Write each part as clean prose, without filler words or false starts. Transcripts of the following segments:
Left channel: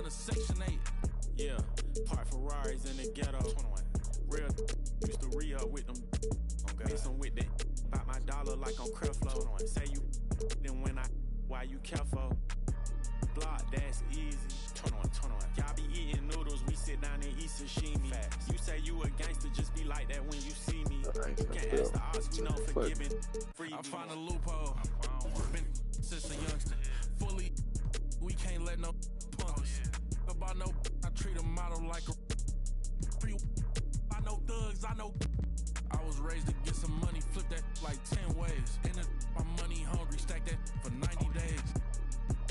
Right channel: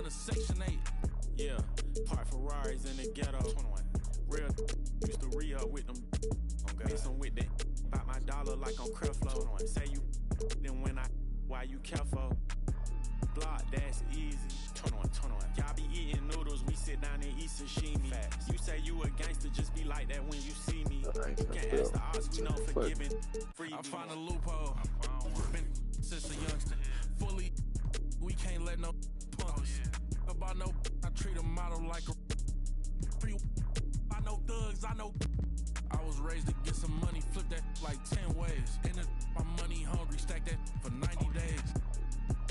front of Section 8. Yeah, park Ferraris in the ghetto. 21. Real used to re-up with them. Mix them with that. Bought my dollar like on Creflo. Say you then when why you careful? Block, that's easy. 21. Y'all be eating noodles, we sit down and eat sashimi. You say you a gangster, just be like that when you see me. Can't ask the odds, we know forgiving. I find a loophole. Been since a youngster. Fully, we can't let no punks. About no, I treat a model like a. I know thugs, I know. I was raised to get some money, flip that like 10 ways. In the, my money hungry, stack that for 90 days.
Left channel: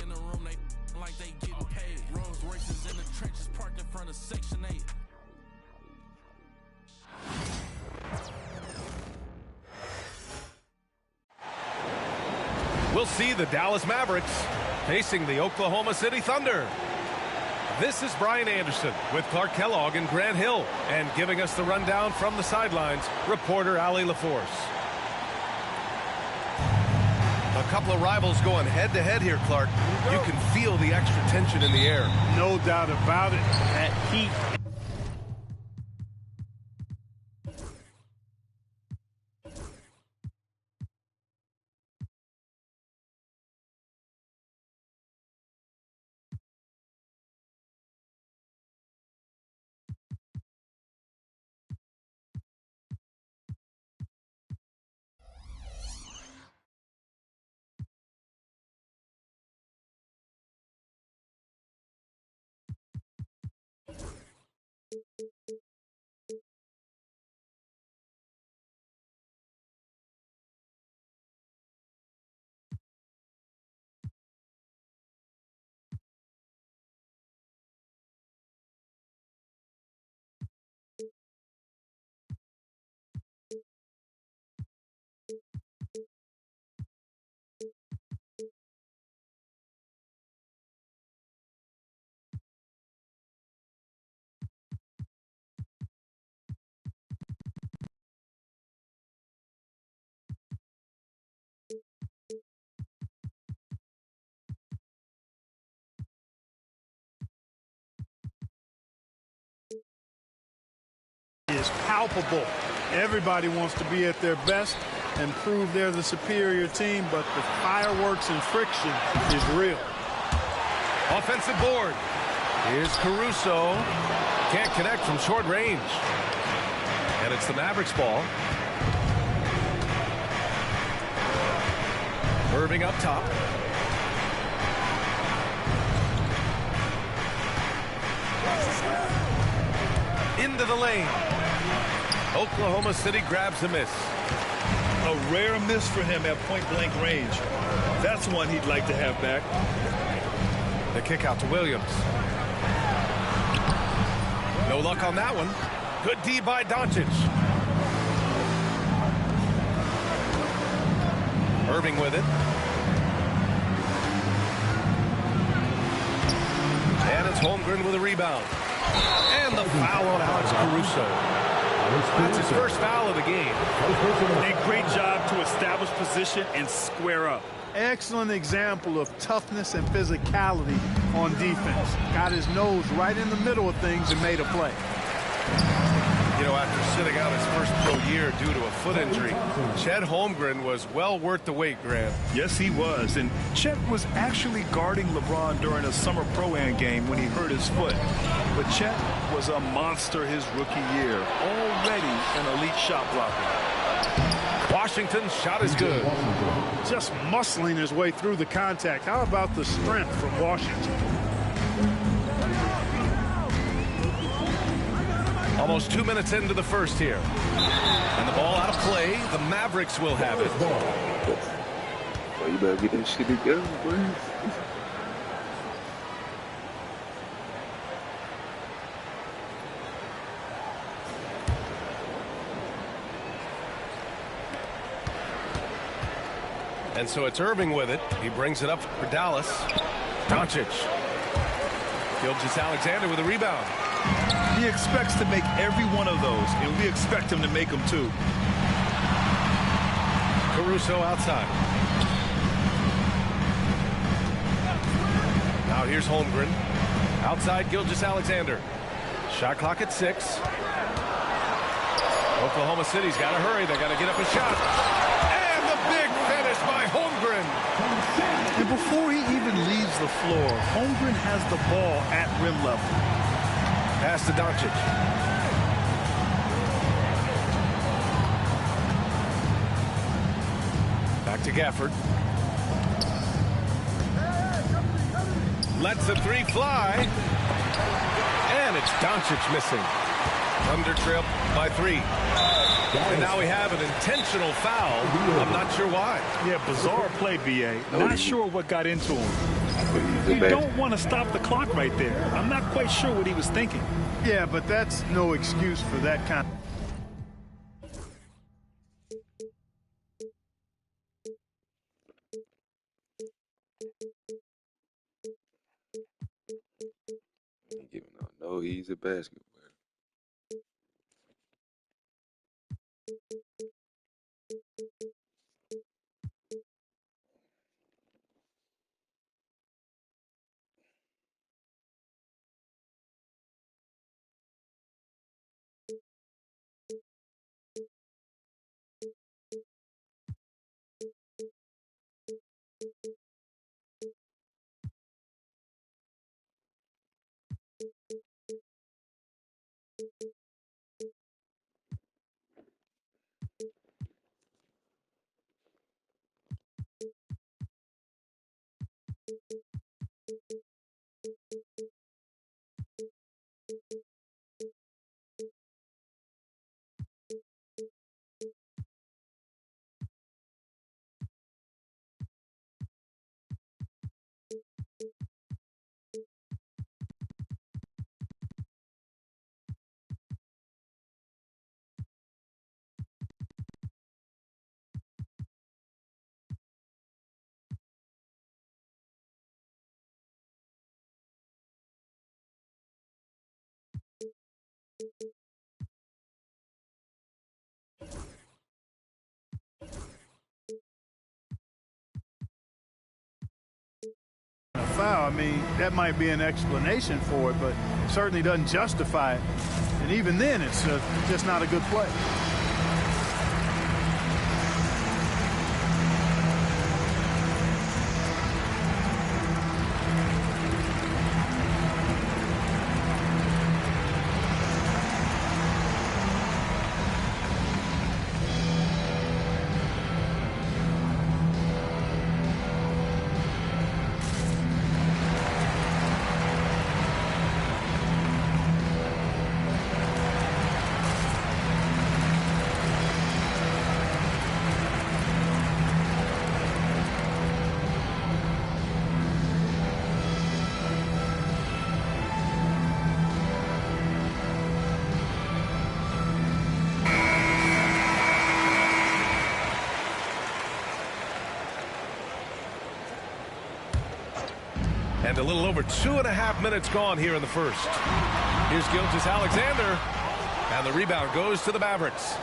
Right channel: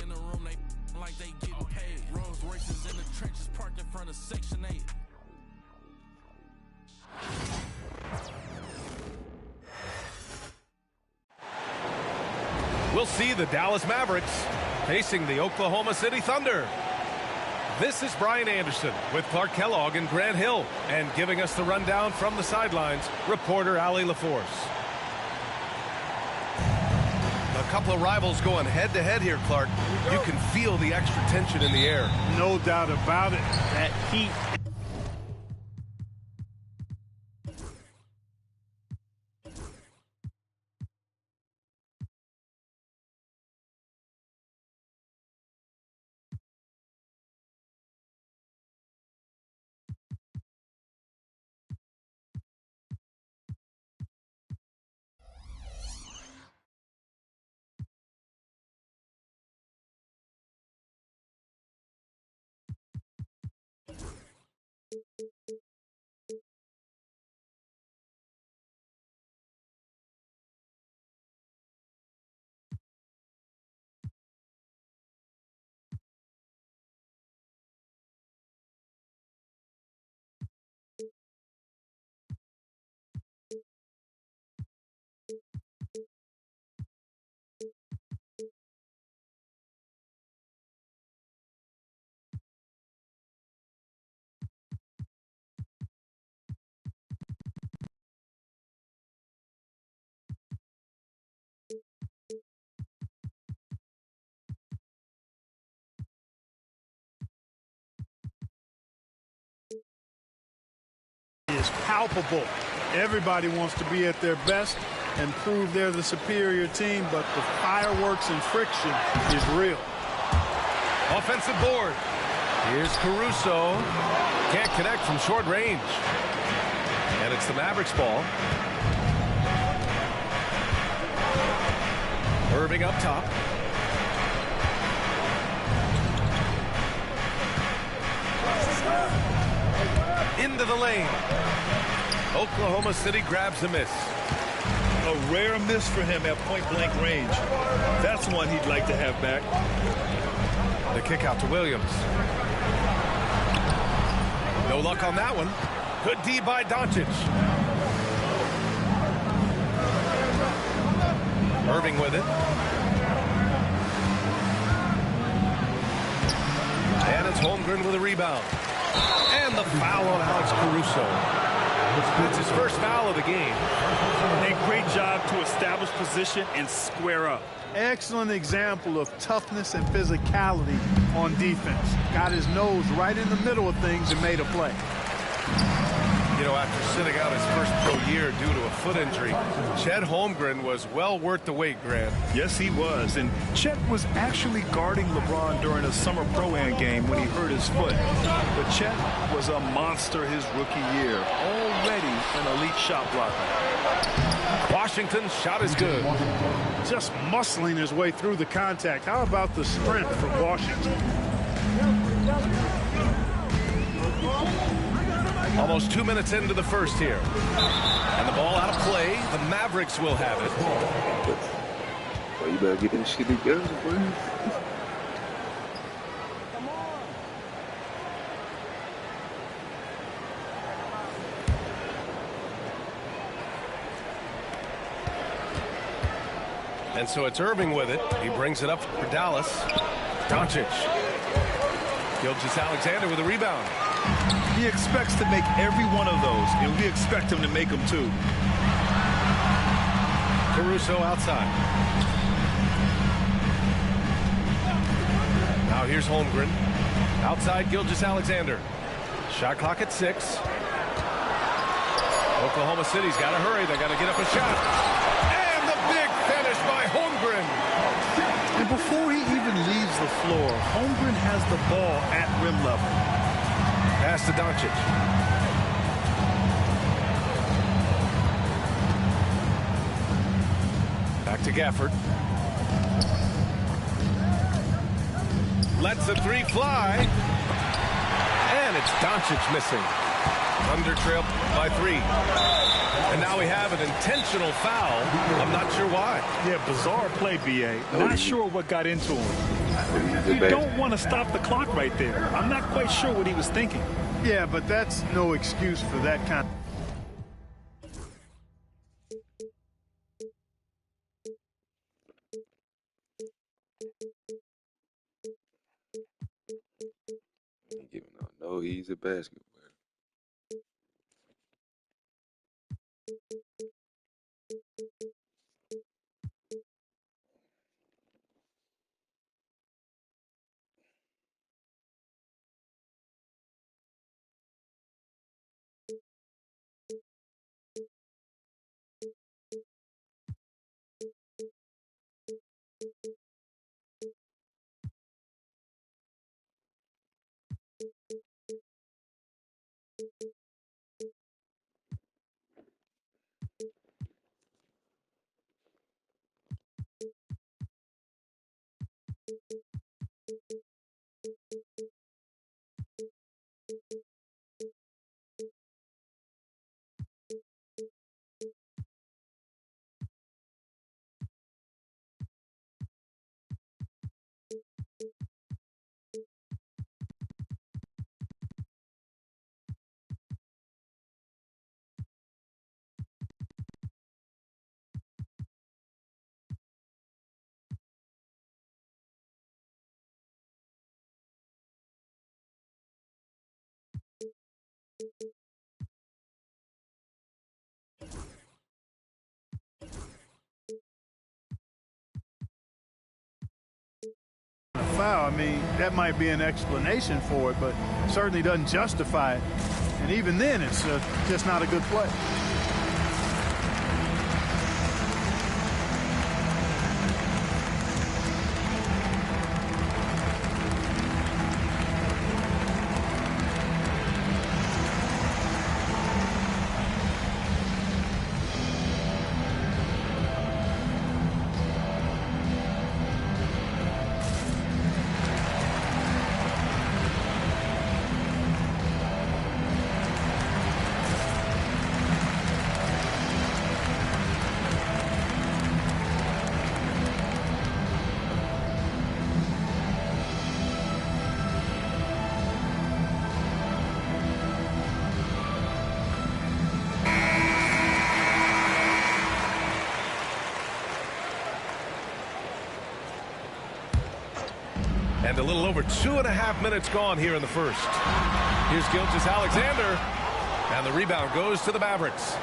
In the room, they like they getting paid. Rolls Royces in the trenches, parked in front of Section 8. We'll see the Dallas Mavericks facing the Oklahoma City Thunder. This is Brian Anderson with Clark Kellogg and Grant Hill, and giving us the rundown from the sidelines, reporter Allie LaForce. A couple of rivals going head-to-head here, Clark. You can feel the extra tension in the air. No doubt about it. That heat. Is palpable. Everybody wants to be at their best and prove they're the superior team, but the fireworks and friction is real. Offensive board. Here's Caruso. Can't connect from short range. And it's the Mavericks ball. Irving up top. Into the lane. Oklahoma City grabs a miss. A rare miss for him at point-blank range. That's one he'd like to have back. The kick out to Williams. No luck on that one. Good D by Doncic. Irving with it. And it's Holmgren with a rebound. And the foul on Alex Caruso. That's his first foul of the game. A great job to establish position and square up. Excellent example of toughness and physicality on defense. Got his nose right in the middle of things and made a play. You know, after sitting out his first pro year due to a foot injury, Chet Holmgren was well worth the wait, Grant. Yes, he was. And Chet was actually guarding LeBron during a summer Pro-Am game when he hurt his foot. But Chet was a monster his rookie year, already an elite shot blocker. Washington's shot is good. Just muscling his way through the contact. How about the strength from Washington? Almost 2 minutes into the first here. And the ball out of play. The Mavericks will have it. Well, you better get that shit together, boy. And so it's Irving with it. He brings it up for Dallas. Doncic. Gilgeous-Alexander with a rebound. He expects to make every one of those, and we expect him to make them too. Caruso outside. Now here's Holmgren. Outside Gilgeous-Alexander. Shot clock at 6. Oklahoma City's got to hurry. They got to get up a shot. And the big finish by Holmgren. And before he even leaves the floor, Holmgren has the ball at rim level. Pass to Doncic. Back to Gafford. Lets the 3 fly. And it's Doncic missing. Thunder trail by 3. And now we have an intentional foul. I'm not sure why. Yeah, bizarre play, B.A. Not sure what got into him. You don't want to stop the clock right there. I'm not quite sure what he was thinking. Yeah, but that's no excuse for that kind of... Giving out no easy basketball. foul. I mean, that might be an explanation for it, but certainly doesn't justify it. And even then, it's just not a good play. And a little over 2.5 minutes gone here in the first. Here's Gilgeous-Alexander. And the rebound goes to the Mavericks.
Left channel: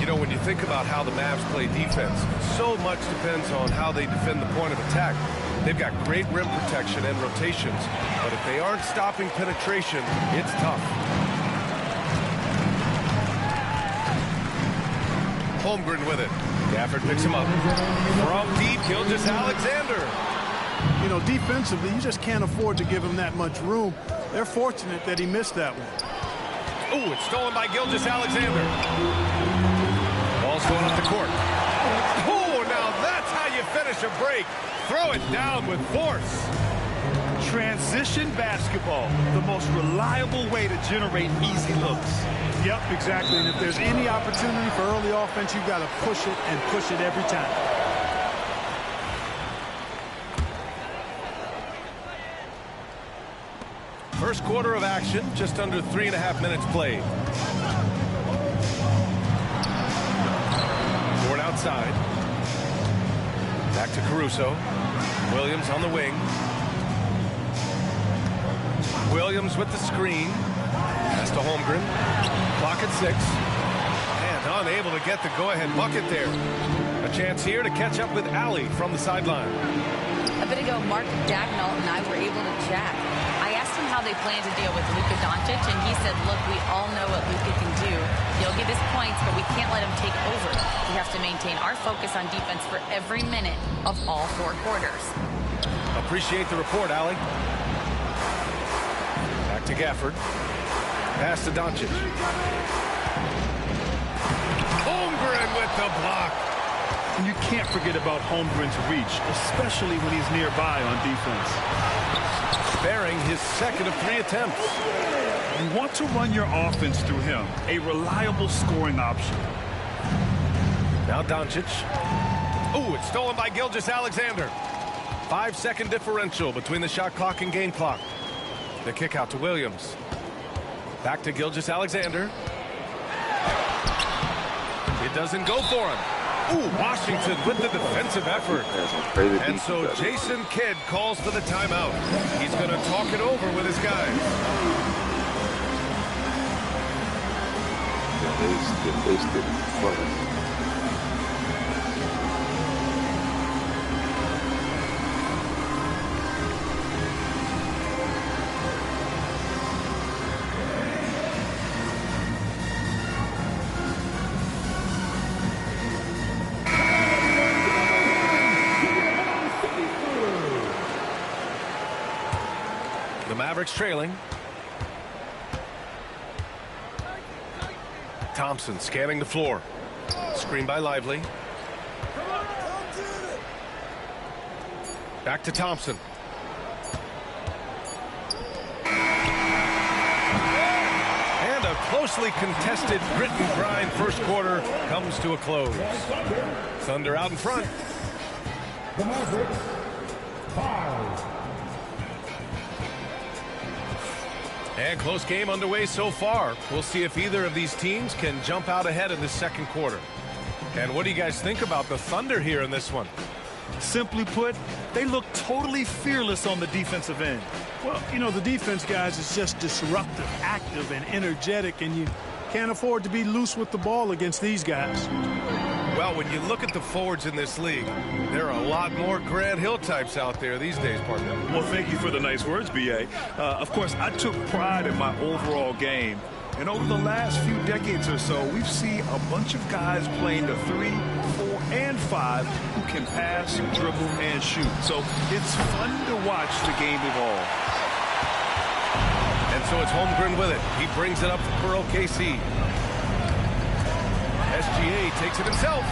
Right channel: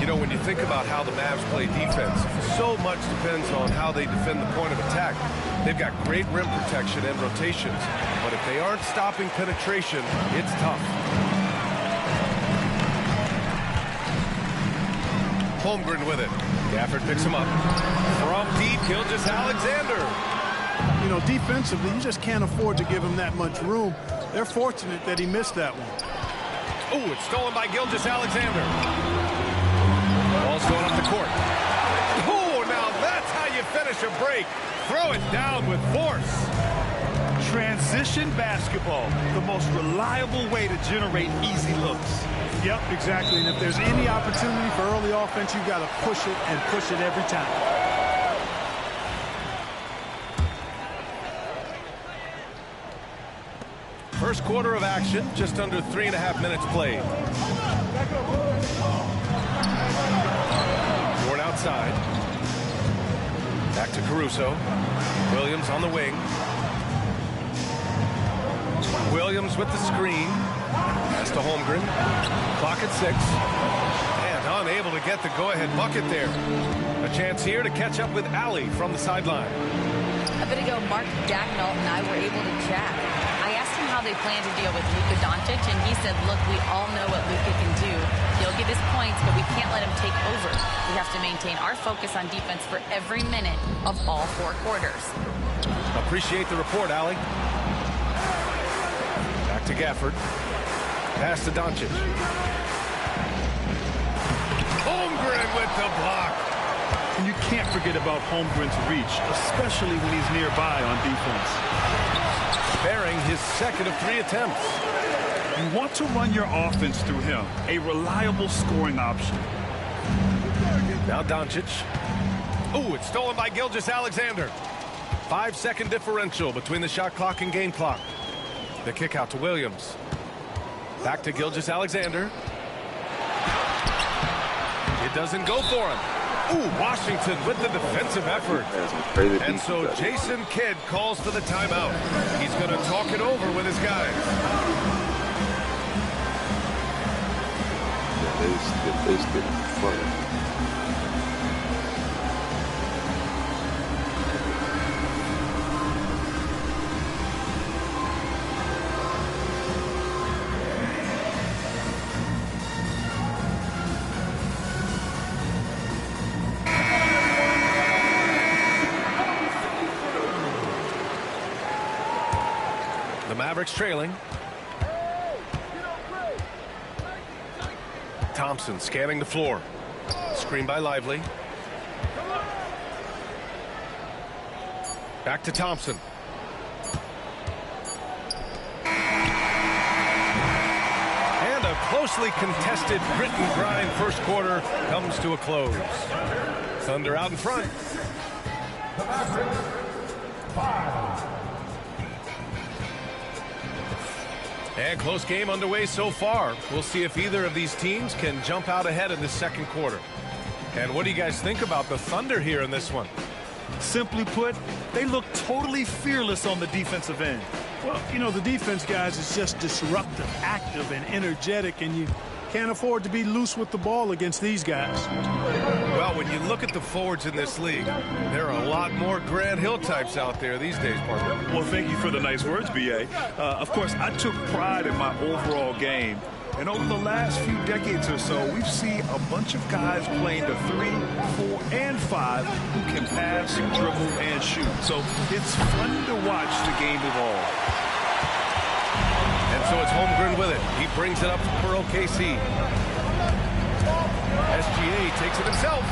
You know, when you think about how the Mavs play defense, so much depends on how they defend the point of attack. They've got great rim protection and rotations, but if they aren't stopping penetration, it's tough. Holmgren with it. Gafford picks him up. From deep, Gilgeous-Alexander. You know, defensively, you just can't afford to give him that much room. They're fortunate that he missed that one. Oh, it's stolen by Gilgeous-Alexander. Ball's going up the court. Oh, now that's how you finish a break. Throw it down with force. Transition basketball, the most reliable way to generate easy looks. Yep, exactly. And if there's any opportunity for early offense, you've got to push it and push it every time. First quarter of action, just under 3.5 minutes played. Dort outside. Back to Caruso. Williams on the wing. Williams with the screen. Pass to Holmgren. Clock at 6. And unable to get the go-ahead bucket there. A chance here to catch up with Allie from the sideline. A bit ago, Mark Dagnall and I were able to chat. I asked him how they plan to deal with Luka Doncic, and he said, look, we all know what Luka can do. He'll get his points, but we can't let him take over. We have to maintain our focus on defense for every minute of all 4 quarters. Appreciate the report, Allie. Back to Gafford. Pass to Doncic. Holmgren with the block. And you can't forget about Holmgren's reach, especially when he's nearby on defense. Bearing his second of 3 attempts. You want to run your offense through him, a reliable scoring option. Now Doncic. Ooh, it's stolen by Gilgeous-Alexander. 5-second differential between the shot clock and game clock. The kick out to Williams. Back to Gilgeous-Alexander. It doesn't go for him. Ooh, Washington with the defensive effort. And so Jason Kidd calls for the timeout. He's going to talk it over with his guys. Yeah, they still funny. The Mavericks trailing. Thompson scanning the floor. Screen by Lively. Back to Thompson. And a closely contested grit and grind first quarter comes to a close. Thunder out in front. The Mavericks, 5. And close game underway so far. We'll see if either of these teams can jump out ahead in the second quarter. And what do you guys think about the Thunder here in this one? Simply put, they look totally fearless on the defensive end. Well, you know, the defense, guys, is just disruptive, active, and energetic, and you can't afford to be loose with the ball against these guys. Well, when you look at the forwards in this league, there are a lot more Grant Hill types out there these days, partner. Well, thank you for the nice words, B.A. Of course, I took pride in my overall game. And over the last few decades or so, we've seen a bunch of guys playing the 3, 4, and 5 who can pass, dribble, and shoot. So it's fun to watch the game evolve. And so it's Holmgren with it. He brings it up for OKC. SGA takes it himself.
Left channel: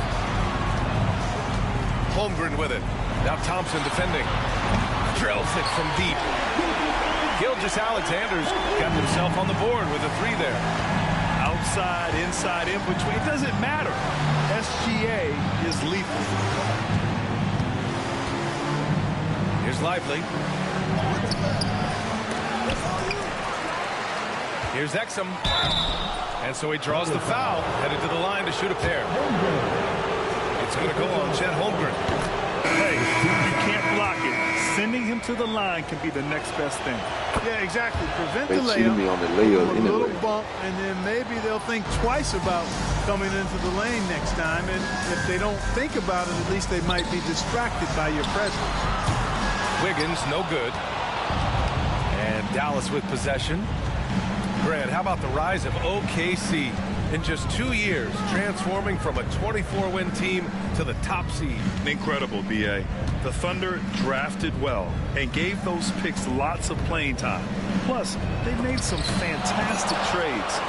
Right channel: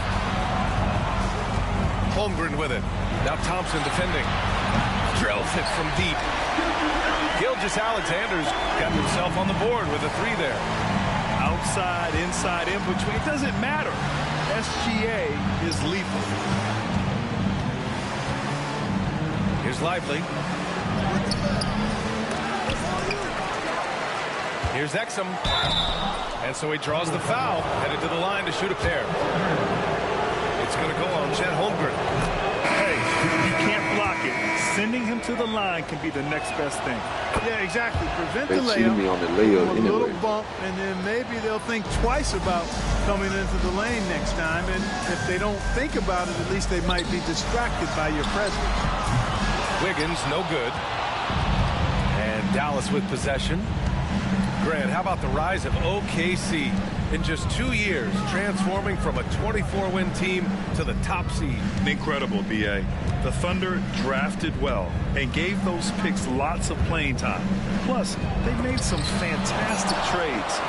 Holmgren with it. Now Thompson defending. Drills it from deep. Gilgeous-Alexander's got himself on the board with a 3 there. Outside, inside, in between. It doesn't matter. SGA is lethal. Here's Lively. Here's Exum. And so he draws the foul, headed to the line to shoot a pair. It's going to go on Chet Holmgren. Hey, you can't block it. Sending him to the line can be the next best thing. Yeah, exactly. Prevent They the cheated me on the layup a little anyway. bump, and then maybe they'll think twice about coming into the lane next time. And if they don't think about it, at least they might be distracted by your presence. Wiggins, no good. And Dallas with possession. Grant, how about the rise of OKC in just 2 years, transforming from a 24-win team to the top seed? Incredible, B.A. The Thunder drafted well and gave those picks lots of playing time. Plus, they made some fantastic trades.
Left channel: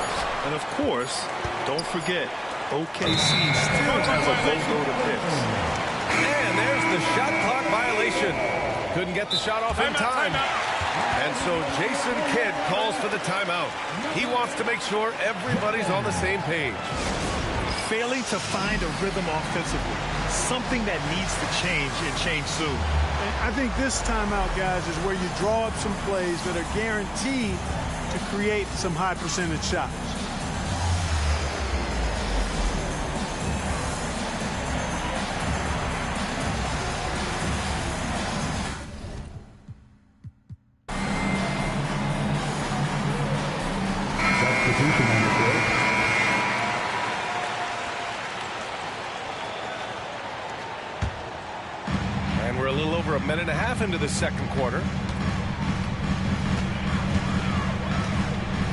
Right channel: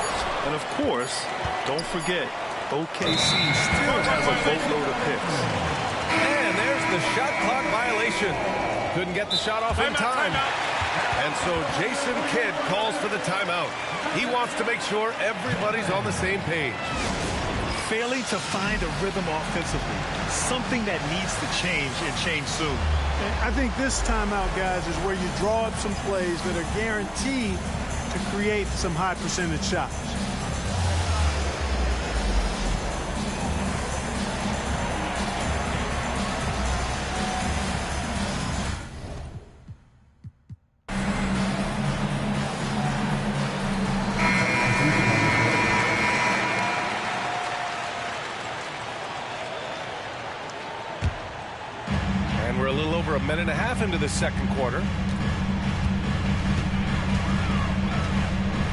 And of course, don't forget, OKC still has a boatload of picks. And there's the shot clock violation. Couldn't get the shot off in time. And so Jason Kidd calls for the timeout. He wants to make sure everybody's on the same page. Failing to find a rhythm offensively, something that needs to change and change soon. And I think this timeout, guys, is where you draw up some plays that are guaranteed to create some high percentage shots. And we're a little over a minute and a half into the second quarter.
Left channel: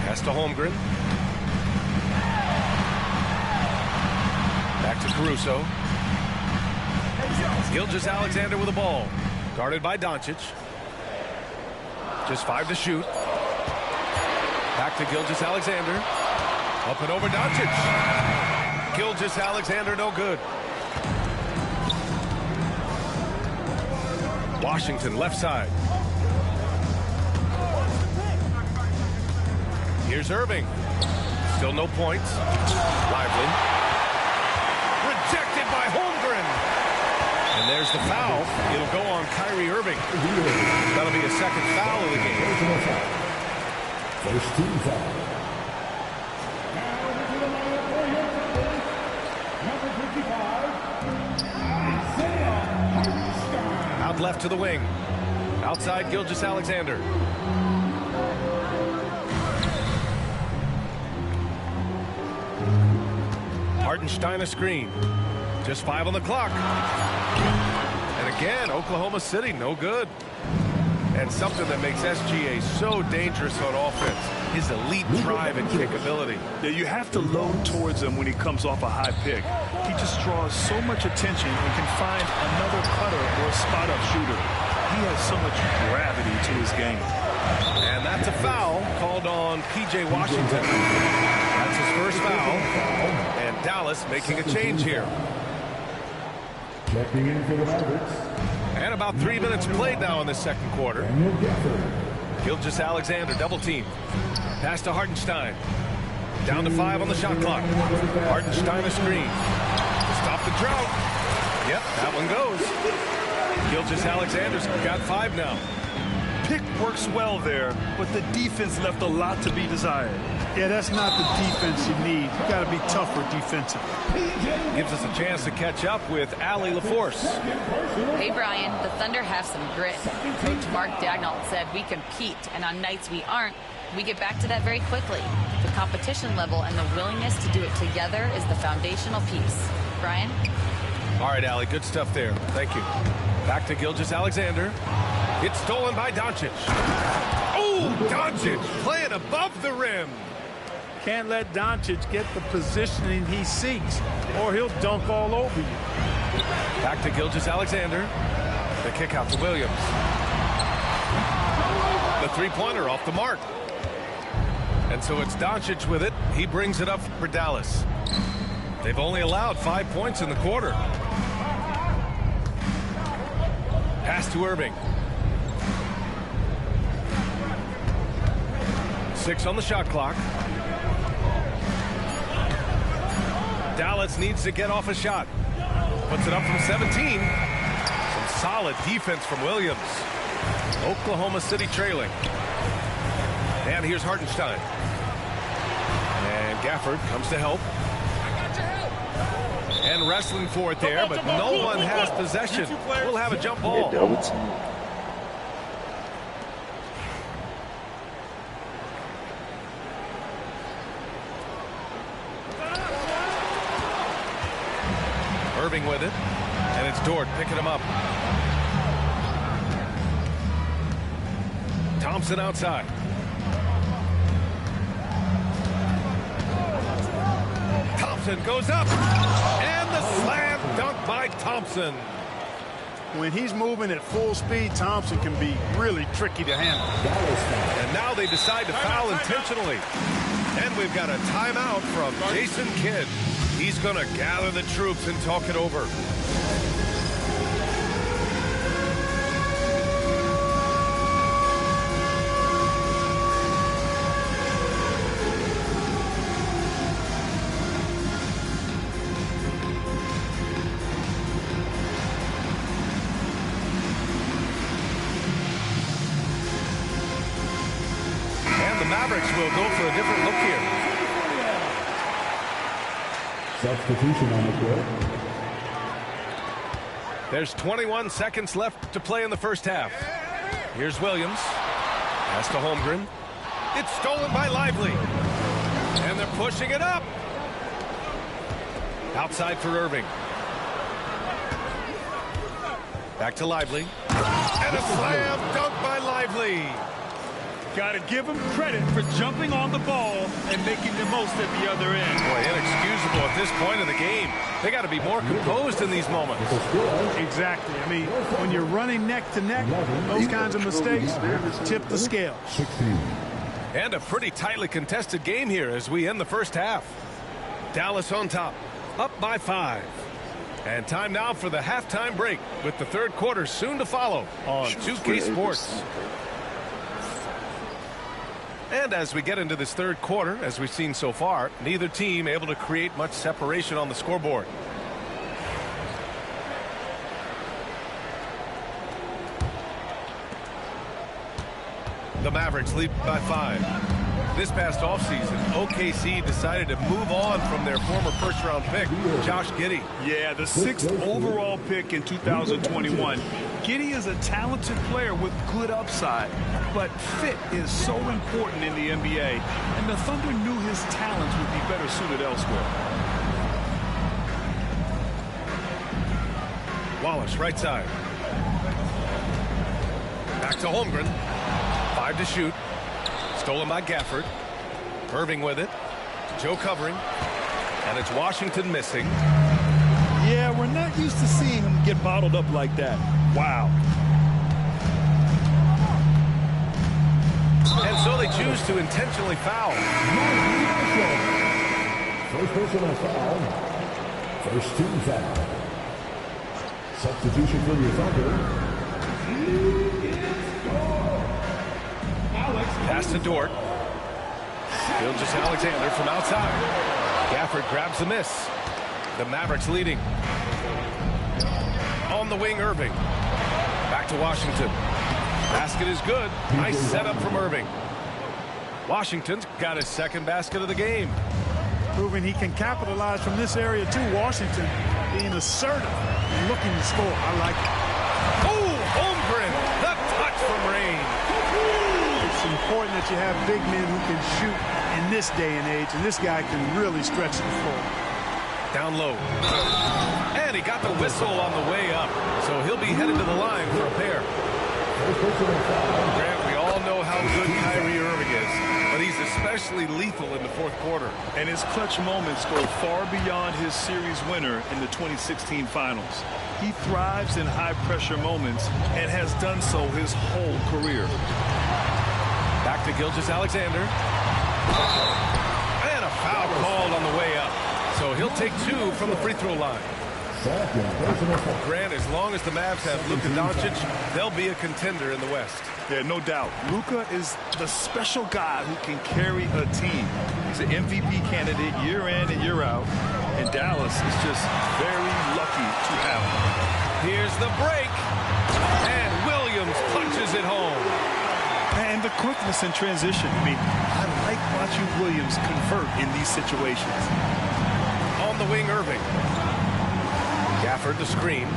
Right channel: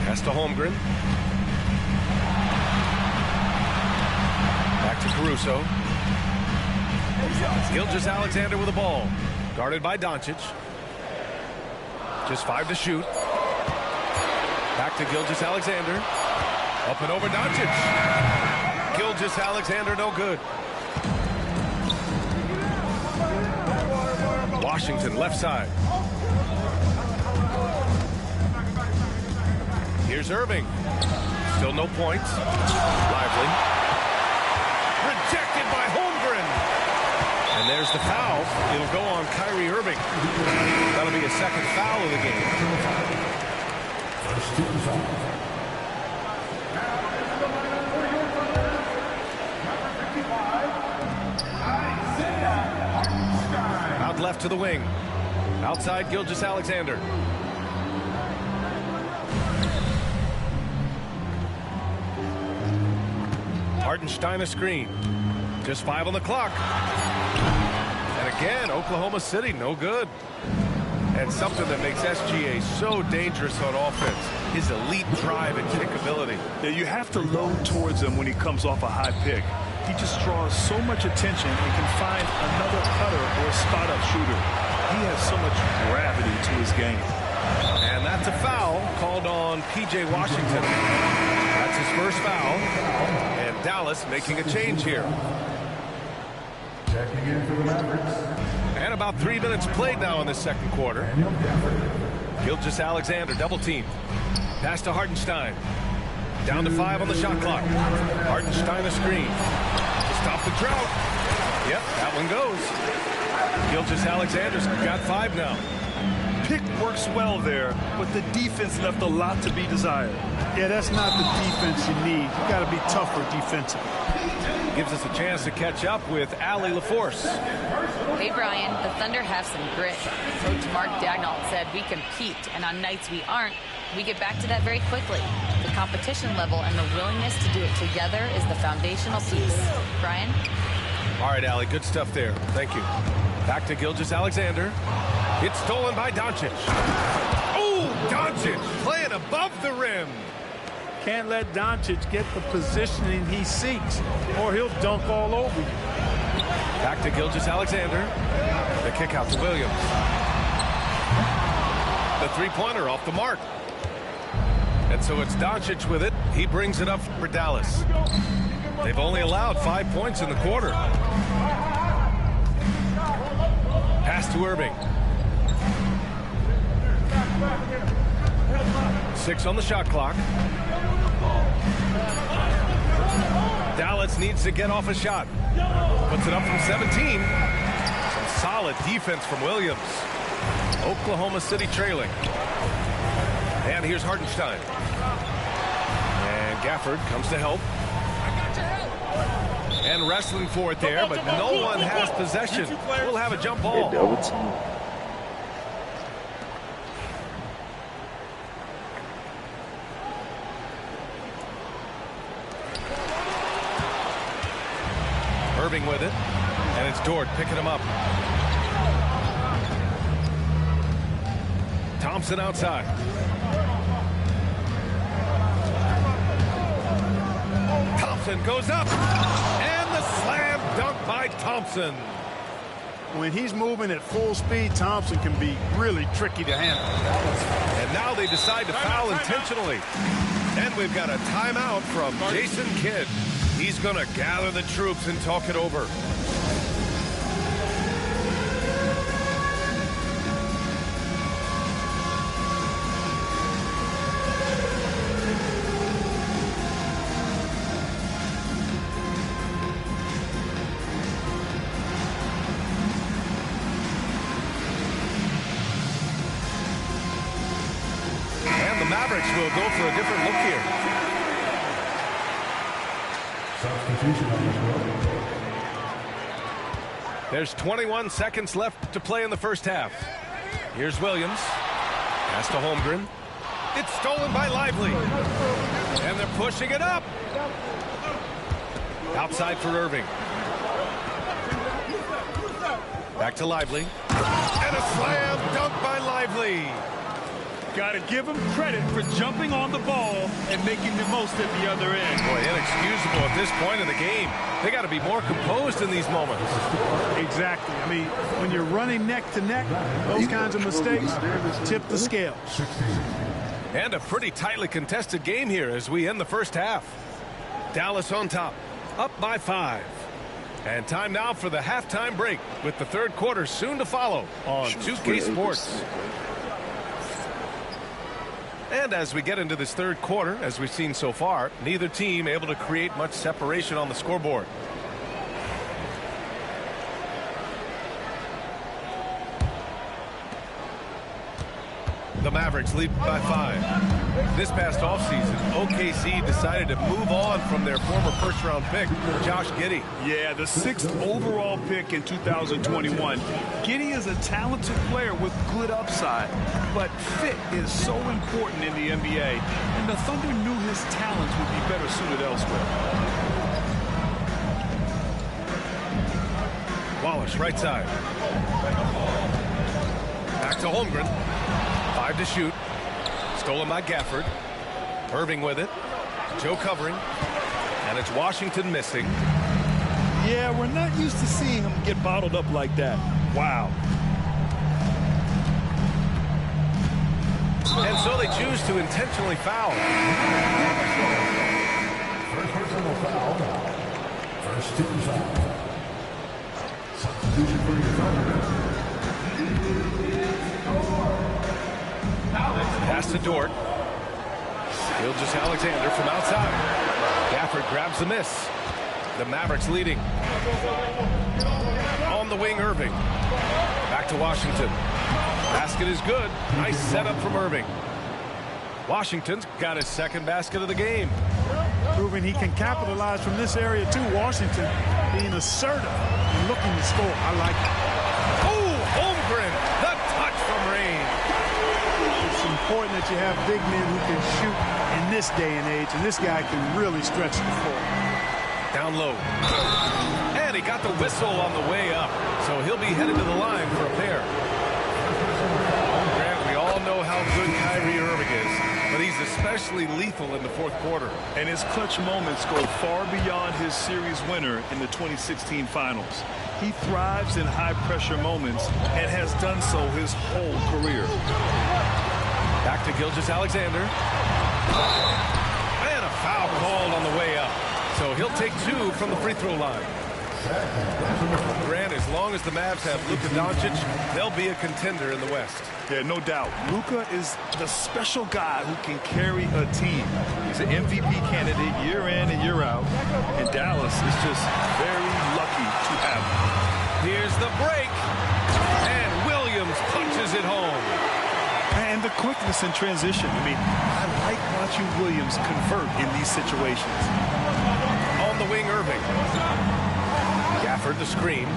Pass to Holmgren. Back to Caruso. Gilgeous-Alexander with the ball. Guarded by Doncic. Just 5 to shoot. Back to Gilgeous-Alexander. Up and over Doncic. Gilgeous-Alexander no good. Washington left side. Here's Irving. Still no points. Lively. Rejected by Holmgren. And there's the foul. It'll go on Kyrie Irving. That'll be a second foul of the game. First team foul. Number 55, Out left to the wing. Outside Gilgeous-Alexander. Hartenstein a screen. Just 5 on the clock. And again, Oklahoma City, no good. And something that makes SGA so dangerous on offense, his elite drive and kickability. Yeah, you have to load towards him when he comes off a high pick. He just draws so much attention and can find another cutter or a spot-up shooter. He has so much gravity to his game. And that's a foul called on P.J. Washington. That's his first foul. And Dallas making a change here. checking in for the Mavericks. And about 3 minutes played now in the second quarter. Gilgeous-Alexander double team. Pass to Hartenstein. Down to 5 on the shot clock. Hartenstein a screen. To stop the drought. Yep, that one goes. Gilgeous-Alexander's got 5 now. Pick works well there, but the defense left a lot to be desired. Yeah, that's not the defense you need. You got to be tougher defensively. Gives us a chance to catch up with Allie LaForce. Hey, Brian, the Thunder have some grit. Coach Mark Daigneault said we compete, and on nights we aren't, we get back to that very quickly. The competition level and the willingness to do it together is the foundational piece. Brian? All right, Allie, good stuff there. Thank you. Back to Gilgeous-Alexander. It's stolen by Doncic. Oh, Doncic playing above the rim. Can't let Doncic get the positioning he seeks, or he'll dunk all over you. Back to Gilgeous-Alexander. The kick out to Williams. The three-pointer off the mark. And so it's Doncic with it. He brings it up for Dallas. They've only allowed 5 points in the quarter. Pass to Irving. 6 on the shot clock. Dallas needs to get off a shot. Puts it up from 17. Some solid defense from Williams. Oklahoma City trailing. And here's Hartenstein. And Gafford comes to help. And wrestling for it there, but no one has possession. We'll have a jump ball. Irving with it, and it's Dort picking him up. Thompson outside. Thompson goes up, and the slam dunk by Thompson. When he's moving at full speed, Thompson can be really tricky to handle. And now they decide to foul intentionally. And we've got a timeout from Jason Kidd. He's going to gather the troops and talk it over. And the Mavericks will go for a different look here. Substitution on the court. There's 21 seconds left to play in the first half. Here's Williams. Pass to Holmgren. It's stolen by Lively. And they're pushing it up. Outside for Irving. Back to Lively. And a slam dunk by Lively. Got to give him credit for jumping on the ball and making the most at the other end. Boy, inexcusable at this point in the game. They got to be more composed in these moments. Exactly. I mean, when you're running neck to neck, those kinds of mistakes tip the scale. 16. And a pretty tightly contested game here as we end the first half. Dallas on top, up by 5. And time now for the halftime break with the third quarter soon to follow on 2K Sports. And as we get into this third quarter, as we've seen so far, neither team able to create much separation on the scoreboard. The Mavericks lead by 5. This past offseason, OKC decided to move on from their former first-round pick, Josh Giddey. Yeah, the 6th overall pick in 2021. Giddey is a talented player with good upside, but fit is so important in the NBA, and the Thunder knew his talents would be better suited elsewhere. Wallace, right side. Back to Holmgren. 5 to shoot. Stolen by Gafford. Irving with it. Joe covering. And it's Washington missing. Yeah, we're not used to seeing him get bottled up like that. Wow. And so they choose to intentionally foul. First personal foul. First team foul. Substitution for your Thunder. Pass to Dort. Gilgeous-Alexander from outside. Gafford grabs the miss. The Mavericks leading. On the wing, Irving. Back to Washington. Basket is good. Nice setup from Irving. Washington's got his second basket of the game. Proving he can capitalize from this area too. Washington being assertive and looking to score. I like it. Oh, Holmgren, the touch from range. It's important that you have big men who can shoot in this day and age, and this guy can really stretch the floor. Down low. And he got the whistle on the way up, so he'll be headed to the line for a pair. Grant, we all know how good Kyrie Irving is, but he's especially lethal in the fourth quarter. And his clutch moments go far beyond his series winner in the 2016 finals. He thrives in high-pressure moments and has done so his whole career. Back to Gilgeous-Alexander. And a foul called on the way up. So he'll take 2 from the free throw line. Grant, as long as the Mavs have Luka Doncic, they'll be a contender in the West. Yeah, no doubt. Luka is the special guy who can carry a team. He's an MVP candidate year in and year out. And Dallas is just very lucky to have him. Here's the break. And Williams punches it home. And the quickness in transition. I mean, I like watching Williams convert in these situations. On the wing, Irving. Gafford the screen.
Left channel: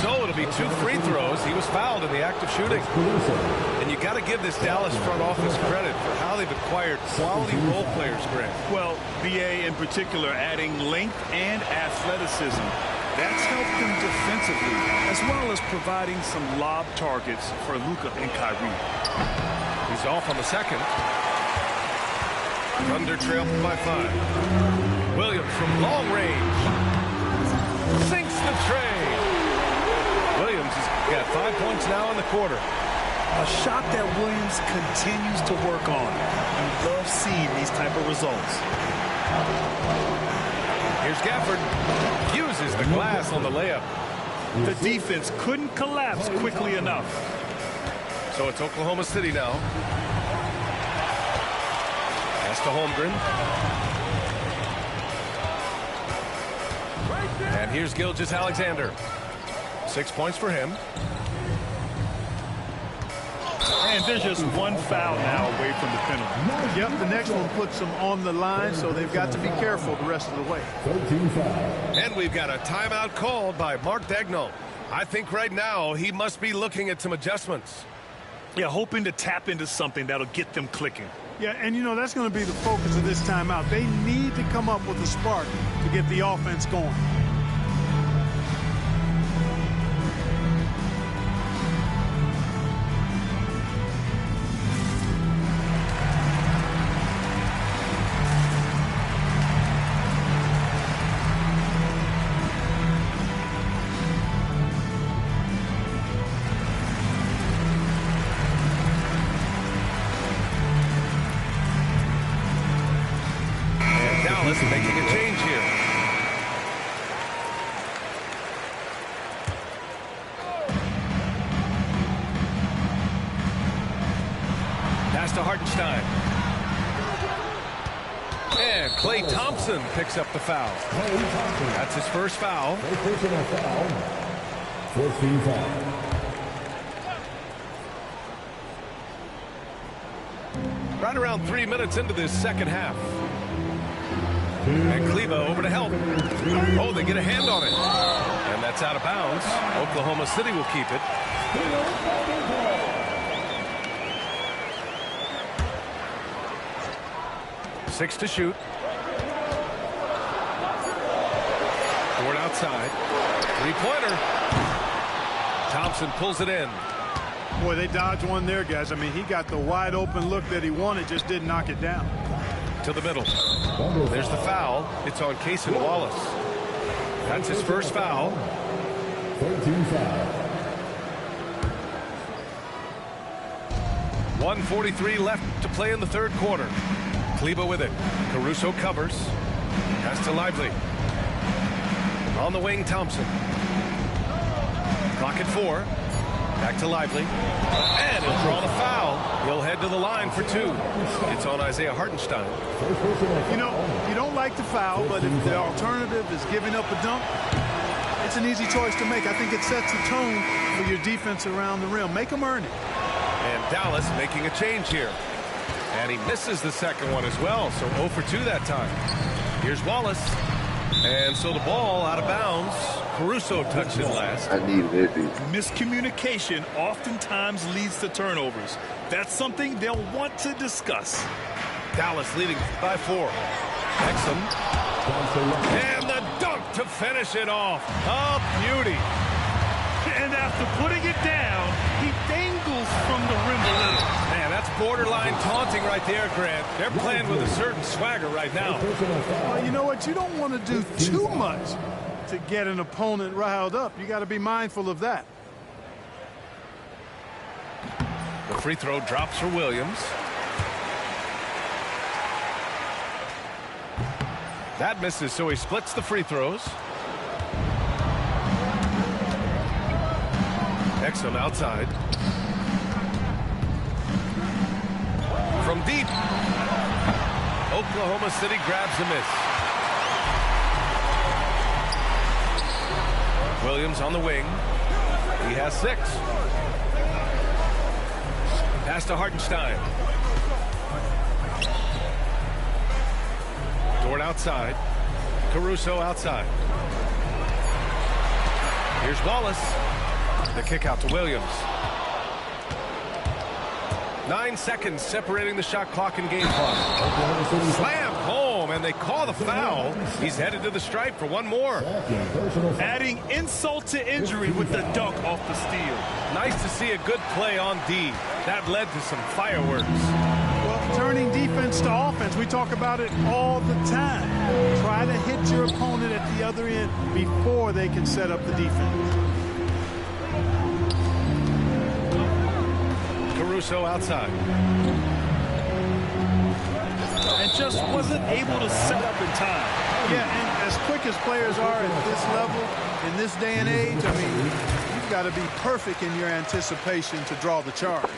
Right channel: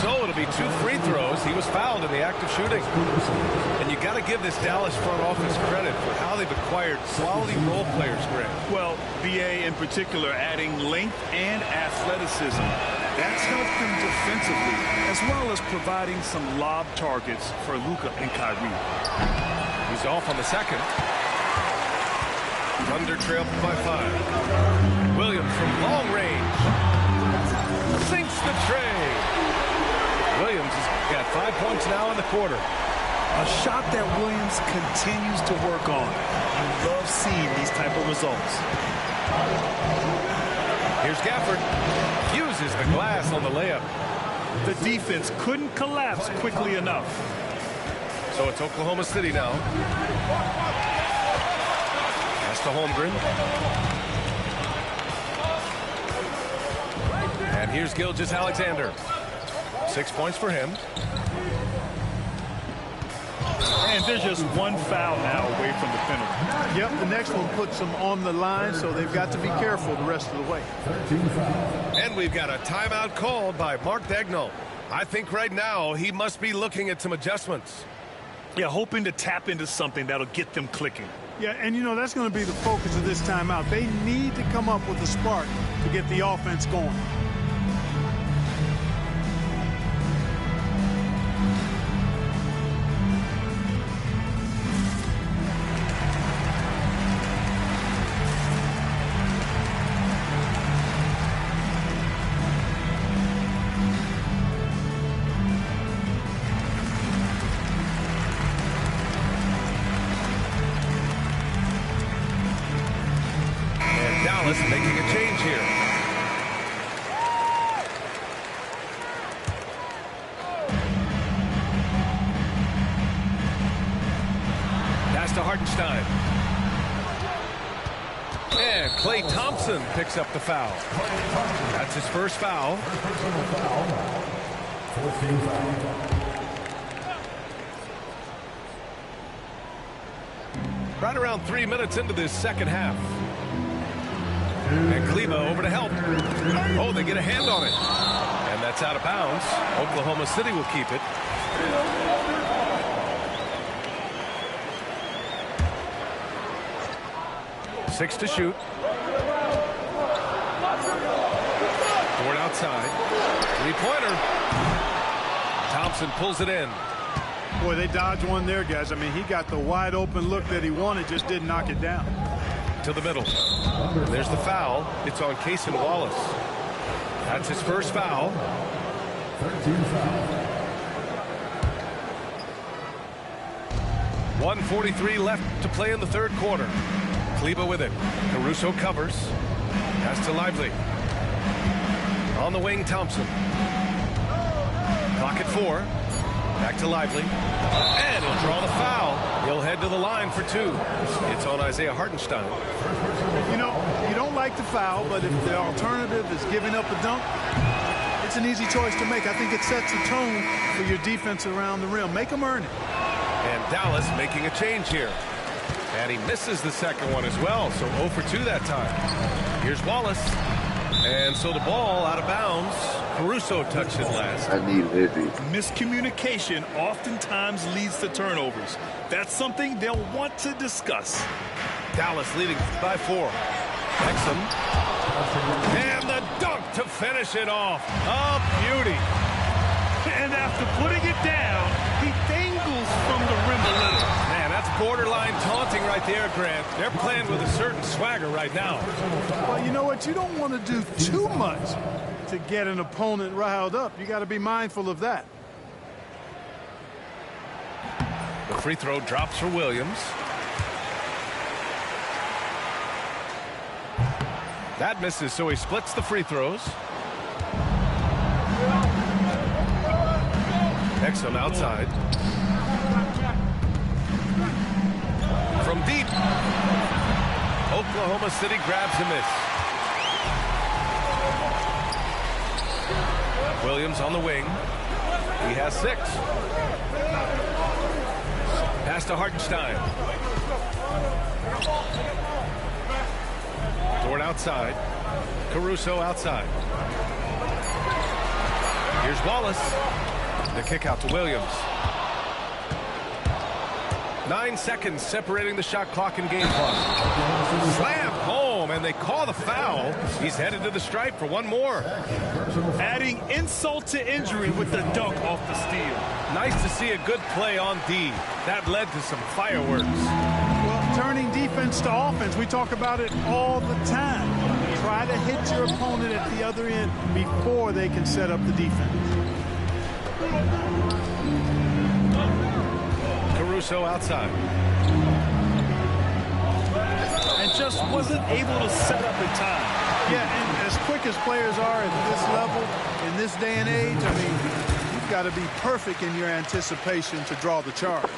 So it'll be 2 free throws. He was fouled in the act of shooting. And you got to give this Dallas front office credit for how they've acquired quality role players, Grant. Well, BA in particular adding length and athleticism. That's helped them defensively, as well as providing some lob targets for Luka and Kyrie. He's off on the second. Thunder trail by 5. Williams from long range. Sinks the tray. Williams has got 5 points now in the quarter. A shot that Williams continues to work on. You love seeing these type of results. Here's Gafford. Uses the glass on the layup. The defense couldn't collapse quickly enough. So it's Oklahoma City now. Pass to Holmgren. And here's Gilgeous-Alexander. 6 points for him. And there's just one foul now away from the penalty. Yep, the next one puts them on the line, so they've got to be careful the rest of the way. And we've got a timeout called by Mark Daigneault. I think right now he must be looking at some adjustments. Yeah, hoping to tap into something that'll get them clicking. Yeah, and you know, that's going to be the focus of this timeout. They need to come up with a spark to get the offense going. Dallas making a change here. Pass to Hartenstein. And Klay Thompson picks up the foul. That's his first foul. First personal foul. 14 foul. Right around 3 minutes into this second half. And Kleba over to help. Oh, they get a hand on it. And that's out of bounds. Oklahoma City will keep it. Six to shoot. Ford outside. Three-pointer. Thompson pulls it in. Boy, they dodged one there, guys. I mean, he got the wide open look that he wanted, just didn't knock it down. To the middle. There's the foul. It's on Cason Wallace. That's his first foul. 13 foul. 1:43 left to play in the third quarter. Kleba with it. Caruso covers. Pass to Lively. On the wing, Thompson. Clock at 4. Back to Lively. And he'll draw the foul. He'll head to the line for 2. It's on Isaiah Hartenstein. You know, you don't like the foul, but if the alternative is giving up a dunk, it's an easy choice to make. I think it sets a tone for your defense around the rim. Make them earn it. And Dallas making a change here. And he misses the second one as well, so 0 for 2 that time. Here's Wallace. And so the ball out of bounds. Caruso touched it last. I needed it. Miscommunication oftentimes leads to turnovers. That's something they'll want to discuss. Dallas leading by 4. Exum. And the dunk to finish it off. A beauty. And after putting it down, he dangles from the rim a little. Man, that's borderline taunting right there, Grant. They're playing with a certain swagger right now. Well, you know what? You don't want to do too much to get an opponent riled up. You got to be mindful of that. The free throw drops for Williams. That misses, so he splits the free throws. Exum outside. From deep. Oklahoma City grabs a miss. Williams on the wing. He has 6. Pass to Hartenstein. Dort outside. Caruso outside. Here's Wallace. The kick out to Williams. 9 seconds separating the shot clock and game clock. Slammed home, and they call the foul. He's headed to the stripe for one more. Adding insult to injury with the dunk off the steal. Nice to see a good play on D. That led to some fireworks. Well, turning defense to offense, we talk about it all the time. Try to hit your opponent at the other end before they can set up the defense. Caruso outside. And just wasn't able to set up in time. Yeah, and as quick as players are at this level, in this day and age, I mean, you've got to be perfect in your anticipation to draw the charge.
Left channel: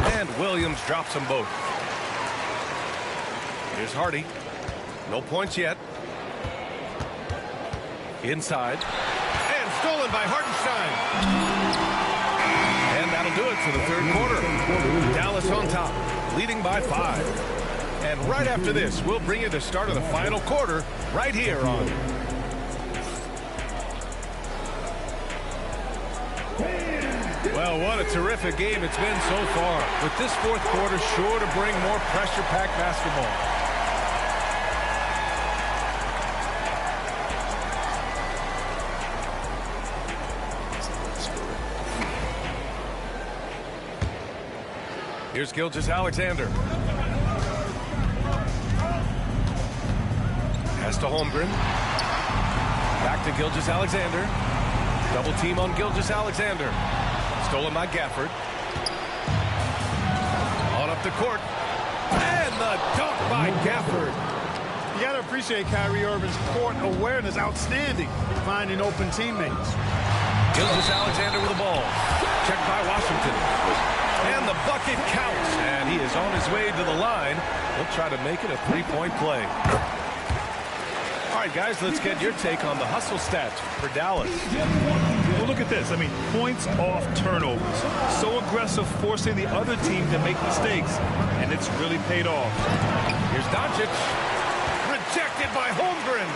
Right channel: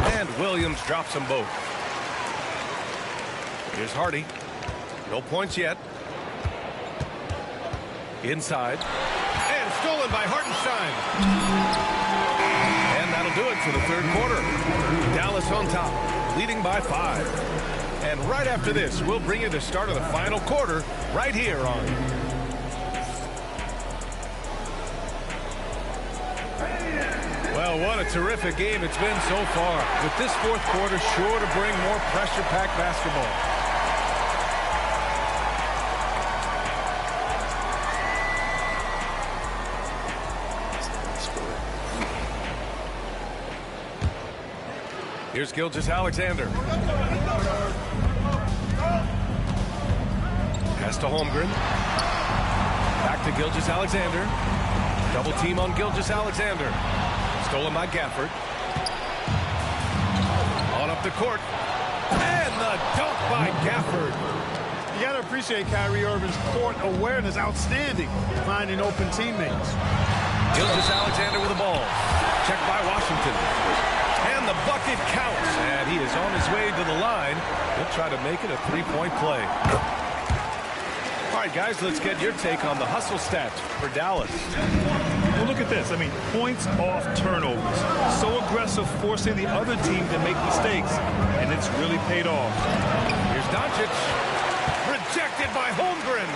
And Williams drops them both. Here's Hardy. No points yet. Inside. And stolen by Hartenstein. And that'll do it for the third quarter. Dallas on top, leading by 5. And right after this, we'll bring you the start of the final quarter right here on Well, what a terrific game it's been so far. With this fourth quarter sure to bring more pressure-packed basketball. Here's Gilgeous-Alexander. Pass to Holmgren. Back to Gilgeous-Alexander. Double team on Gilgeous-Alexander. Stolen by Gafford. On up the court. And the dunk by Gafford. You got to appreciate Kyrie Irving's court awareness, outstanding, finding open teammates. Gilgeous-Alexander with the ball. Checked by Washington. And the bucket counts. And he is on his way to the line. He'll try to make it a three-point play. All right, guys, let's get your take on the hustle stats for Dallas. Well, look at this. I mean, points off turnovers. So aggressive, forcing the other team to make mistakes. And it's really paid off. Here's Doncic. Rejected by Holmgren.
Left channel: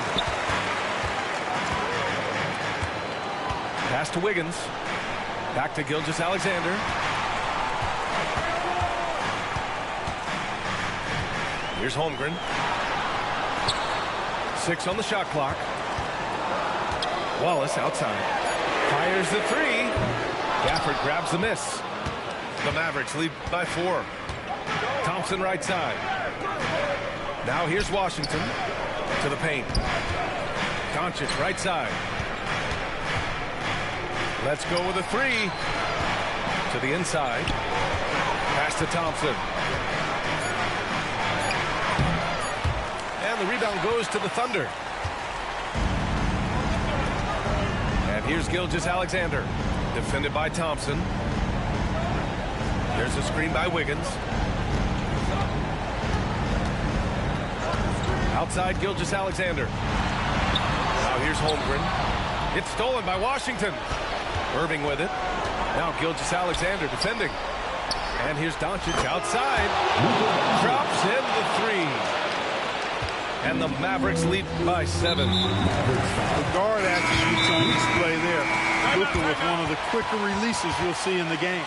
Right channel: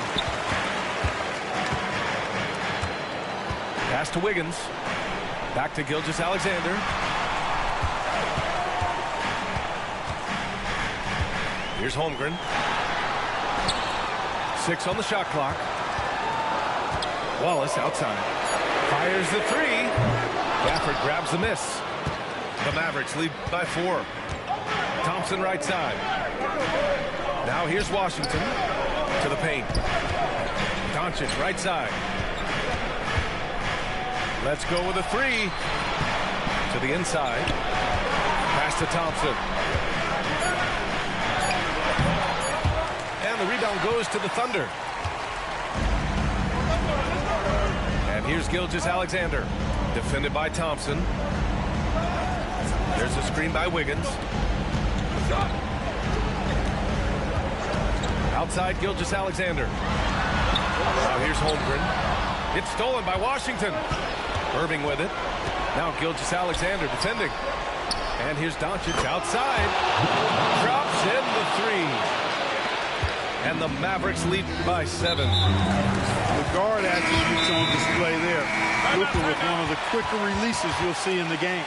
Pass to Wiggins. Back to Gilgeous-Alexander. Here's Holmgren. 6 on the shot clock. Wallace outside. Fires the three. Gafford grabs the miss. The Mavericks lead by 4. Thompson right side. Now here's Washington to the paint. Doncic right side. Let's go with a three. To the inside. Pass to Thompson. And the rebound goes to the Thunder. And here's Gilgeous-Alexander. Defended by Thompson. There's a screen by Wiggins. Outside Gilgeous-Alexander. Now here's Holmgren. It's stolen by Washington. Irving with it. Now Gilgeous-Alexander defending. And here's Doncic outside. Drops in the three. And the Mavericks lead by 7. The guard attributes on display there. Luka with one of the quicker releases you'll see in the game.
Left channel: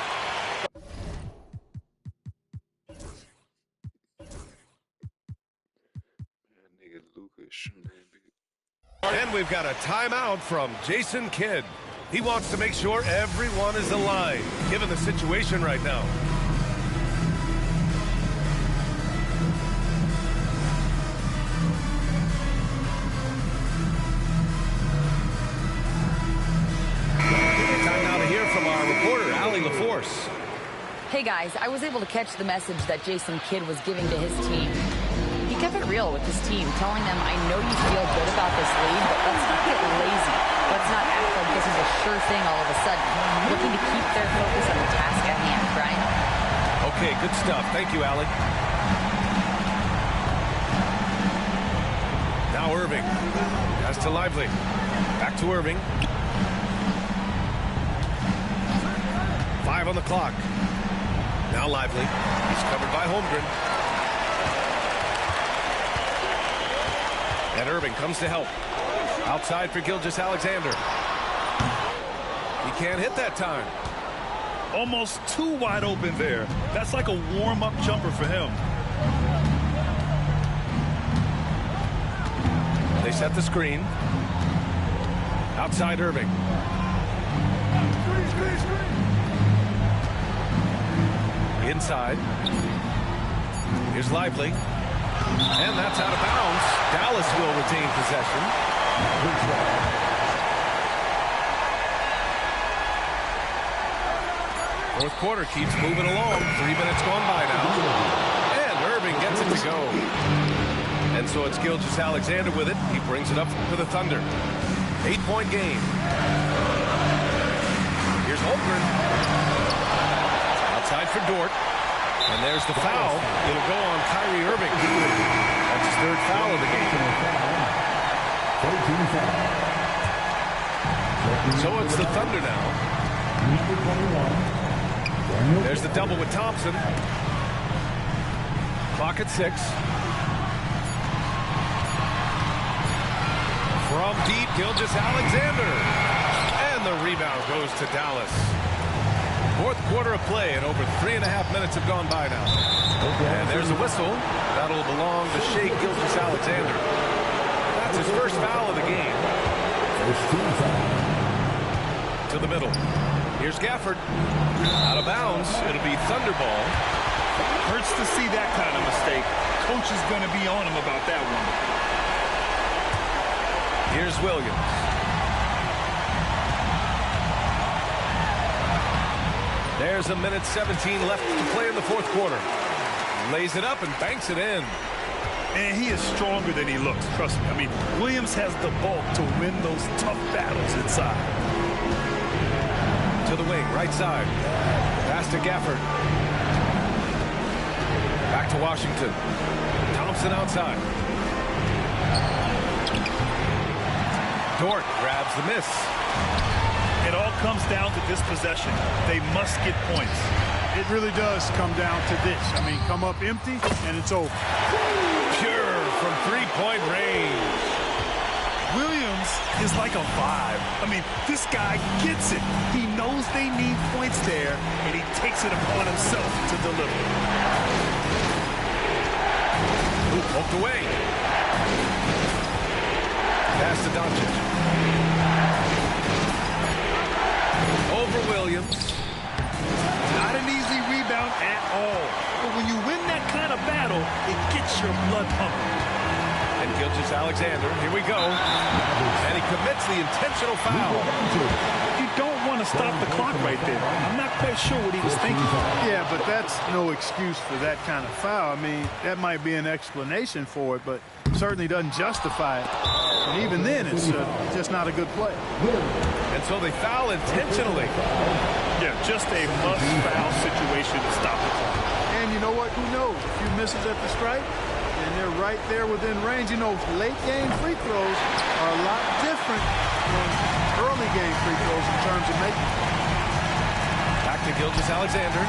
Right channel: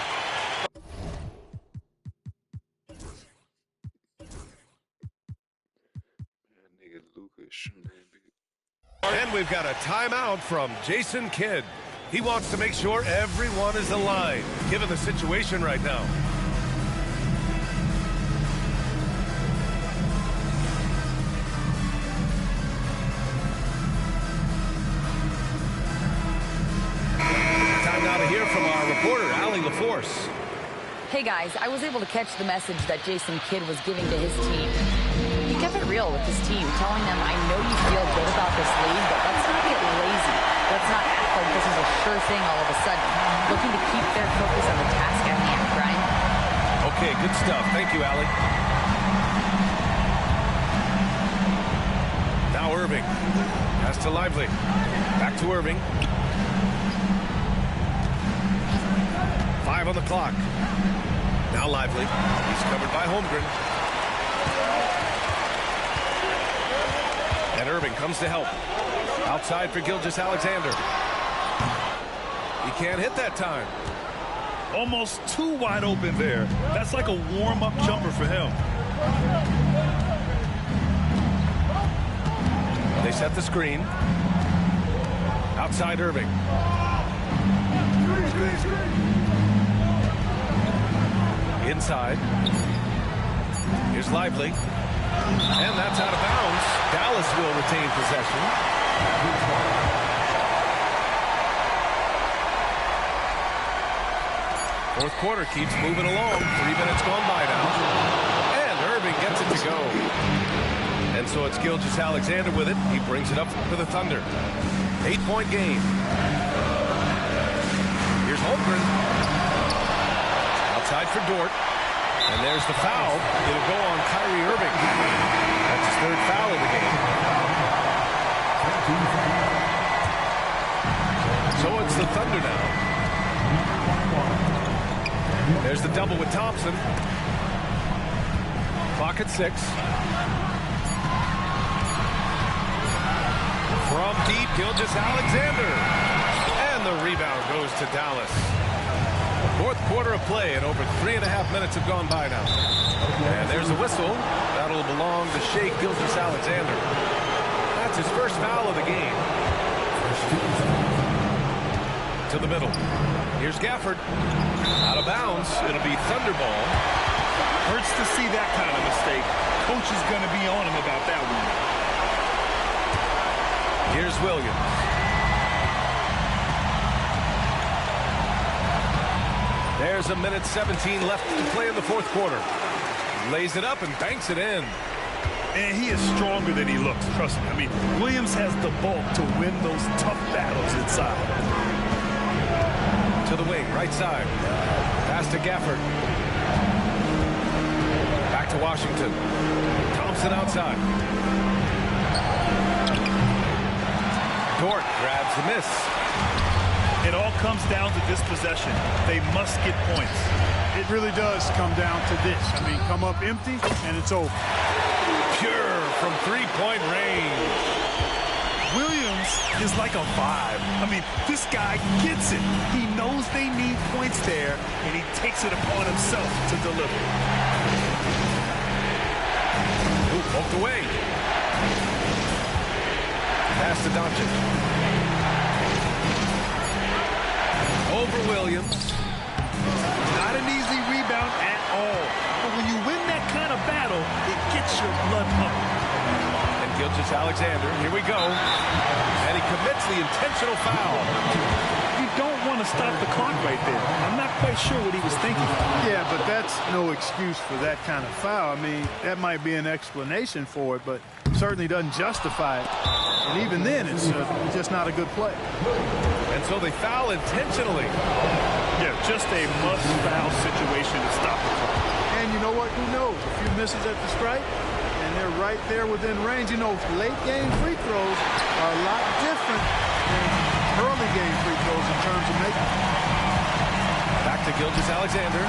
And we've got a timeout from Jason Kidd. He wants to make sure everyone is aligned, given the situation right now. Time now to hear from our reporter, Allie LaForce. Hey guys, I was able to catch the message that Jason Kidd was giving to his team. He kept it real with his team, telling them, I know you feel good about this lead, but let's not get lazy. Let's not act like this is a sure thing all of a sudden. Looking to keep their focus on the task at hand. Brian? Okay, good stuff. Thank you, Allie. Now Irving. Pass to Lively. Back to Irving. 5 on the clock. Now Lively. He's covered by Holmgren. And Irving comes to help. Outside for Gilgeous-Alexander. He can't hit that time. Almost too wide open there. That's like a warm-up jumper for him. They set the screen. Outside Irving. Inside. Here's Lively. And that's out of bounds. Dallas will retain possession. Fourth quarter keeps moving along. 3 minutes gone by now. And Irving gets it to go. And so it's Gilgeous-Alexander with it. He brings it up for the Thunder. 8-point game. Here's Holmgren. Outside for Dort. And there's the foul. It'll go on Kyrie Irving. That's his 3rd foul of the game. So it's the Thunder now. There's the double with Thompson. Clock at 6. From deep, Gilgeous-Alexander. And the rebound goes to Dallas. Fourth quarter of play, and over 3.5 minutes have gone by now. And there's a whistle. That'll belong to Shai Gilgeous-Alexander. That's his 1st foul of the game. To the middle. Here's Gafford. Out of bounds. It'll be Thunder ball. Hurts to see that kind of mistake. Coach is going to be on him about that one. Here's Williams. There's 1:17 left to play in the fourth quarter. Lays it up and banks it in. And he is stronger than he looks, trust me. I mean, Williams has the bulk to win those tough battles inside. To the wing, right side. Pass to Gafford. Back to Washington. Thompson outside. Dort grabs the miss. It all comes down to this possession. They must get points. It really does come down to this. I mean, come up empty, and it's over. Pure from three-point range. Williams is like a vibe. I mean, this guy gets it. He knows they need points there, and he takes it upon himself to deliver. Ooh, poked away. Pass to Doncic. Over Williams. Not an easy rebound at all. But when you win that kind of battle, it gets your blood pumping. And Gilgeous-Alexander, here we go. And he commits the intentional foul. You don't want to stop the clock right there. I'm not quite sure what he was thinking. Yeah, but that's no excuse for that kind of foul. I mean, that might be an explanation for it, but certainly doesn't justify it. And even then, it's just not a good play. And so they foul intentionally. Yeah, just a must-foul situation to stop the clock. And you know what? Who knows? A few misses at the stripe, and they're right there within range. You know, late-game free throws are a lot different than early-game free throws in terms of making. Back to Gilgeous-Alexander.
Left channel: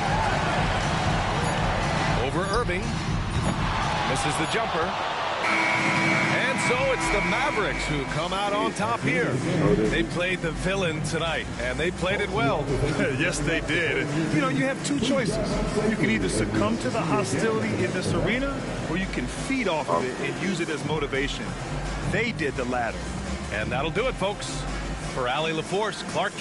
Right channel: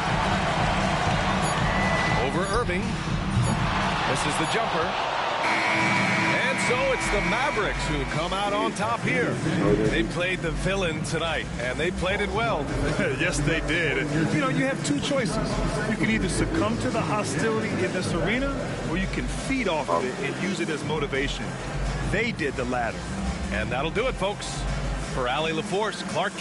Over Irving. Misses the jumper. And so it's the Mavericks who come out on top here. They played the villain tonight, and they played it well. Yes, they did. And, you know, you have two choices. You can either succumb to the hostility in this arena, or you can feed off of it and use it as motivation. They did the latter. And that'll do it, folks. For Allie LaForce, Clark.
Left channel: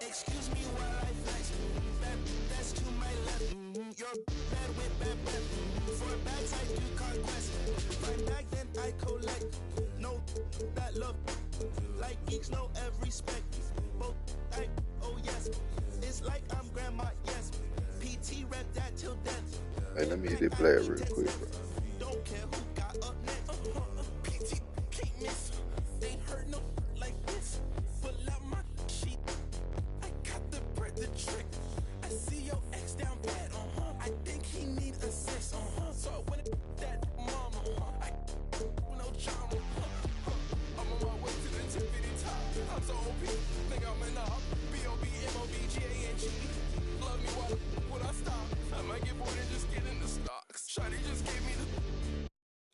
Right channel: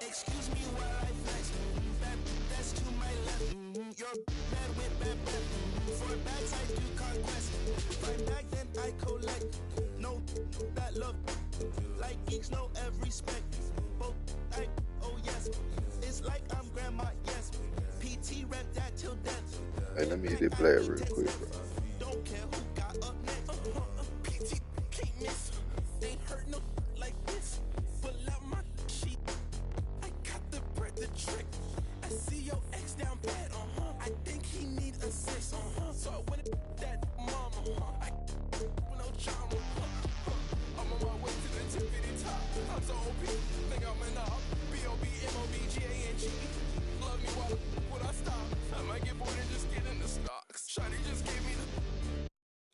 Excuse me while I flex. That's to my left. Your bad with bad breath. For bags I do conquest. Find back then I collect. No that love. Like geeks know every spec. Both I oh yes. It's like I'm grandma, yes. PT rep that till death. Hey, let me hit that player real quick, bro. Don't care who got up next. PT can't miss. Ain't hurt no like this. Pull out my sheet. I got the bread, the trick. I see your ex down bad, I think he need assist, So I went that mama, I no drama, I'm on my way to the tippity top. I'm so OP, think I'm in up. B-O-B-M-O-B-G-A-N-G. Love me while when I stop. I might get bored and just get in the stocks. Shawty just gave me the.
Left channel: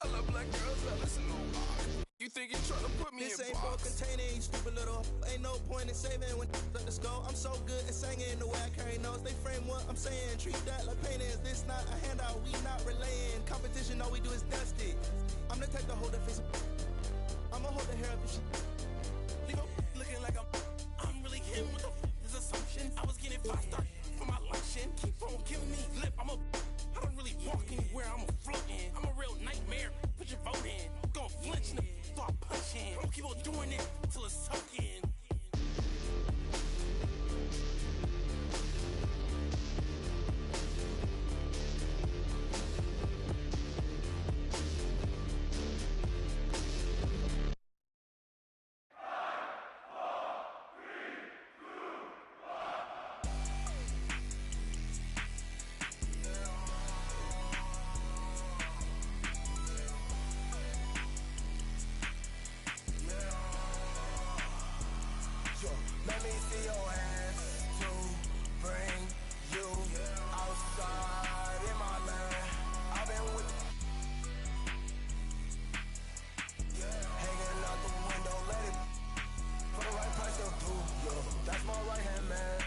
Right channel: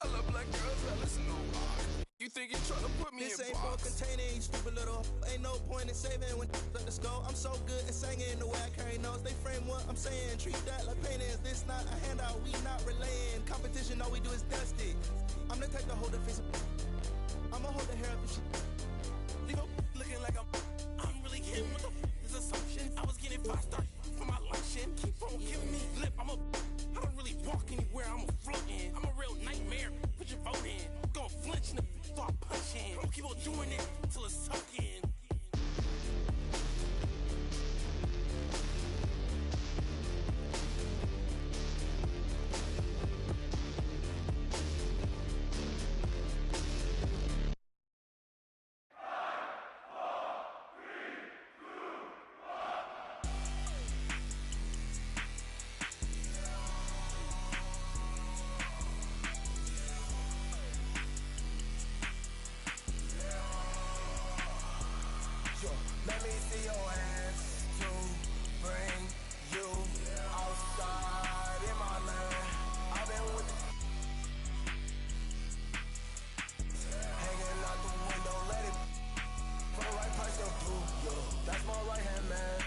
I love black girls that listen to rock. You think you're trying to put me this in ain't box? For containing, you stupid little. Ain't no point in saving when let us go. I'm so good at singing the way I carry notes. They frame what I'm saying. Treat that like painting. Is this not a handout? We not relaying. Competition, all we do is dust it. I'm the type to hold the face. I'ma hold the hair up and shit. Leave up looking like I'm really him with this assumption. I was getting 5-star for my luncheon. Keep on giving me lip. I don't really walk anywhere. I'm a floating. I'm a real nightmare. Put your vote in. Gonna flinch in the start punching. I'm gonna keep on doing it till it's sucking. Let me see your hands to bring you outside in my land. I've been with hanging out the window, let it for the right price, they'll do, yo. That's my right hand man.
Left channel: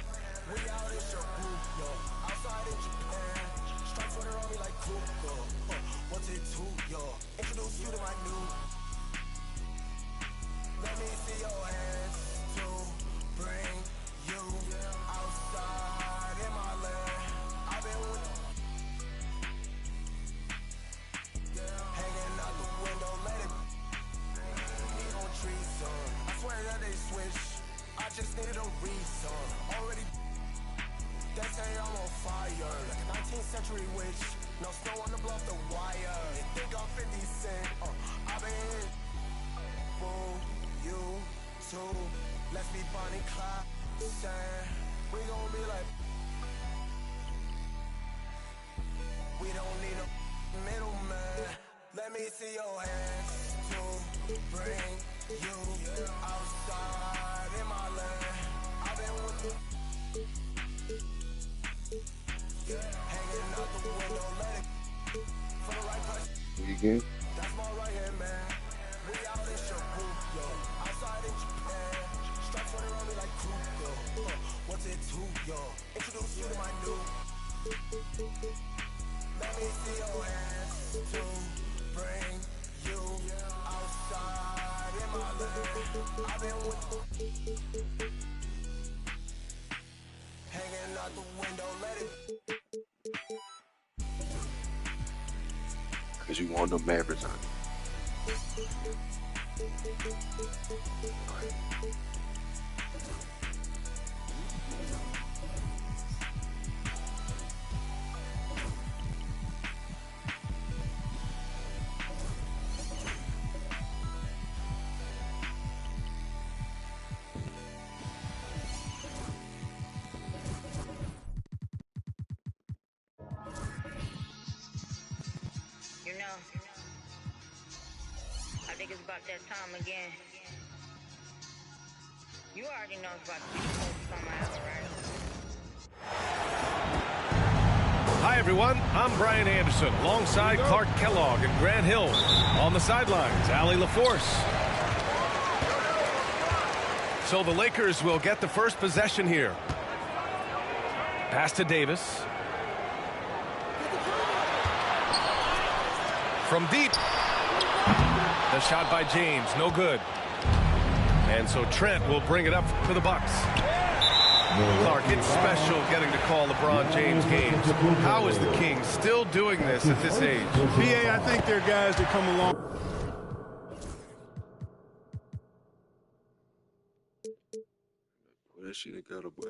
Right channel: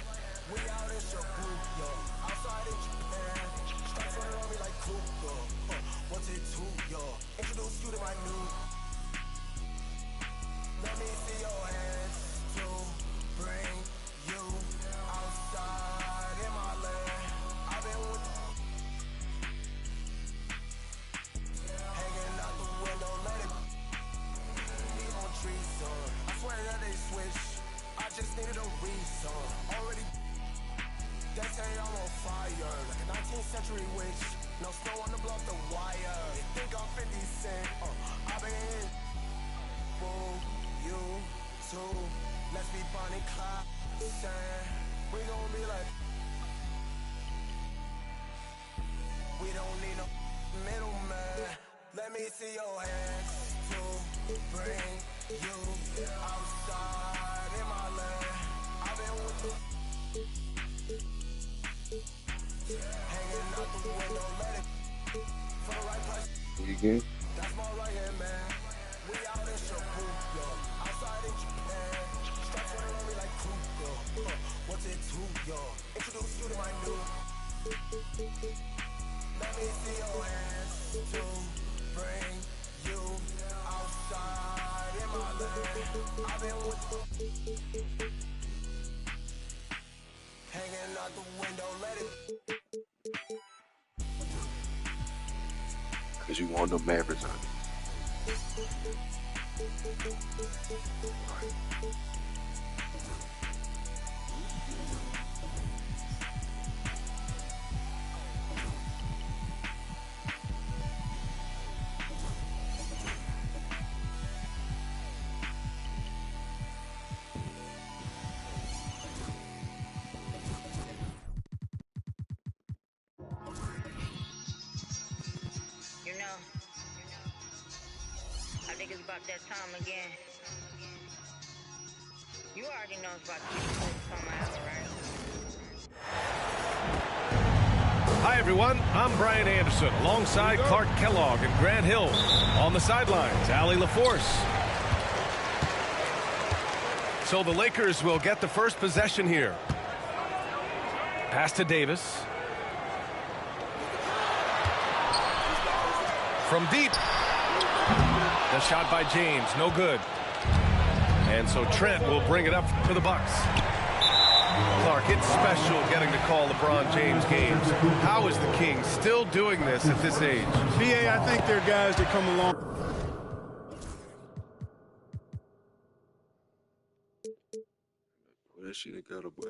We out in Shibuya, outside in Japan. Strikes running on me like Kuka. What's it that they switch. I just needed a reason. Already, they say I'm on fire, like a 19th century witch. No snow on the blow off the wire. They think I'm 50 Cent. I've been boom, you too. Let's be Bonnie Clyde. We gon' be like. We don't need no middleman. Let me see your hands to bring you outside in my land. I've been with the hanging out the window, let it for the right price. Weekend. That's my right hand man. We out in Shibuya, outside in Japan. Stripes running around me like Kruger. What's it to yo? Introduce you to my new. Let me see your hands to bring you outside in my land. I've been with hanging out the window, let it. Cause you want them Mavericks on it. You know, I think it's about that time again. You already know it's about to be the summer ever, right? Hi, everyone. I'm Brian Anderson alongside Clark Kellogg and Grant Hill. On the sidelines, Allie LaForce. So the Lakers will get the first possession here. Pass to Davis. From deep. The shot by James, no good. And so Trent will bring it up for the Bucks. Clark, it's special getting to call LeBron James games. How is the King still doing this at this age? BA, I think there are guys that come along. Well, that shit ain't got a boy.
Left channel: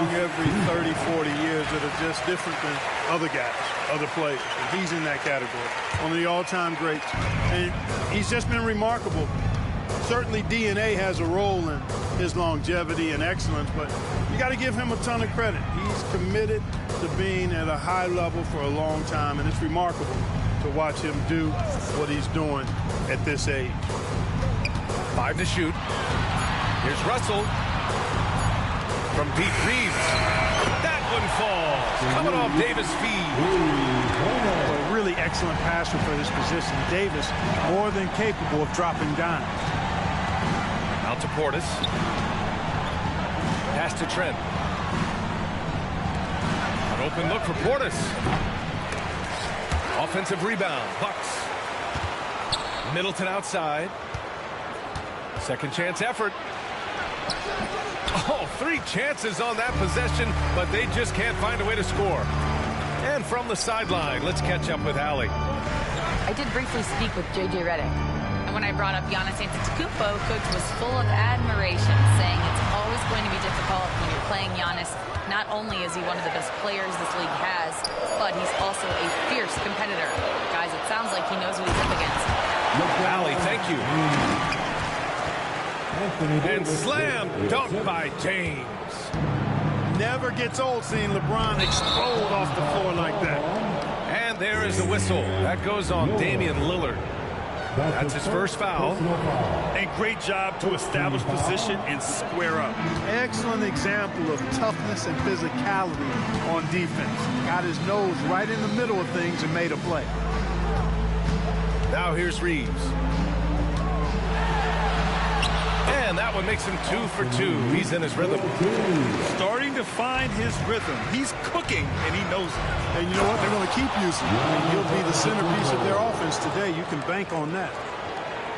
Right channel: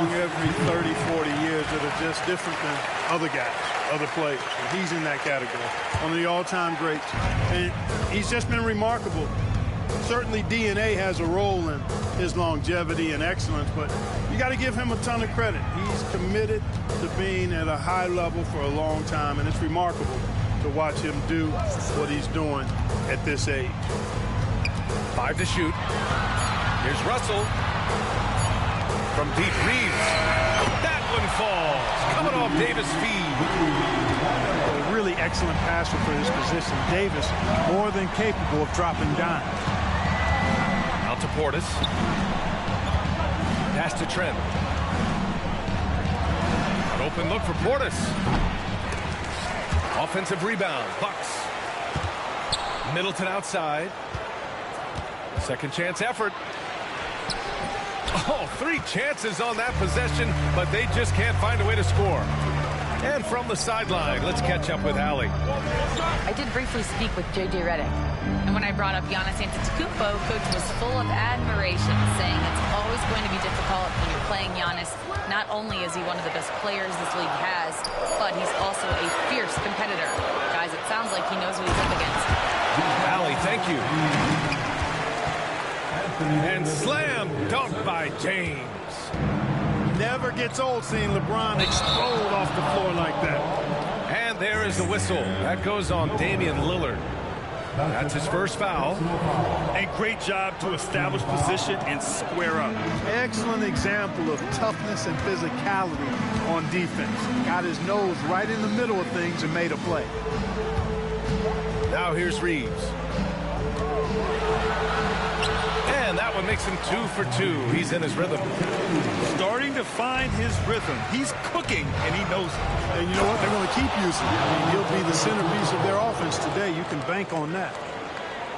Every 30, 40 years that are just different than other guys, other players. And he's in that category. One of the all-time greats. And he's just been remarkable. Certainly DNA has a role in his longevity and excellence, but you got to give him a ton of credit. He's committed to being at a high level for a long time, and it's remarkable to watch him do what he's doing at this age. 5 to shoot. Here's Russell. From deep, Reeves. That one falls. Coming off Davis' feed. Boy, really excellent passer for his position. Davis, more than capable of dropping dimes. Out to Portis. Pass to Trent. An open look for Portis. Offensive rebound. Bucks. Middleton outside. Second chance effort. Oh, 3 chances on that possession, but they just can't find a way to score. And from the sideline, let's catch up with Allie. I did briefly speak with J.J. Redick, and when I brought up Giannis Antetokounmpo, Coach was full of admiration, saying it's always going to be difficult when you're playing Giannis. Not only is he one of the best players this league has, but he's also a fierce competitor. Guys, it sounds like he knows what he's up against. Allie, thank you. And slam dunk by James. Never gets old seeing LeBron explode off the floor like that. And there is the whistle. That goes on Damian Lillard. That's his first foul. And great job to establish position and square up. Excellent example of toughness and physicality on defense. Got his nose right in the middle of things and made a play. Now here's Reeves. And that one makes him 2 for 2. He's in his rhythm. Starting to find his rhythm. He's cooking, and he knows it. And you know what? They're going to keep using him. I mean, he'll be the centerpiece of their offense today. You can bank on that.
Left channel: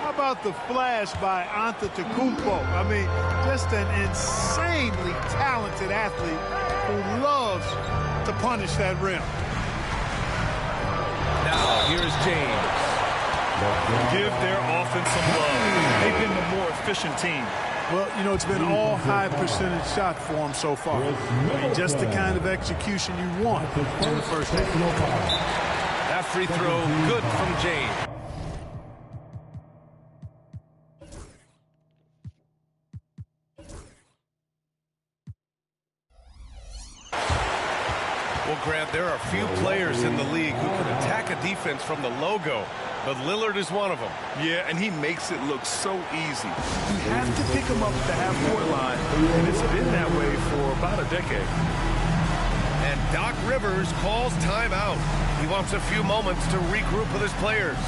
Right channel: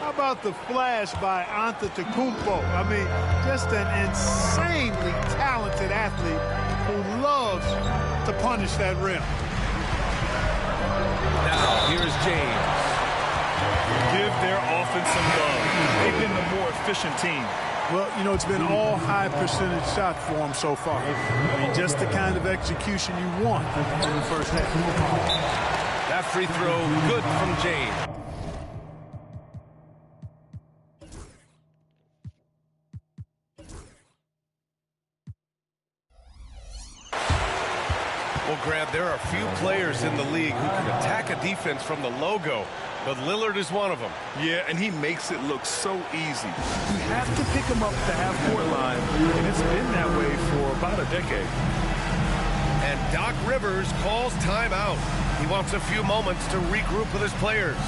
How about the flash by Antetokounmpo? I mean, just an insanely talented athlete who loves to punish that rim. Now, here's James. Give their offense some love. They've been the more efficient team. Well, you know, it's been all high percentage shot for him so far. I mean, just the kind of execution you want in the first half. That free throw, good from James. Well, Grant, there are few players in the league who can attack a defense from the logo, but Lillard is one of them. Yeah, and he makes it look so easy. You have to pick him up at the half-court line, and it's been that way for about a decade. And Doc Rivers calls timeout. He wants a few moments to regroup with his players.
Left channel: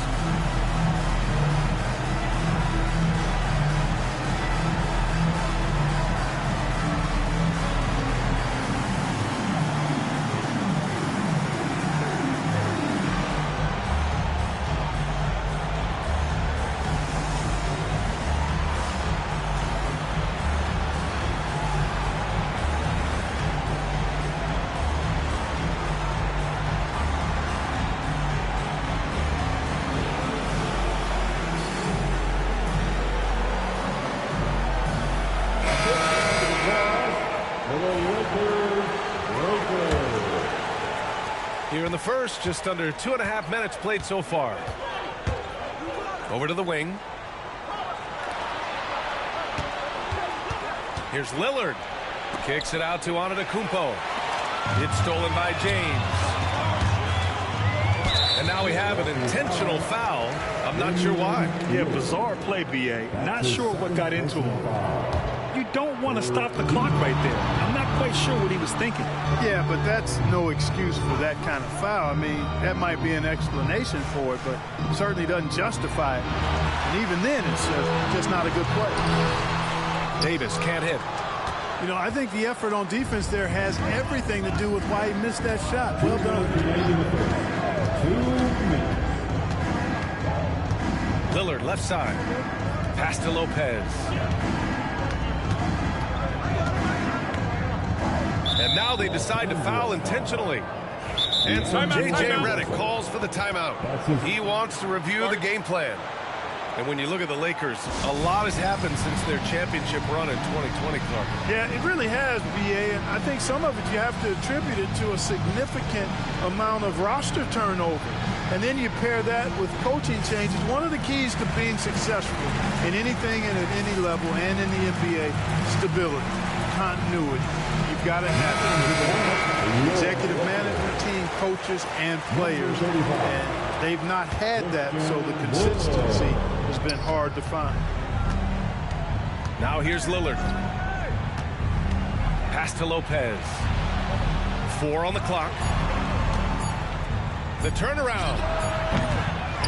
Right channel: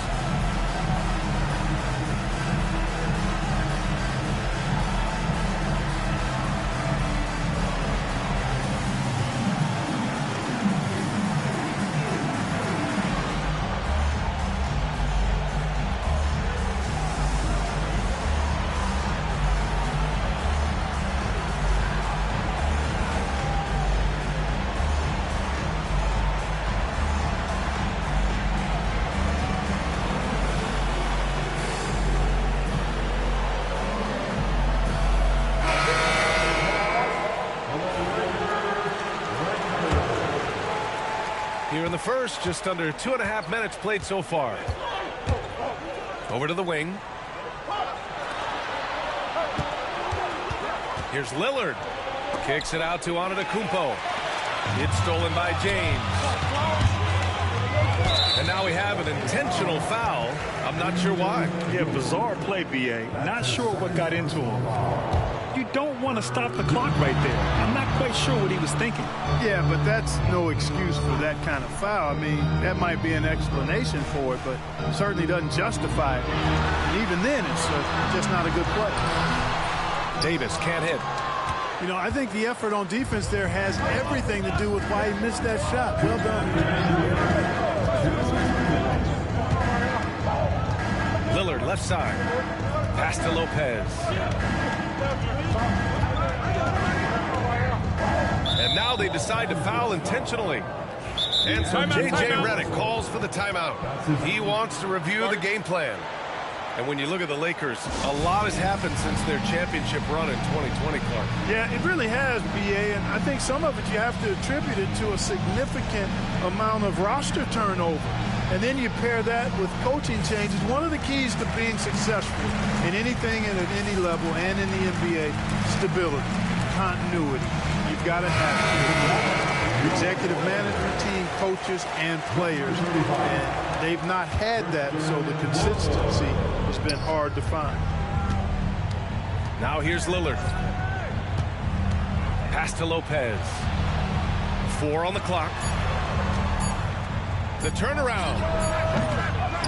Here in the first, just under 2.5 minutes played so far. Over to the wing. Here's Lillard. Kicks it out to Antetokounmpo. It's stolen by James. And now we have an intentional foul. I'm not sure why. Yeah, bizarre play, B.A. Not sure what got into him. You don't want to stop the clock right there. I'm not quite sure what he was thinking. Yeah, but that's no excuse for that kind of foul. I mean, that might be an explanation for it, but certainly doesn't justify it. And even then, it's just not a good play. Davis can't hit. You know, I think the effort on defense there has everything to do with why he missed that shot. Well done. Lillard left side. Pass to Lopez. And now they decide to foul intentionally. And so J.J. Redick calls for the timeout. He wants to review the game plan. And when you look at the Lakers, a lot has happened since their championship run in 2020, Clark. Yeah, it really has, B.A., and I think some of it you have to attribute it to a significant amount of roster turnover. And then you pair that with coaching changes. One of the keys to being successful in anything and at any level and in the NBA, stability, continuity. You've got to have it. Executive management team, coaches, and players. And they've not had that, so the consistency has been hard to find. Now here's Lillard. Pass to Lopez. 4 on the clock. The turnaround.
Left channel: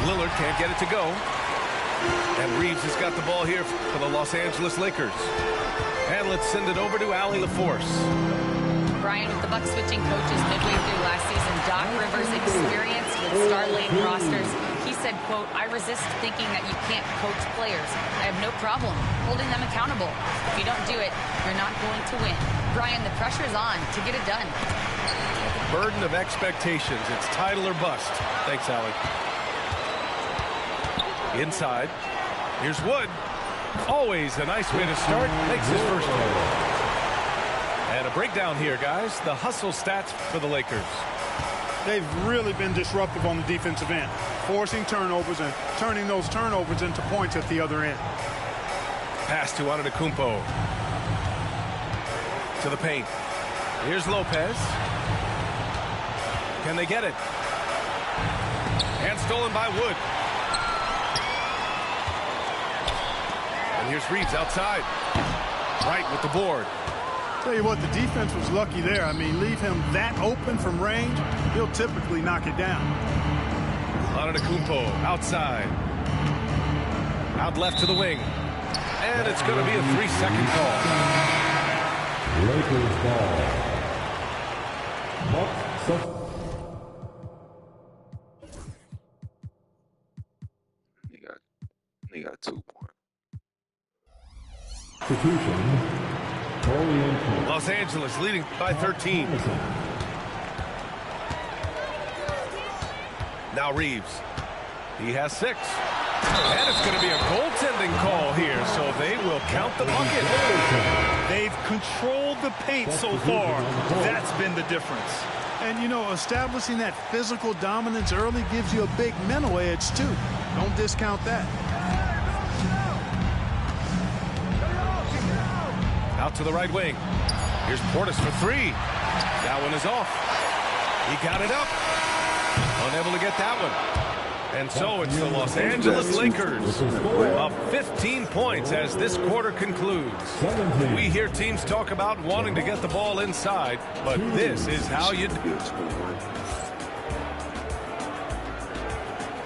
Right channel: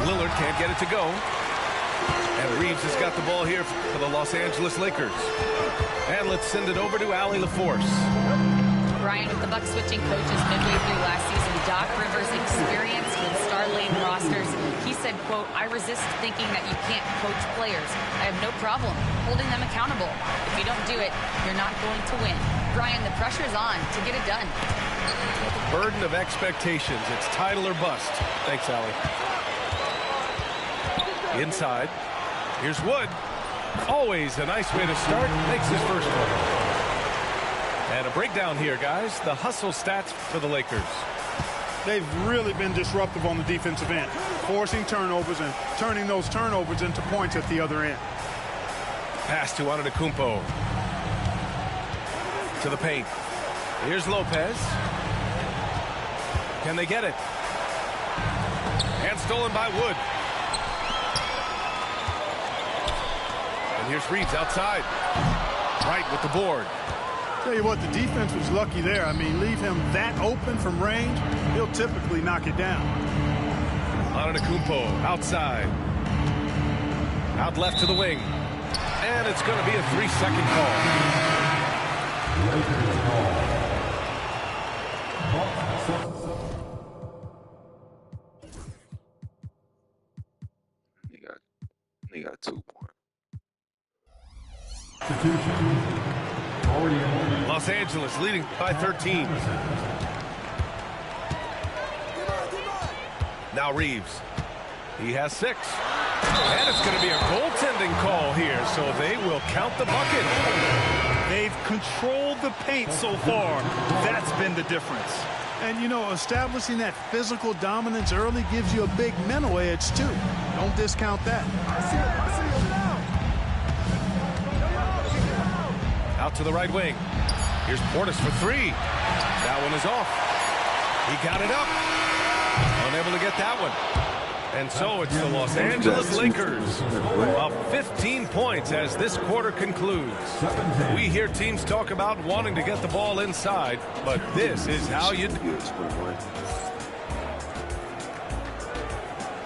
Lillard can't get it to go. And Reeves has got the ball here for the Los Angeles Lakers. And let's send it over to Allie LaForce. Brian, with the Bucks switching coaches midway through last season, Doc Rivers experienced with star-laden rosters. He said, quote, "I resist thinking that you can't coach players. I have no problem holding them accountable. If you don't do it, you're not going to win." Brian, the pressure's on to get it done. Yeah, the burden of expectations. It's title or bust. Thanks, Allie. Inside. Here's Wood. Always a nice way to start. Makes his first one. And a breakdown here, guys. The hustle stats for the Lakers. They've really been disruptive on the defensive end, forcing turnovers and turning those turnovers into points at the other end. Pass to Antetokounmpo. To the paint. Here's Lopez. Can they get it? And stolen by Wood. And here's Reeves outside. Right with the board. Tell you what, the defense was lucky there. I mean, leave him that open from range, he'll typically knock it down. Antetokounmpo outside. Out left to the wing. And it's going to be a 3-second call. Lakers ball. They got 2 points. Substitution. Los Angeles leading by 13. Now Reeves. He has 6. And it's going to be a goaltending call here, so they will count the bucket. They've controlled the paint so far. That's been the difference. And, you know, establishing that physical dominance early gives you a big mental edge, too. Don't discount that. Out to the right wing. Here's Portis for 3. That one is off. He got it up. Unable to get that one. And so it's the Los Angeles Lakers of 15 points as this quarter concludes. We hear teams talk about wanting to get the ball inside, but this is how you do it.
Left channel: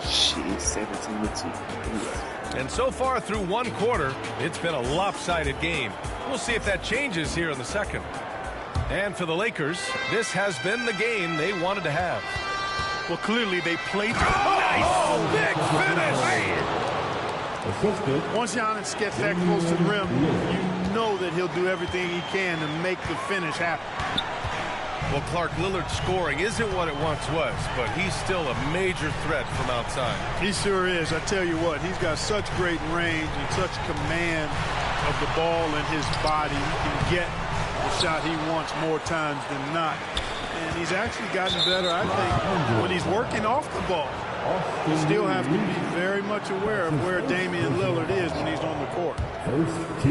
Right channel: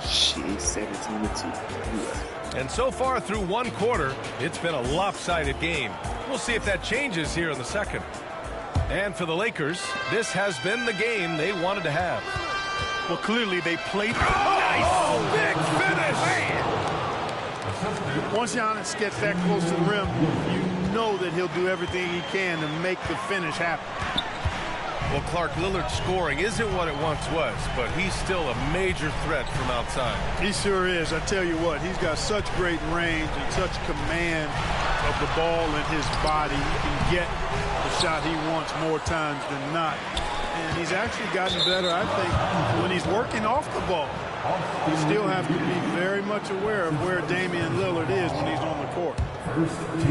Shit, 17-2. And so far through one quarter, it's been a lopsided game. We'll see if that changes here in the second. And for the Lakers, this has been the game they wanted to have. Well, clearly they played nice. Oh, big finish. Man. Once Giannis gets that close to the rim, you know that he'll do everything he can to make the finish happen. Well, Clark, Lillard's scoring isn't what it once was, but he's still a major threat from outside. He sure is. I tell you what, he's got such great range and such command of the ball in his body. He can get the shot he wants more times than not. And he's actually gotten better, I think, when he's working off the ball. You still have to be very much aware of where Damian Lillard is when he's on the court.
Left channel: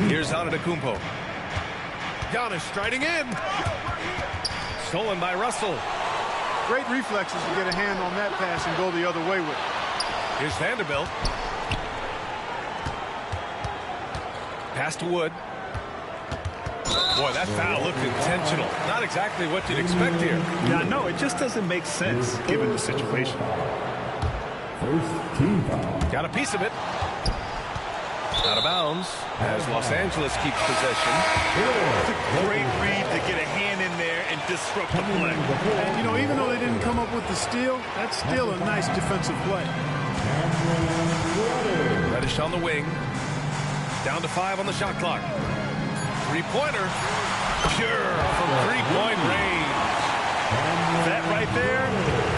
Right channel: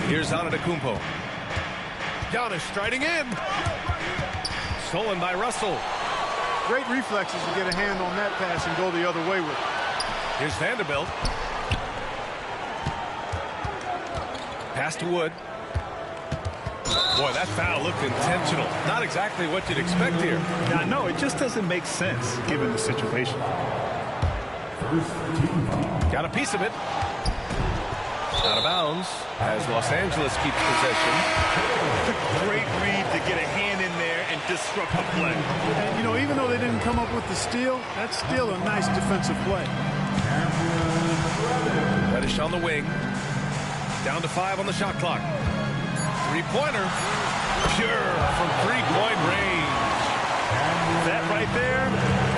Here's Antetokounmpo. Giannis striding in. Stolen by Russell. Great reflexes to get a hand on that pass and go the other way with it. Here's Vanderbilt. Pass to Wood. Boy, that foul looked intentional. Not exactly what you'd expect here. Now, no, it just doesn't make sense given the situation. First team foul. Got a piece of it. Out of bounds as Los Angeles keeps possession. Great read to get a hand in there and disrupt the play. And, you know, even though they didn't come up with the steal, that's still a nice defensive play. Reddish on the wing. Down to 5 on the shot clock. Three-pointer. Pure from three-point range. That right there,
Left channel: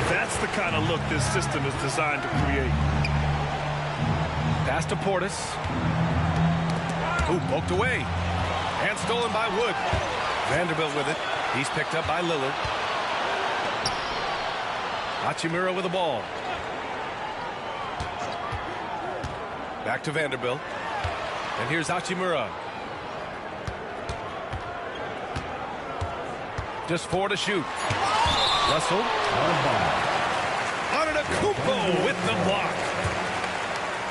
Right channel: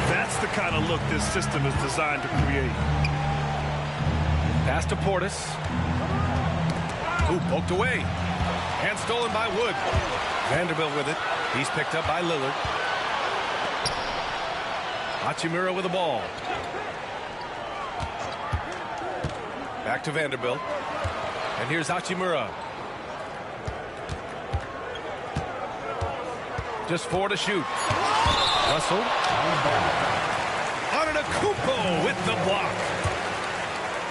that's the kind of look this system is designed to create. Pass to Portis. Ooh, poked away. And stolen by Wood. Vanderbilt with it. He's picked up by Lillard. Hachimura with the ball. Back to Vanderbilt. And here's Hachimura. Just 4 to shoot. Russell. Antetokounmpo with the block.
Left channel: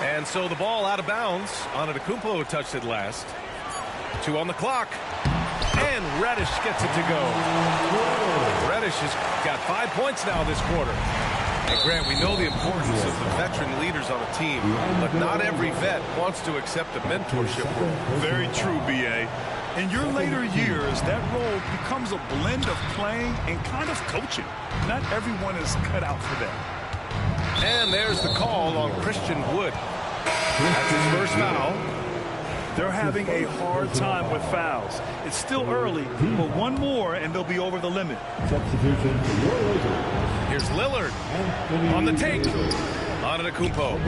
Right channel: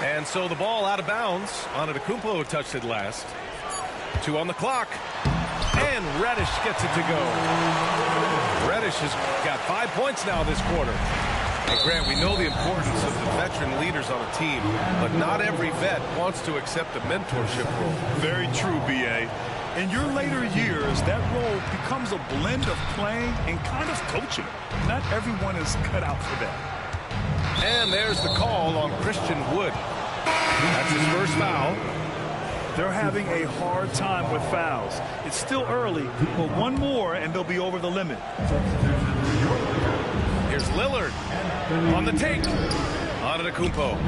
And so the ball out of bounds. Antetokounmpo touched it last. 2 on the clock. And Reddish gets it to go. Reddish has got 5 points now this quarter. And Grant, we know the importance of the veteran leaders on a team, but not every vet wants to accept a mentorship role. Very true, B.A. In your later years, that role becomes a blend of playing and kind of coaching. Not everyone is cut out for that. And there's the call on Christian Wood. That's his first foul. They're having a hard time with fouls. It's still early, but one more and they'll be over the limit. Substitution for your Lakers. Here's Lillard on the take. Antetokounmpo.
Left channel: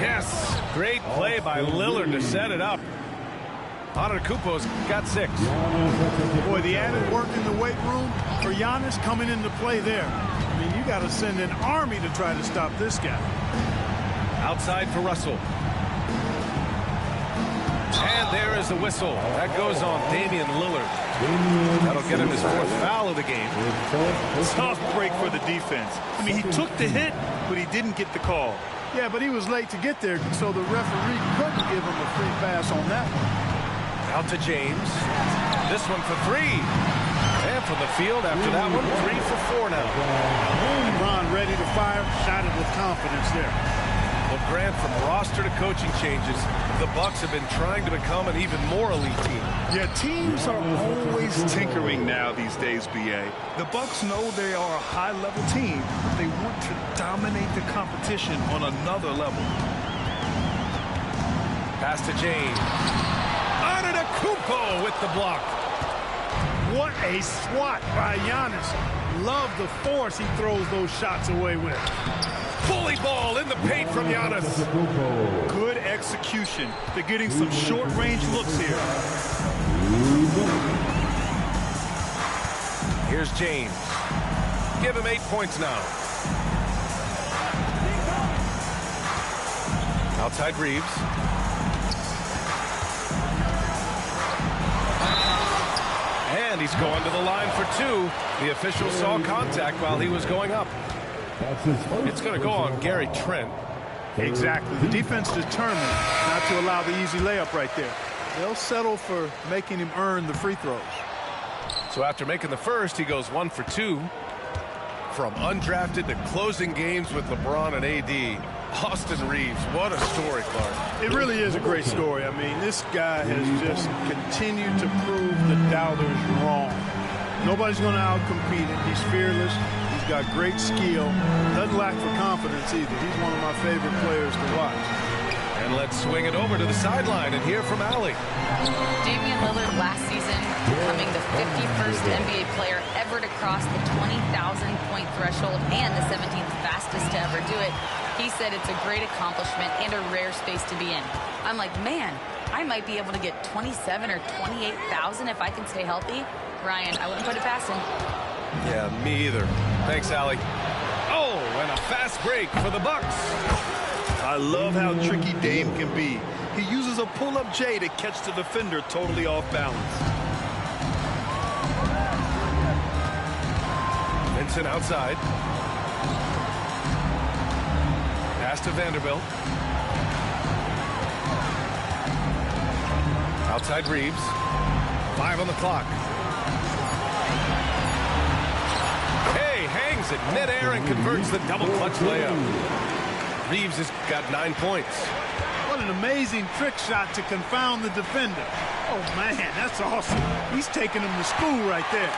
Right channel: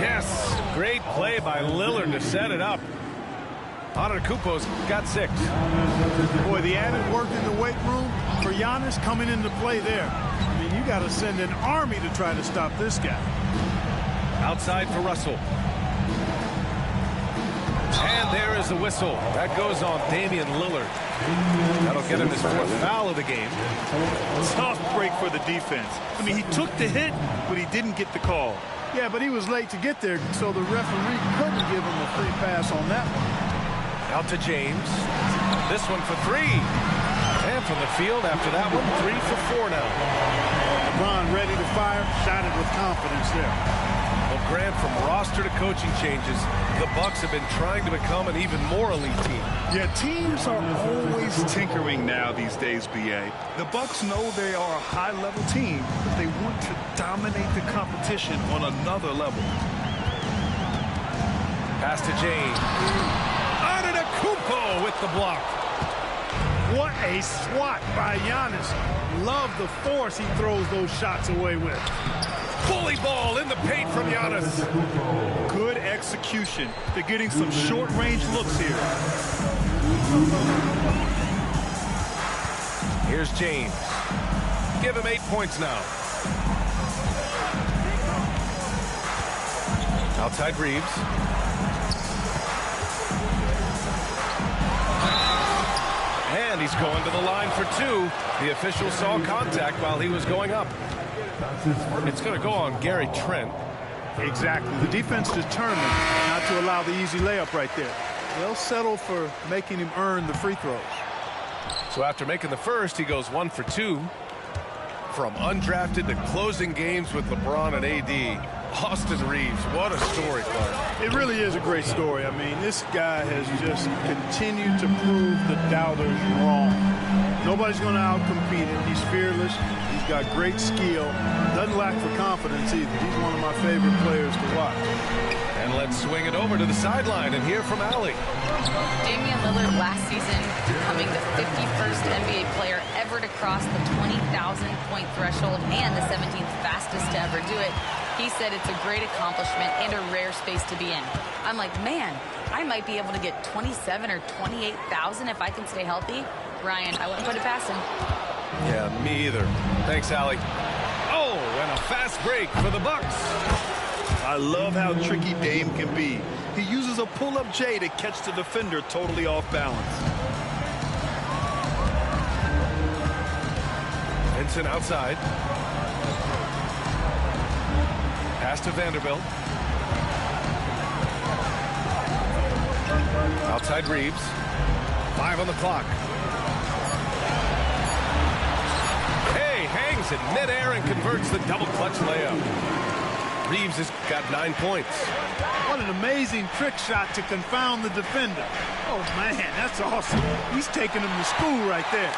Yes, great play by Lillard to set it up. Antetokounmpo's got 6. Boy, the added work in the weight room for Giannis coming into play there. I mean, you got to send an army to try to stop this guy. Outside for Russell. And there is the whistle. That goes on Damian Lillard. That'll get him his 4th foul of the game. Tough break for the defense. I mean, he took the hit, but he didn't get the call. Yeah, but he was late to get there, so the referee couldn't give him a free pass on that one. Out to James. This one for 3. And from the field after that one, 3 for 4 now. LeBron ready to fire, shot it with confidence there. Well, Grant, from roster to coaching changes, the Bucks have been trying to become an even more elite team. Yeah, teams are always tinkering now these days, B.A. The Bucks know they are a high-level team, but they want to dominate the competition on another level. Pass to James. Antetokounmpo with the block. What a swat by Giannis. Love the force he throws those shots away with. Bully ball in the paint from Giannis. Good execution. They're getting some short-range looks here. Here's James. Give him 8 points now. Outside Reeves. And he's going to the line for 2. The official saw contact while he was going up. It's going to go on Gary Trent. Exactly. The defense determined not to allow the easy layup right there. They'll settle for making him earn the free throws. So after making the first, he goes 1 for 2. From undrafted to closing games with LeBron and AD. Austin Reeves, what a story, Clark. It really is a great story. I mean, this guy has just continued to prove the doubters wrong. Nobody's going to outcompete him. He's fearless. He's got great skill. Doesn't lack for confidence either. He's one of my favorite players to watch. And let's swing it over to the sideline and hear from Allie. Damian Lillard last season becoming the 51st NBA player ever to cross the 20,000-point threshold and the 17th fastest to ever do it. He said it's a great accomplishment and a rare space to be in. I'm like, man, I might be able to get 27 or 28,000 if I can stay healthy. Ryan, I wouldn't put it past him. Yeah, me either. Thanks, Allie. Oh, and a fast break for the Bucks. I love how tricky Dame can be. He uses a pull-up J to catch the defender totally off balance. Vincent outside. Pass to Vanderbilt. Outside Reeves. 5 on the clock. Hey, hangs it midair and converts the double clutch layup. Reeves has got 9 points. What an amazing trick shot to confound the defender. Oh, man, that's awesome. He's taking him to school right there.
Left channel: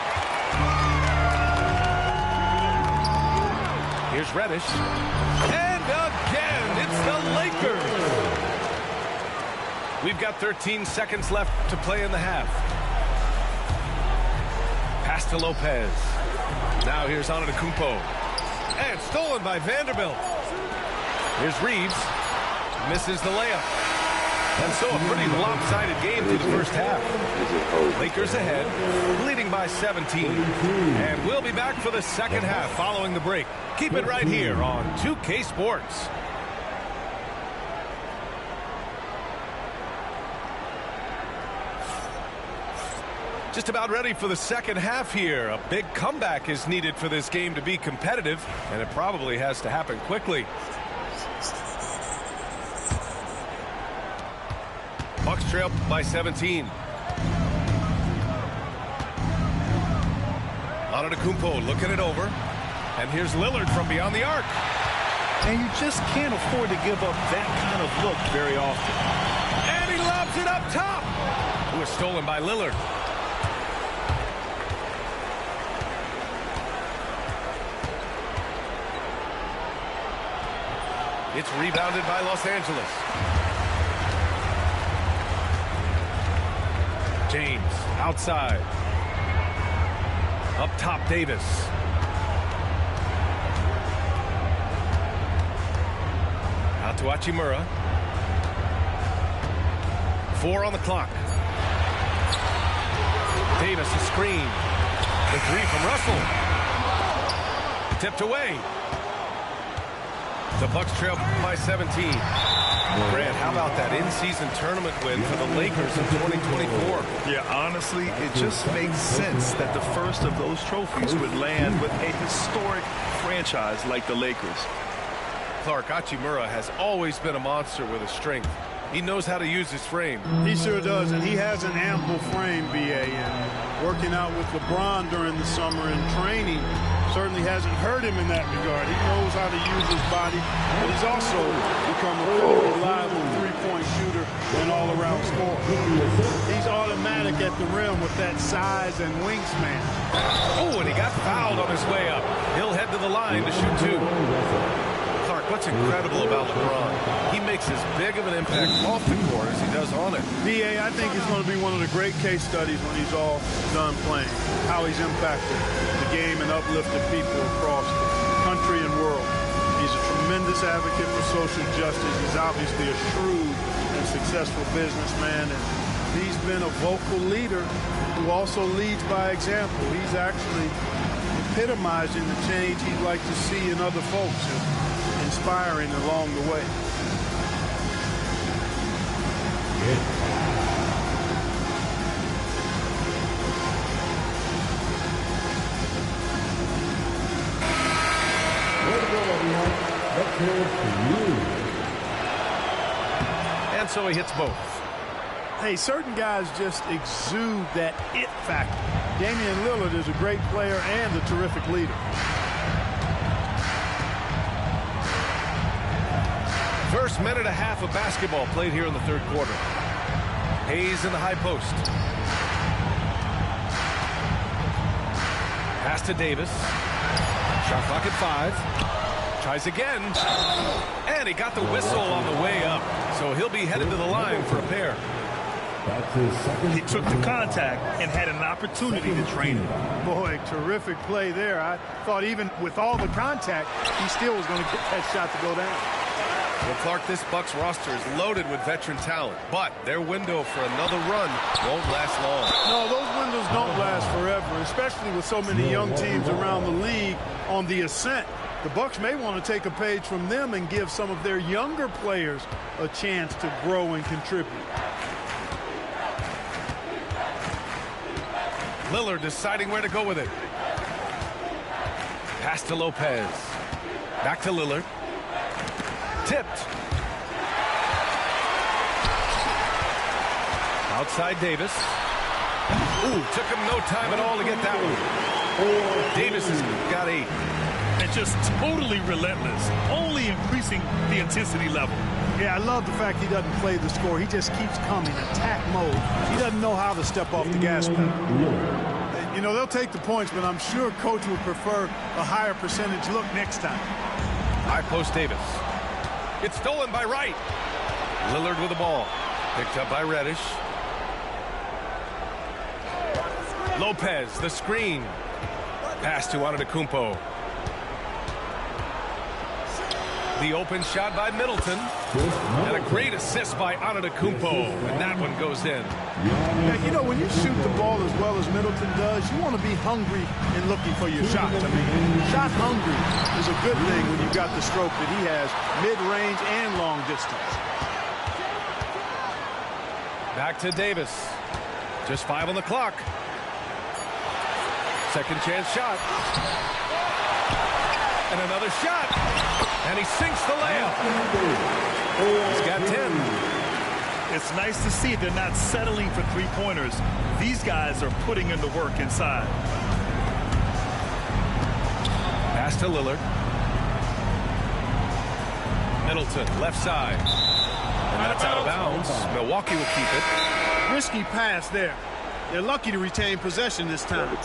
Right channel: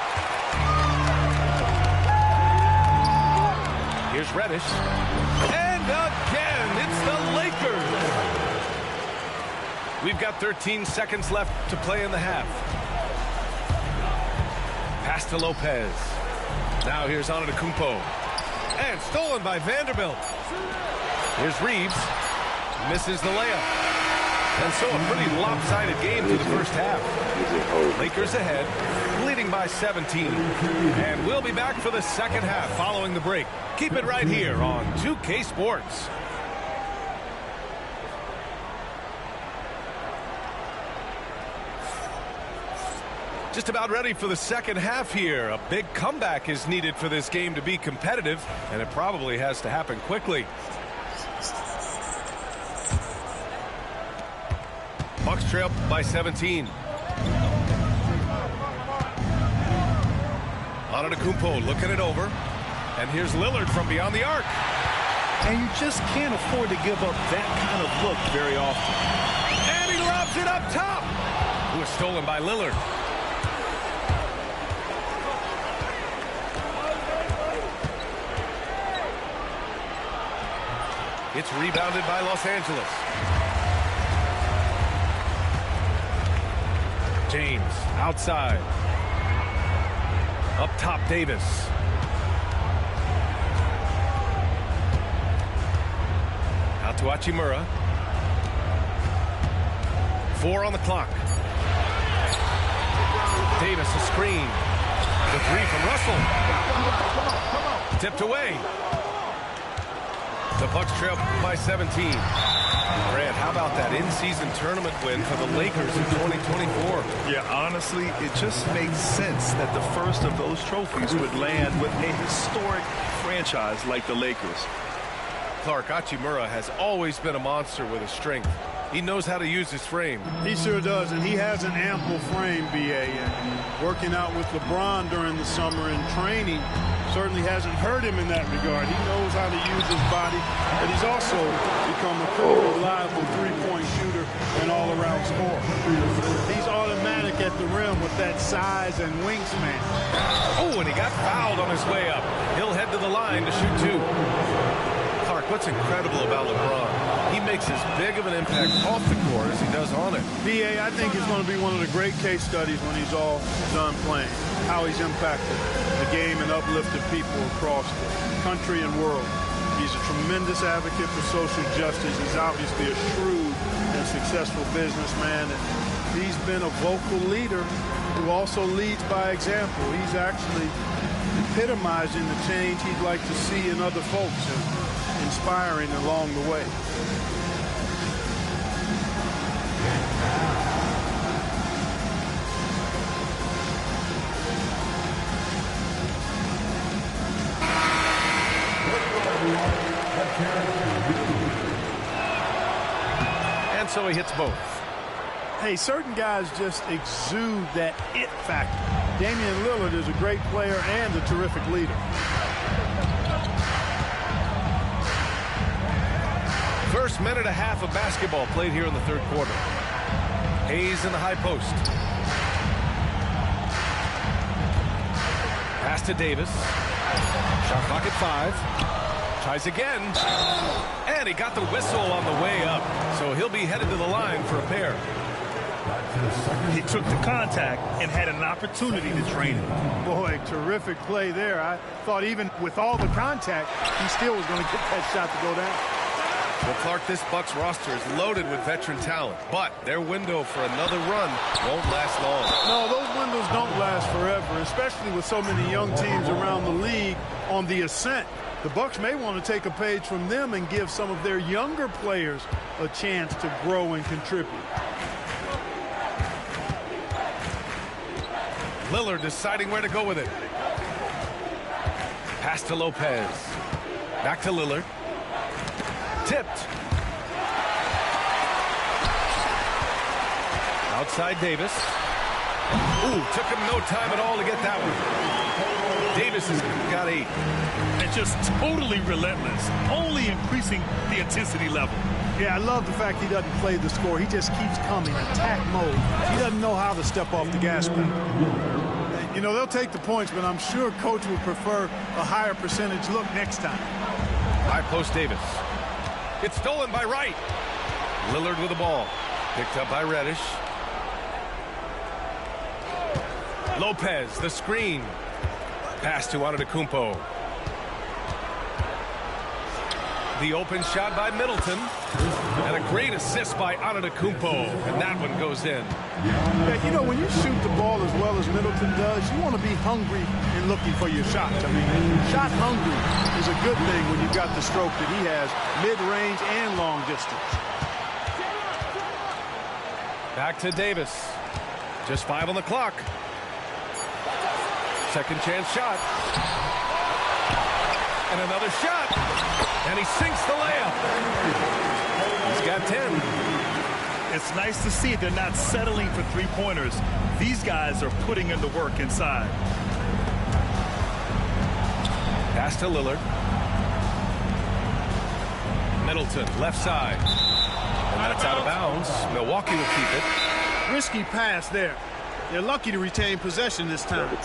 Here's Reddish. And again, it's the Lakers. We've got 13 seconds left to play in the half. Pass to Lopez. Now here's Antetokounmpo. And stolen by Vanderbilt. Here's Reeves. Misses the layup. And so a pretty lopsided game through the first half. Lakers ahead, leading by 17. And we'll be back for the second half following the break. Keep it right here on 2K Sports. Just about ready for the second half here. A big comeback is needed for this game to be competitive, and it probably has to happen quickly. Bucks trail by 17. Antetokounmpo looking it over. And here's Lillard from beyond the arc. And you just can't afford to give up that kind of look very often. And he lobs it up top. It was stolen by Lillard. It's rebounded by Los Angeles. James outside. Up top, Davis. Out to Hachimura. 4 on the clock. Davis a screen. The 3 from Russell. Tipped away. The Bucks trail by 17. Grant, how about that in-season tournament win for the Lakers in 2024? Yeah, honestly, it just makes sense that the first of those trophies would land with a historic franchise like the Lakers. Clark, Hachimura has always been a monster with his strength. He knows how to use his frame. He sure does, and he has an ample frame, B.A. Working out with LeBron during the summer and training certainly hasn't hurt him in that regard. He knows how to use his body, but he's also become a pretty reliable three-point shooter and all-around scorer. He's automatic at the rim with that size and wingspan. Oh, and he got fouled on his way up. He'll head to the line to shoot 2. Clark, what's incredible about LeBron, he makes as big of an impact off the court as he does on it. B.A., I think it's going to be one of the great case studies when he's all done playing, how he's impacted the game and uplifted people across the country and world. He's a tremendous advocate for social justice. He's obviously a shrewd and successful businessman, and he's been a vocal leader who also leads by example. He's actually epitomizing the change he'd like to see in other folks and inspiring along the way. And so he hits both. Hey, certain guys just exude that it factor. Damian Lillard is a great player and a terrific leader. First minute and a half of basketball played here in the third quarter. Hayes in the high post. Pass to Davis. Shot clock at 5. Tries again. And he got the whistle on the way up. So he'll be headed to the line for a pair. He took the contact and had an opportunity to drain it. Boy, terrific play there. I thought even with all the contact, he still was going to get that shot to go down. Well, Clark, this Bucks roster is loaded with veteran talent, but their window for another run won't last long. No, those windows don't last forever, especially with so many young teams around the league on the ascent. The Bucks may want to take a page from them and give some of their younger players a chance to grow and contribute. Lillard deciding where to go with it. Pass to Lopez. Back to Lillard. Tipped. Outside Davis. Ooh, took him no time at all to get that one. Davis has got 8. And just totally relentless, only increasing the intensity level. Yeah, I love the fact he doesn't play the score. He just keeps coming, attack mode. He doesn't know how to step off the gas pedal. You know, they'll take the points, but I'm sure coach would prefer a higher percentage look next time. High post Davis. It's stolen by Wright. Lillard with the ball. Picked up by Reddish. Lopez, the screen. Pass to Antetokounmpo. The open shot by Middleton. And a great assist by Antetokounmpo. And that one goes in. Yeah, you know, when you shoot the ball as well as Middleton does, you want to be hungry in looking for your shots. I mean, shot hungry is a good thing when you've got the stroke that he has, mid-range and long distance. Back to Davis. Just 5 on the clock. Second chance shot. And another shot. And he sinks the layup. He's got 10. It's nice to see they're not settling for three-pointers. These guys are putting in the work inside. Pass to Lillard. Middleton, left side. And that's out of bounds. Milwaukee will keep it. Risky pass there. They're lucky to retain possession this time.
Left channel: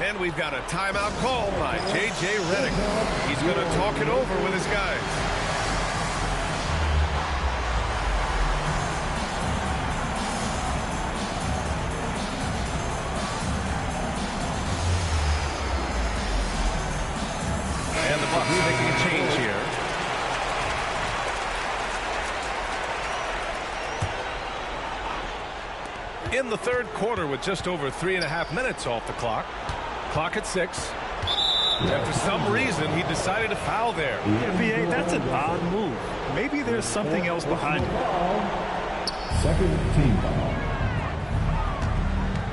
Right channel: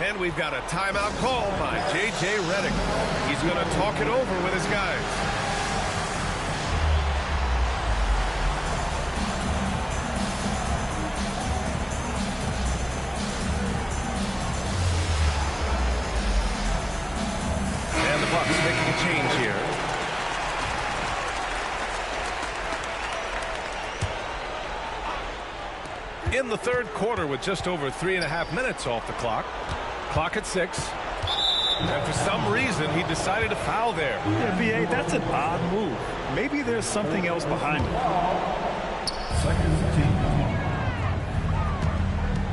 And we've got a timeout call by J.J. Redick. He's going to talk it over with his guys. And the Bucks making a change here. In the third quarter with just over 3.5 minutes off the clock. Clock at 6. And for some reason, he decided to foul there. Yeah, B.A., that's an odd move. Maybe there's something else behind it. Second team.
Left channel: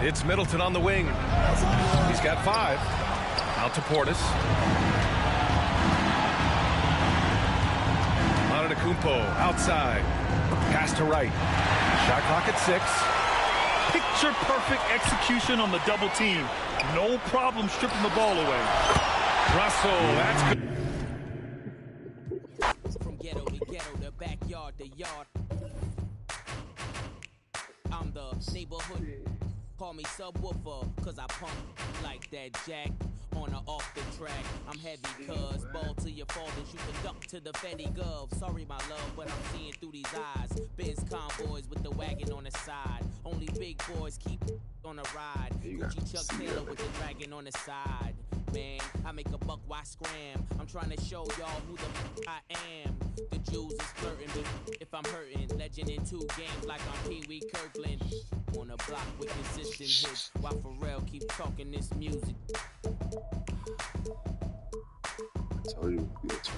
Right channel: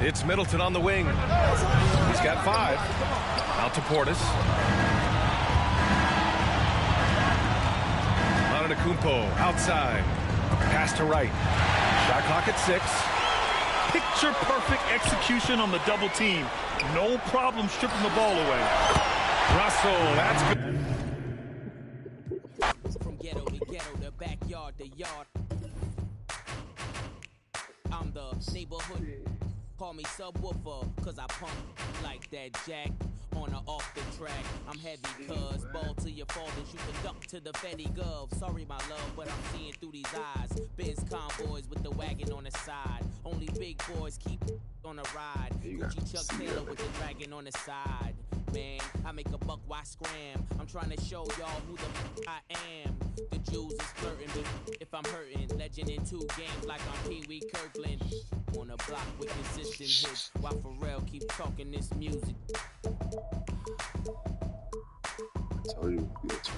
It's Middleton on the wing. He's got 5. Out to Portis. Antetokounmpo outside. Pass to Wright. Shot clock at 6. Picture-perfect execution on the double team. No problem stripping the ball away. Russell, that's good. From ghetto to ghetto, the backyard to yard. I'm the neighborhood. Call me subwoofer, cause I pump like that jack on on or off the track. I'm heavy, cuz ball to your fall and you can duck to the Fetty Gov. Sorry, my love, but I'm seeing through these eyes. Biz convoys with the wagon on the side. Only big boys keep on a ride. Gucci Chuck Taylor with the dragon on the side. Man, I make a buck, why scram? I'm trying to show y'all who the I am. The Jews is flirting, but if I'm hurting, legend in 2 games like I'm Pee Wee Kirkland. On a block with consistent hits, while Pharrell keep talking this music. I told you, it's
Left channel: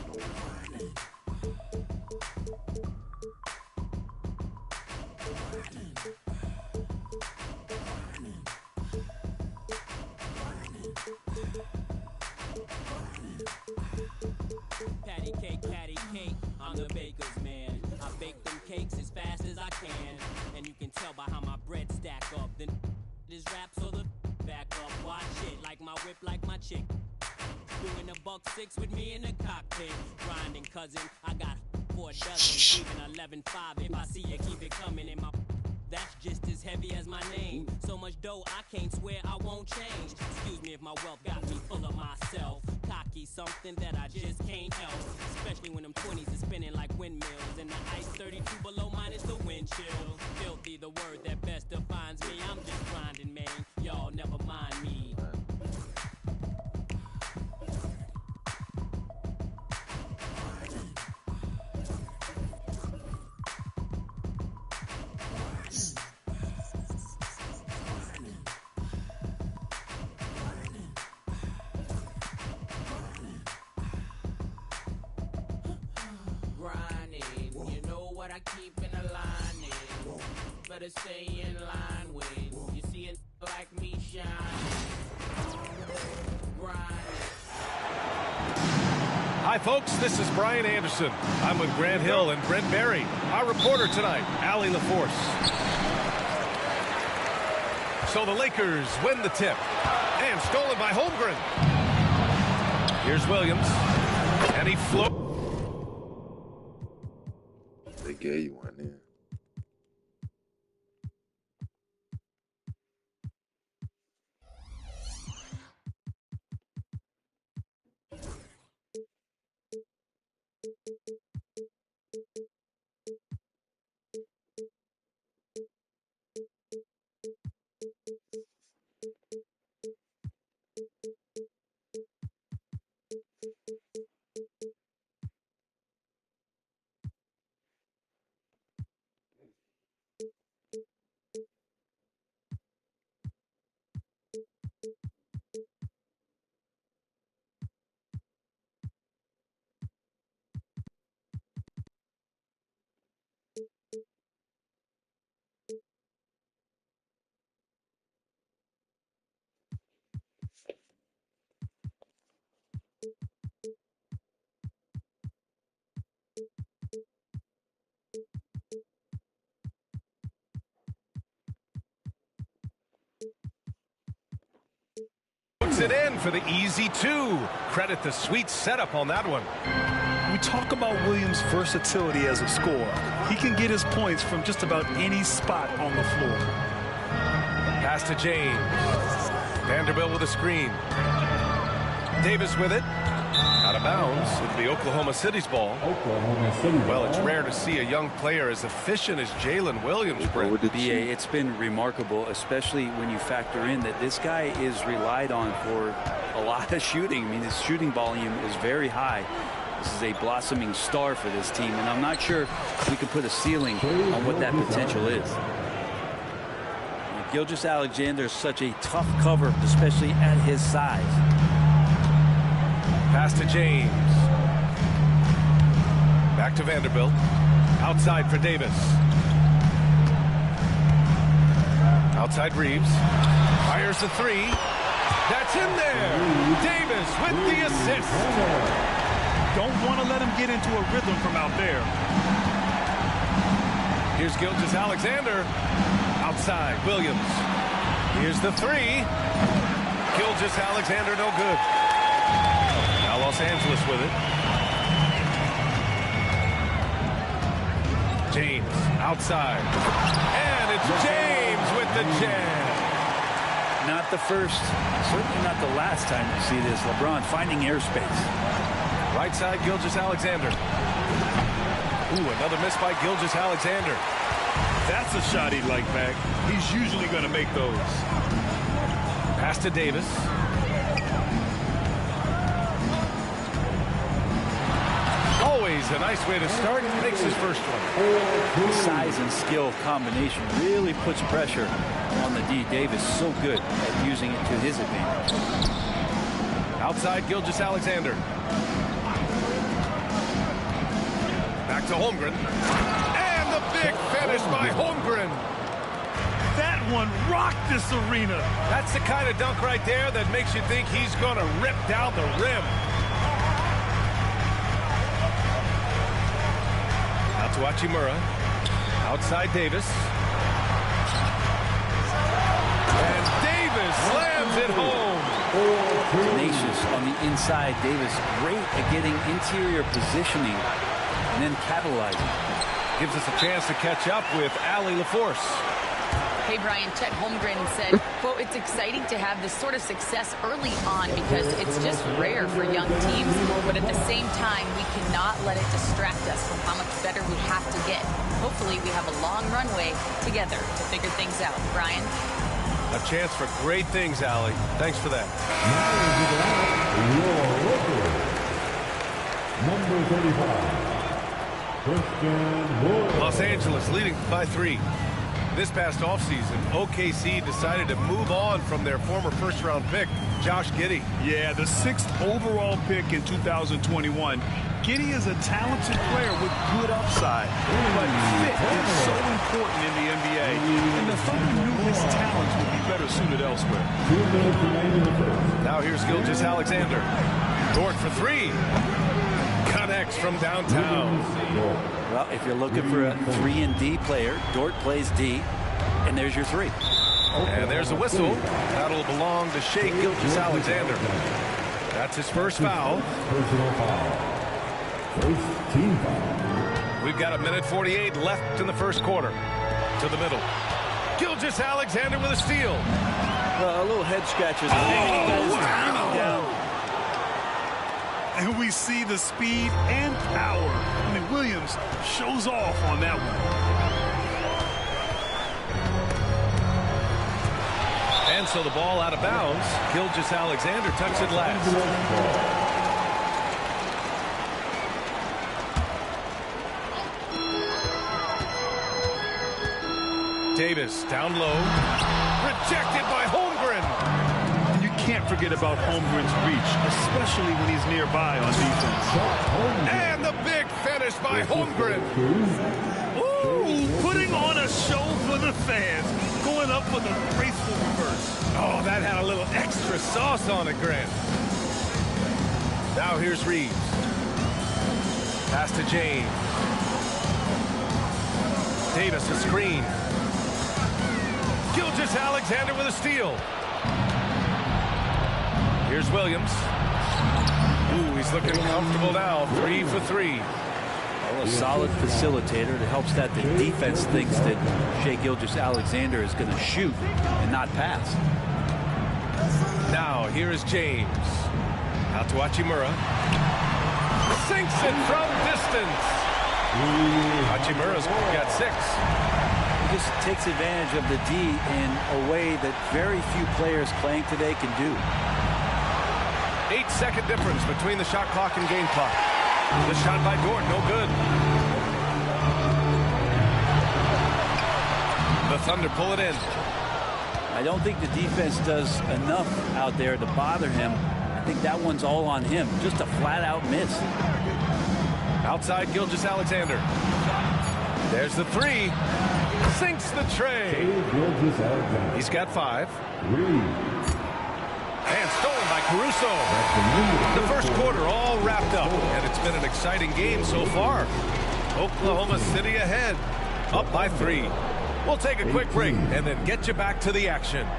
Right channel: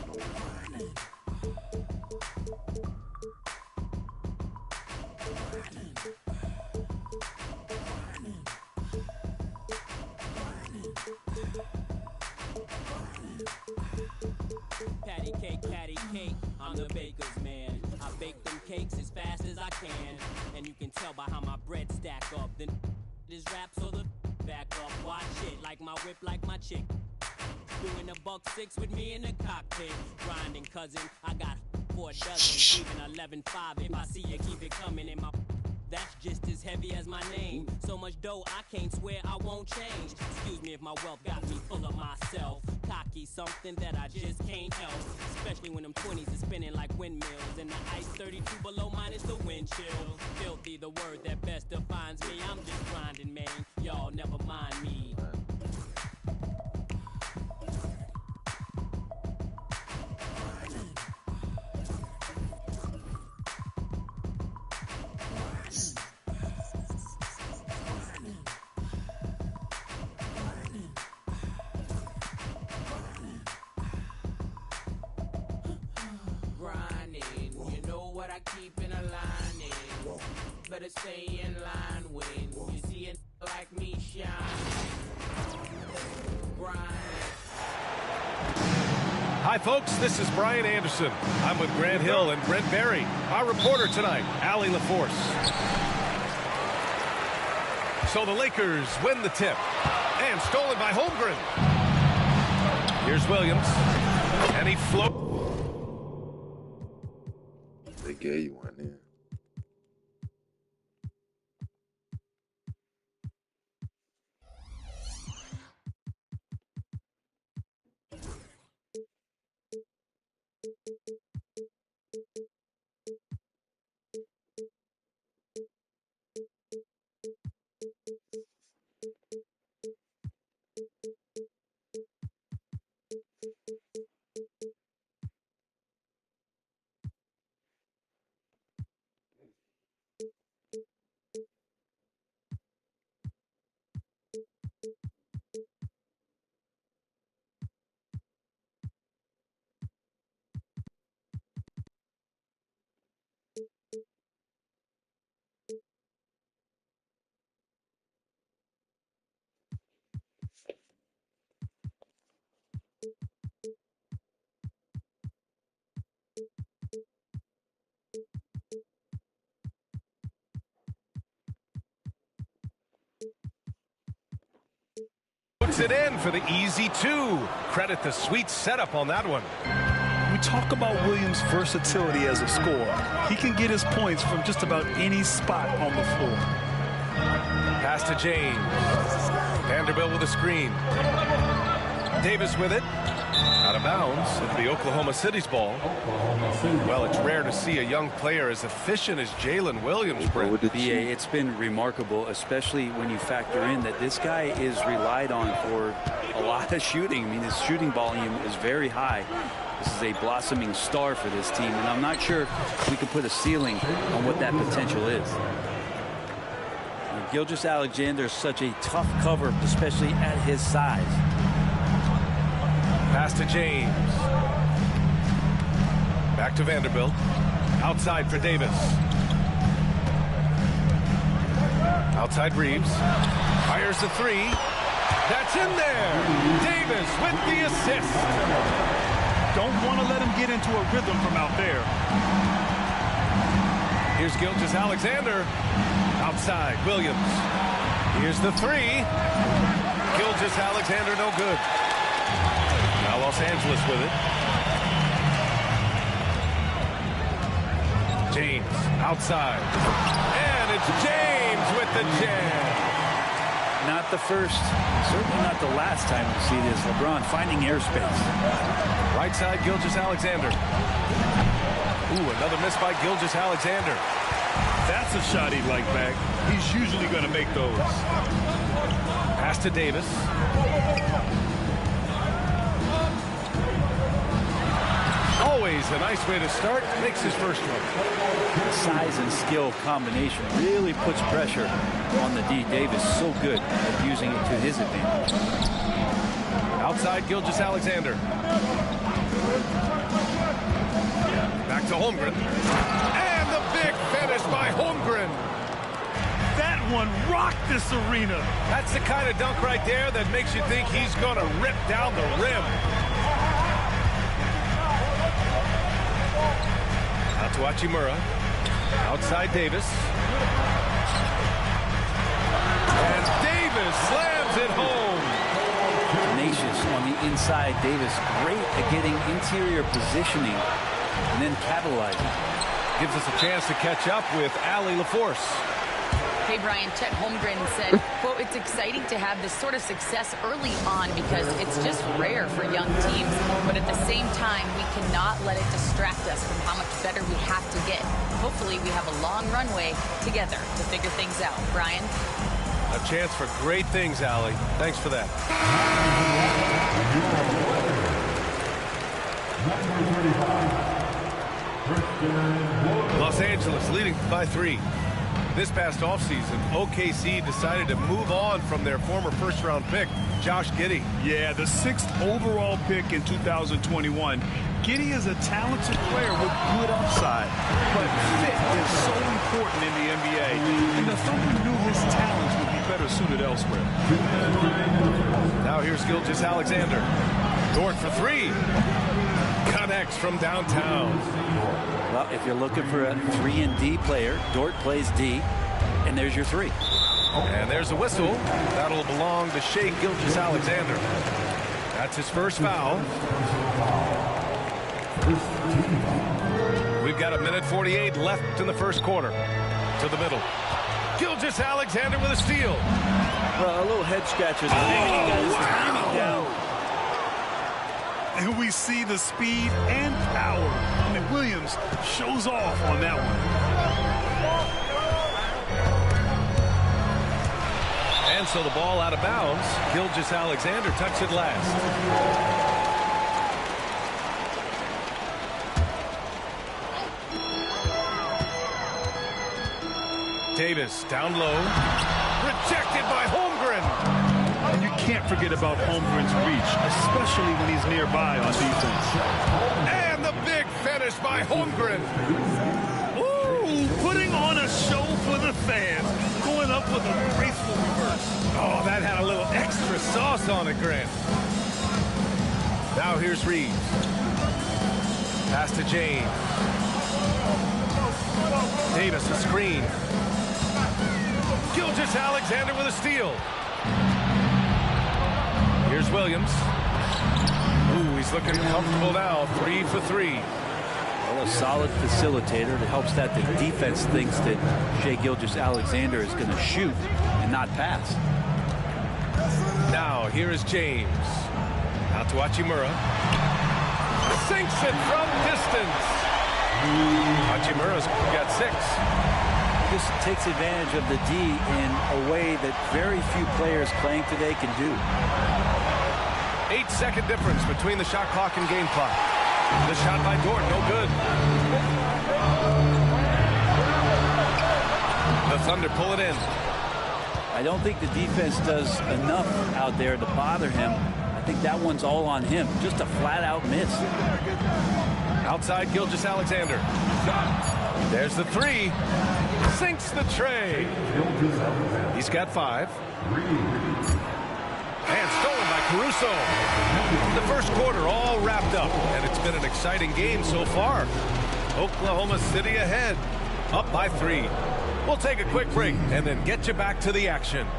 Patty cake, I'm the baker's man. I bake them cakes as fast as I can. And you can tell by how my bread stack up. Then this rap so the back up. Watch it, like my whip, like my chick. Doing a $1.6 with me in the cockpit. Grinding, cousin, I got 4 dozen. Even 11.5, if I see you, keep it coming in my... That's just as heavy as my name. So much dough, I can't swear I won't change. Excuse me if my wealth got me full of myself. Cocky, something that I just can't help. Especially when them 20s are spinning like windmills. And the ice 32 below minus the wind chill. Filthy, the word that best defines me. I'm just grinding, man. Y'all never mind me. Keep in a line, better stay in line when you see it like me shine. Hi, folks. This is Brian Anderson. I'm with Grant Hill and Brent Barry. Our reporter tonight, Allie LaForce. So the Lakers win the tip. And stolen by Holmgren. Here's Williams. And he floats. They gave you one in. Puts it in for the easy 2. Credit the sweet setup on that one. We talk about Williams' versatility as a scorer. He can get his points from just about any spot on the floor. Pass to James. Vanderbilt with a screen. Davis with it. Out of bounds. It'll be Oklahoma City's ball. Well, it's rare to see a young player as efficient as Jalen Williams, Brent. BA, it's been remarkable, especially when you factor in that this guy is relied on for a lot of shooting. I mean, his shooting volume is very high. This is a blossoming star for this team, and I'm not sure we can put a ceiling on what that potential is. Gilgeous-Alexander is such a tough cover, especially at his size. Pass to James. Back to Vanderbilt. Outside for Davis. Outside Reeves. Fires the 3. That's in there. Davis with the assist. Don't want to let him get into a rhythm from out there. Here's Gilgeous-Alexander. Outside, Williams. Here's the 3. Gilgeous-Alexander, no good. Now Los Angeles with it. James outside. And it's James with the jam. not the first, certainly not the last time we see this. LeBron finding airspace. Right side, Gilgeous-Alexander. Ooh, another miss by Gilgeous-Alexander. That's a shot he'd like back. He's usually going to make those. Pass to Davis. Always a nice way to start. Makes his first one. The size and skill combination really puts pressure on the D. Davis so good at using it to his advantage. Outside, Gilgeous-Alexander. Back to Holmgren. And the big finish by Holmgren. That one rocked this arena. That's the kind of dunk right there that makes you think he's going to rip down the rim. Out to Hachimura. Outside Davis. And Davis slams it home. Tenacious on the inside. Davis great at getting interior positioning and then capitalizing. Gives us a chance to catch up with Allie LaForce. Hey, Brian, Chet Holmgren said, quote, it's exciting to have this sort of success early on because it's just rare for young teams. But at the same time, we cannot let it distract us from how much better we have to get. Hopefully, we have a long runway together to figure things out. Brian? A chance for great things, Allie. Thanks for that. Number 35. Los Angeles leading by 3. This past offseason, OKC decided to move on from their former first-round pick, Josh Giddey. Yeah, the 6th overall pick in 2021. Giddey is a talented player with good upside, but fit is so important in the NBA, and the Thunder knew his talents would be better suited elsewhere. Now here's Gilgeous-Alexander. Dort for 3. Connects from downtown. Well, if you're looking for a 3-and-D player, Dort plays D, and there's your 3. And there's a whistle. That'll belong to Shai Gilgeous-Alexander. That's his first foul. Personal foul. First team foul. We've got 1:48 left in the first quarter. To the middle. Gilgeous-Alexander with a steal. Well, a little head scratcher. He got his timing down. And we see the speed and power. I mean, Williams shows off on that one. And so the ball out of bounds. Gilgeous-Alexander touched it last. Davis down low. Rejected by Holmgren. And you can't forget about Holmgren's reach, especially when he's nearby on defense. And the big finish by Holmgren. Ooh, putting on a show for the fans. Going up with a graceful reverse. Oh, that had a little extra sauce on it, Grant. Now here's Reeves. Pass to James. Davis a screen. Gilgeous-Alexander with a steal. Here's Williams. Ooh, he's looking comfortable now. 3 for 3. Well, a solid facilitator that helps that the defense thinks that Shai Gilgeous-Alexander is going to shoot and not pass. Now, here is James. Out to Hachimura. Sinks it from distance. Hachimura's got 6. He just takes advantage of the D in a way that very few players playing today can do. 8-second difference between the shot clock and game clock. The shot by Dort, no good. The Thunder pull it in. I don't think the defense does enough out there to bother him. I think that one's all on him. Just a flat-out miss. Outside Gilgeous-Alexander. There's the 3. Sinks the tray. He's got 5. And stolen by Caruso. The first quarter all wrapped up, and it's been an exciting game so far. Oklahoma City ahead, up by 3. We'll take a quick break and then get you back to the action.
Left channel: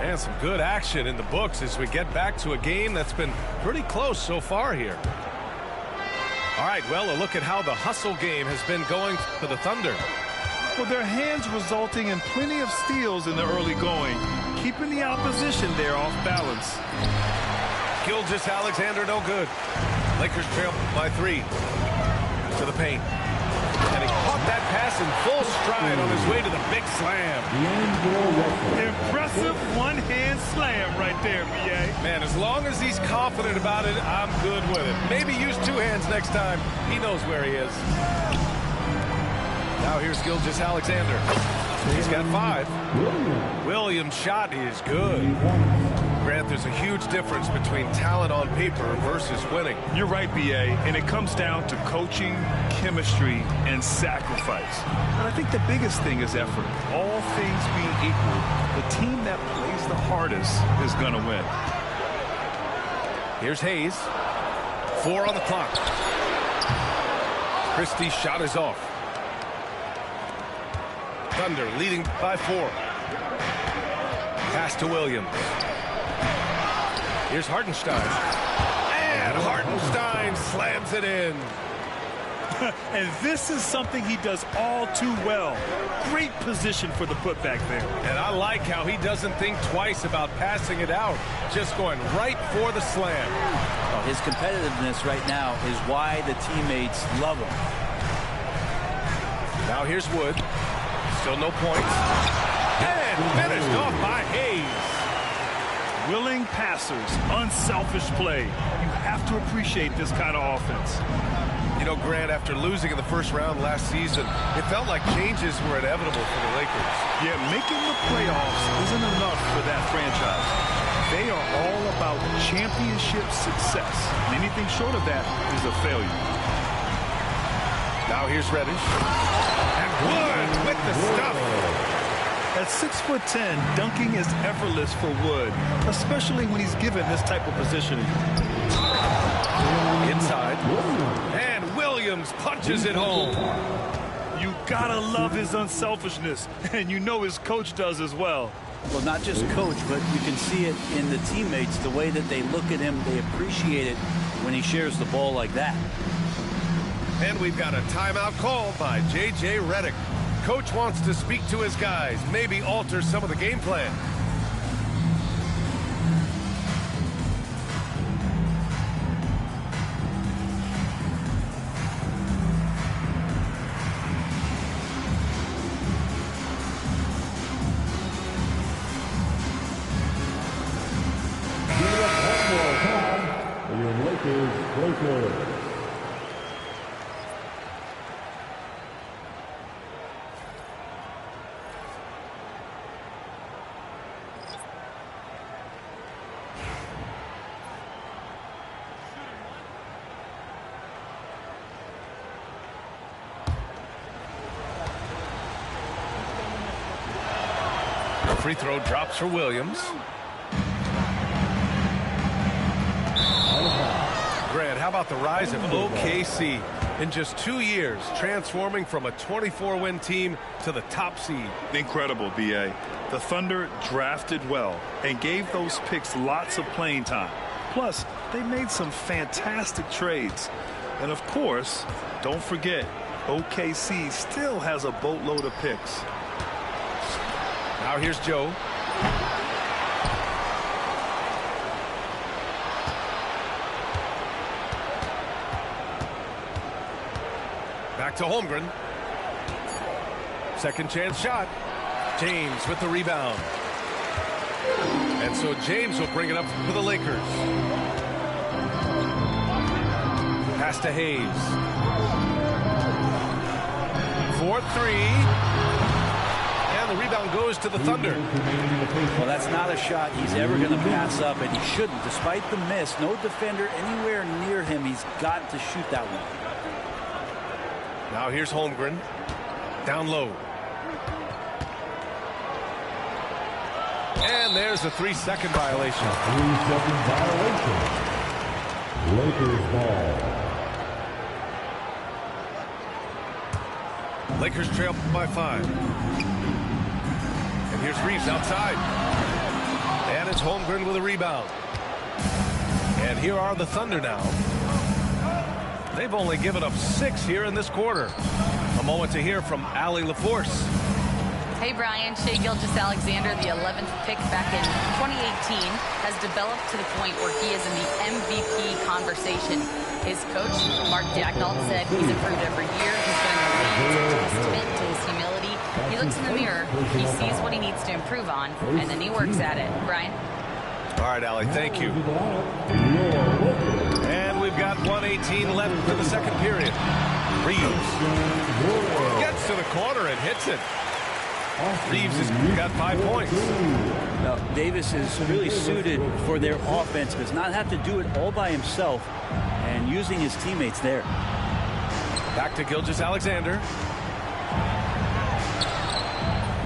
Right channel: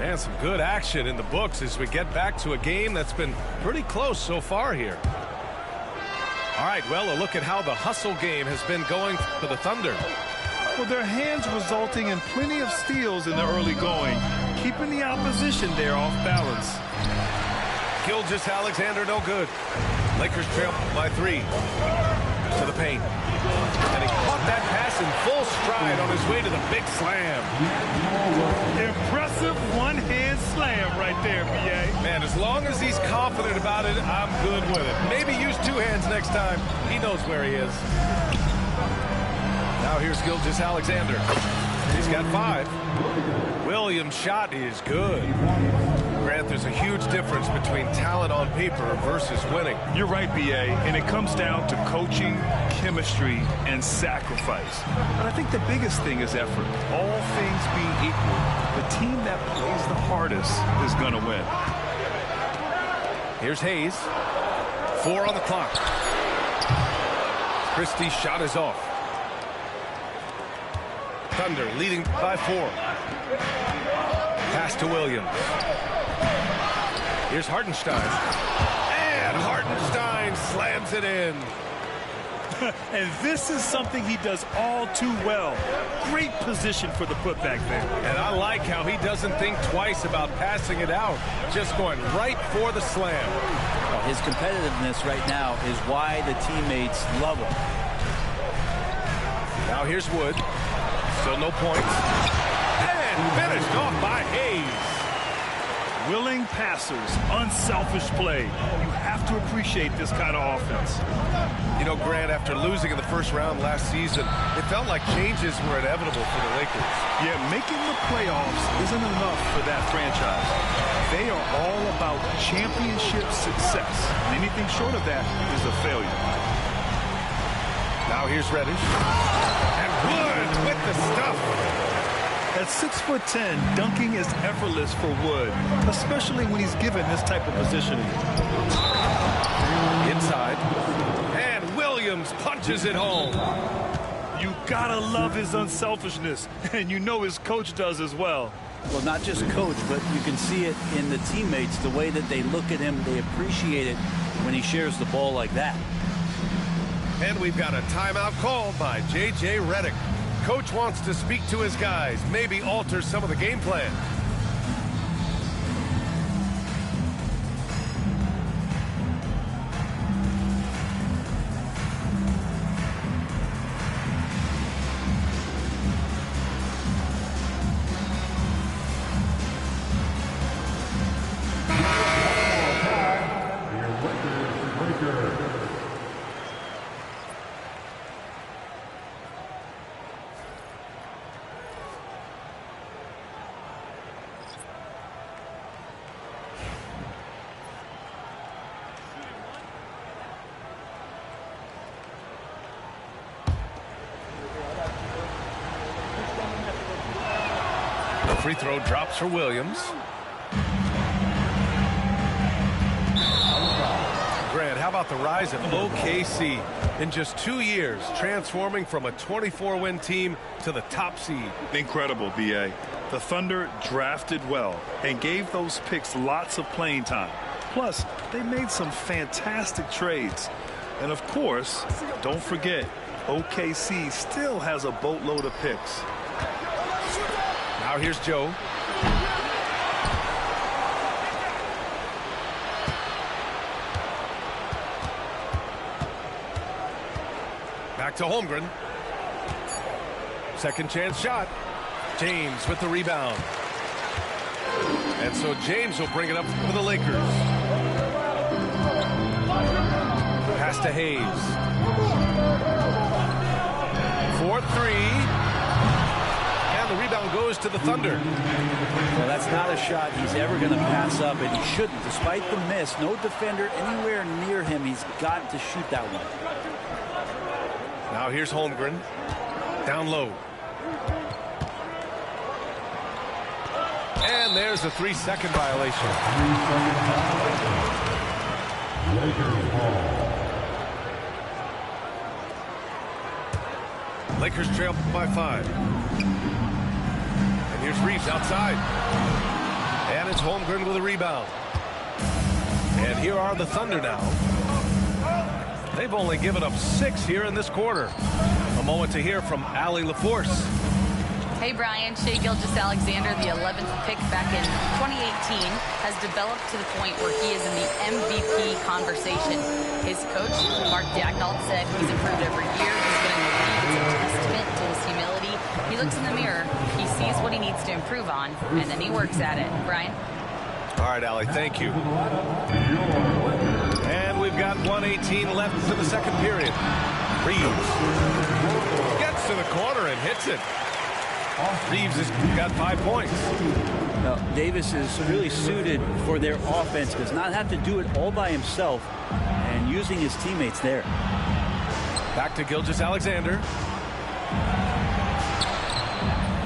And some good action in the books as we get back to a game that's been pretty close so far here. All right, well, a look at how the hustle game has been going for the Thunder. Well, their hands resulting in plenty of steals in the early going, keeping the opposition there off balance. Gilgeous-Alexander, no good. Lakers trail by 3 to the paint. And he caught that pass in full stride on his way to the big slam. Impressive one-hand slam right there, B.A. Man, as long as he's confident about it, I'm good with it. Maybe use 2 hands next time. He knows where he is. Now here's Gilgeous-Alexander. He's got 5. Williams' shot is good. Grant, there's a huge difference between talent on paper versus winning. You're right, B.A., and it comes down to coaching, chemistry, and sacrifice. But I think the biggest thing is effort. All things being equal, the team that plays the hardest is going to win. Here's Hayes. 4 on the clock. Christie's shot is off. Thunder leading by 4. Pass to Williams. Here's Hartenstein. And Hartenstein slams it in. And this is something he does all too well. Great position for the putback there. And I like how he doesn't think twice about passing it out. Just going right for the slam. Well, his competitiveness right now is why the teammates love him. Now here's Wood. Still no points. And finished off by Hayes. Willing passers, unselfish play. You have to appreciate this kind of offense. You know, Grant, after losing in the first round last season, it felt like changes were inevitable for the Lakers. Yeah, making the playoffs isn't enough for that franchise. They are all about championship success. And anything short of that is a failure. Now here's Reddish. And Wood with the stuff. At 6'10", dunking is effortless for Wood, especially when he's given this type of positioning. Inside. And Williams punches it home. You gotta love his unselfishness, and you know his coach does as well. Well, not just coach, but you can see it in the teammates, the way that they look at him. They appreciate it when he shares the ball like that. And we've got a timeout called by J.J. Redick. Coach wants to speak to his guys, maybe alter some of the game plan. Lakers. The free throw drops for Williams. Grant, how about the rise of OKC in just 2 years, transforming from a 24-win team to the top seed? Incredible, B.A. The Thunder drafted well and gave those picks lots of playing time. Plus, they made some fantastic trades. And of course, don't forget, OKC still has a boatload of picks. Now here's Joe. Back to Holmgren. Second chance shot. James with the rebound. And so James will bring it up for the Lakers. Pass to Hayes. 4-3. And the rebound goes to the Thunder. Well, that's not a shot he's ever going to pass up, and he shouldn't. Despite the miss, no defender anywhere near him. He's got to shoot that one. Now here's Holmgren. Down low. And there's a 3-second violation. 3-second violation. Lakers ball. Lakers trail by 5. And here's Reeves outside. And it's Holmgren with a rebound. And here are the Thunder now. They've only given up 6 here in this quarter. A moment to hear from Allie LaForce. Hey, Brian. Shai Gilgeous-Alexander, the 11th pick back in 2018, has developed to the point where he is in the MVP conversation. His coach, Mark Daigneault, said he's improved every year. He's been in the league. It's a testament to his humility. He looks in the mirror, he sees what he needs to improve on, and then he works at it. Brian? All right, Allie, thank you. And we've got 1:18 left in the second period. Reeves gets to the corner and hits it. Reeves has got 5 points. Now, Davis is really suited for their offense. Does not have to do it all by himself, and using his teammates there. Back to Gilgeous-Alexander.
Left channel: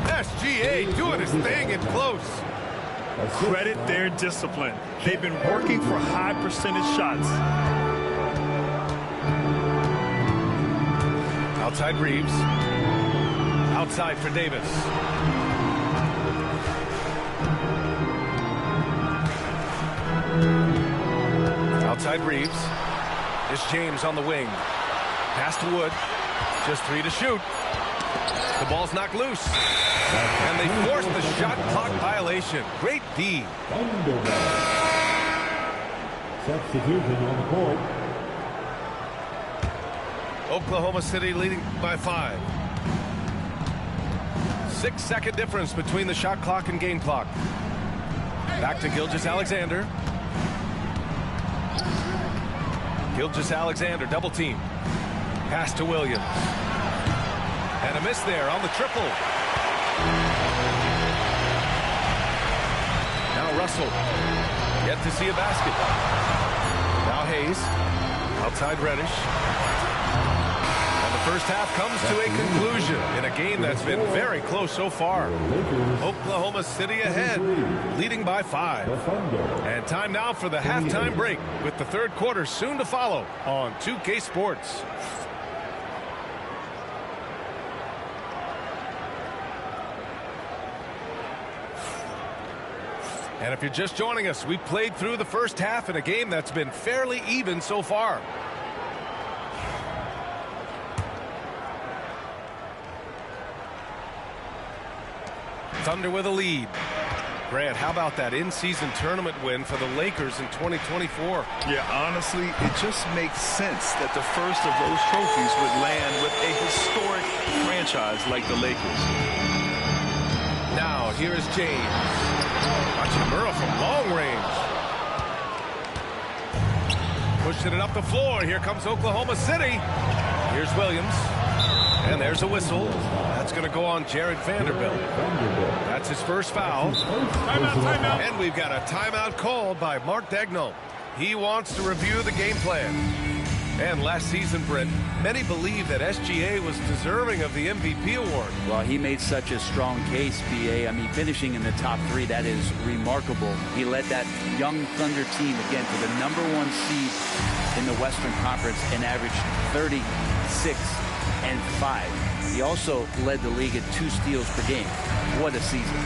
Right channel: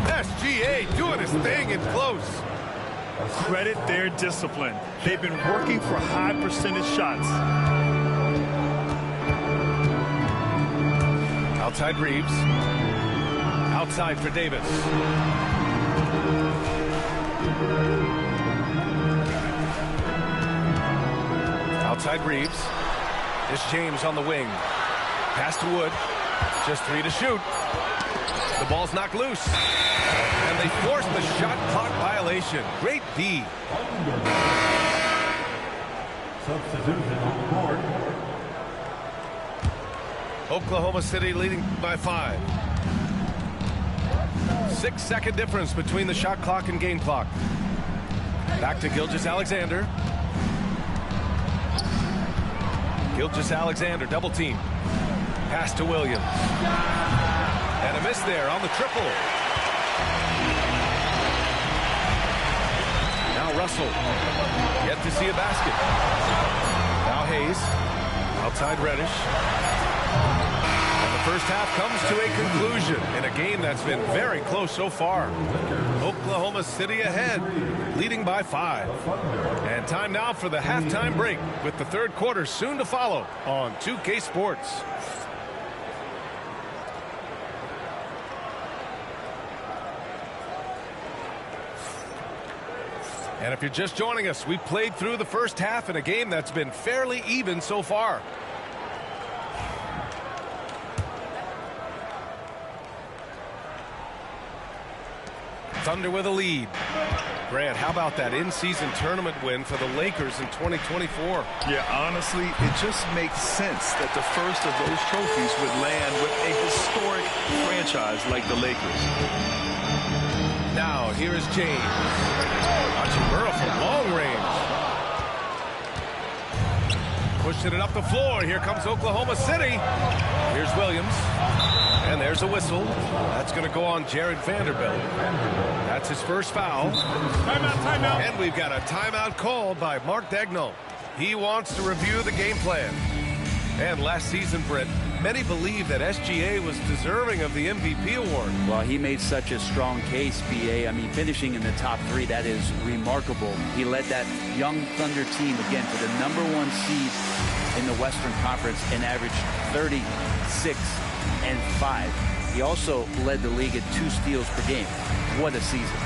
SGA doing his thing in close. Credit their discipline. They've been working for high percentage shots. Outside Reeves. Outside for Davis. Outside Reeves. It's James on the wing. Pass to Wood. Just 3 to shoot. The ball's knocked loose. And they force the shot clock violation. Great D. Substitution on the board. Oklahoma City leading by 5. 6-second difference between the shot clock and game clock. Back to Gilgeous-Alexander. Gilgeous-Alexander double team. Pass to Williams. And a miss there on the triple. Now Russell. Yet to see a basket. Now Hayes. Outside Reddish. And the first half comes to a conclusion in a game that's been very close so far. Oklahoma City ahead, leading by 5. And time now for the halftime break, with the third quarter soon to follow on 2K Sports. And if you're just joining us, we've played through the first half in a game that's been fairly even so far. Thunder with a lead. Grant, how about that in-season tournament win for the Lakers in 2024? Yeah, honestly, it just makes sense that the first of those trophies would land with a historic franchise like the Lakers. Now, here is James. Hachimura from long range. Pushing it up the floor. Here comes Oklahoma City. Here's Williams. And there's a whistle. That's going to go on Jared Vanderbilt. That's his first foul. Timeout, timeout. And we've got a timeout called by Mark Daigneault. He wants to review the game plan. And last season, Britt, many believe that SGA was deserving of the MVP award. Well, he made such a strong case, BA. I mean, finishing in the top 3, that is remarkable. He led that young Thunder team, again, to the #1 seed in the Western Conference and averaged 36 and 5. He also led the league at 2 steals per game. What a season.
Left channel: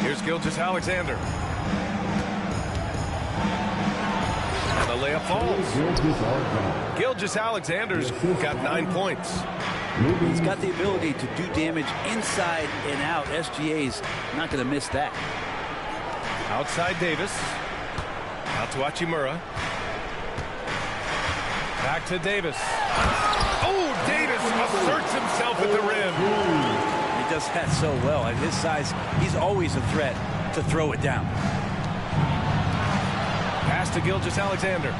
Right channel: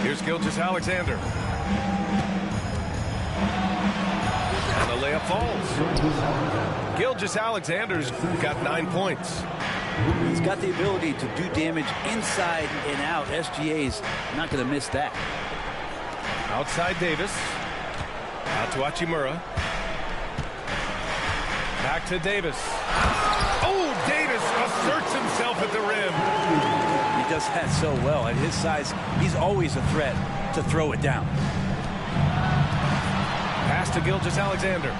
Here's Gilgeous-Alexander. And the layup falls. Gilgeous-Alexander's got 9 points. He's got the ability to do damage inside and out. SGA's not going to miss that. Outside Davis. Out to Hachimura. Back to Davis. Oh, Davis asserts himself at the rim. He does that so well. At his size, he's always a threat to throw it down. Pass to Gilgeous-Alexander.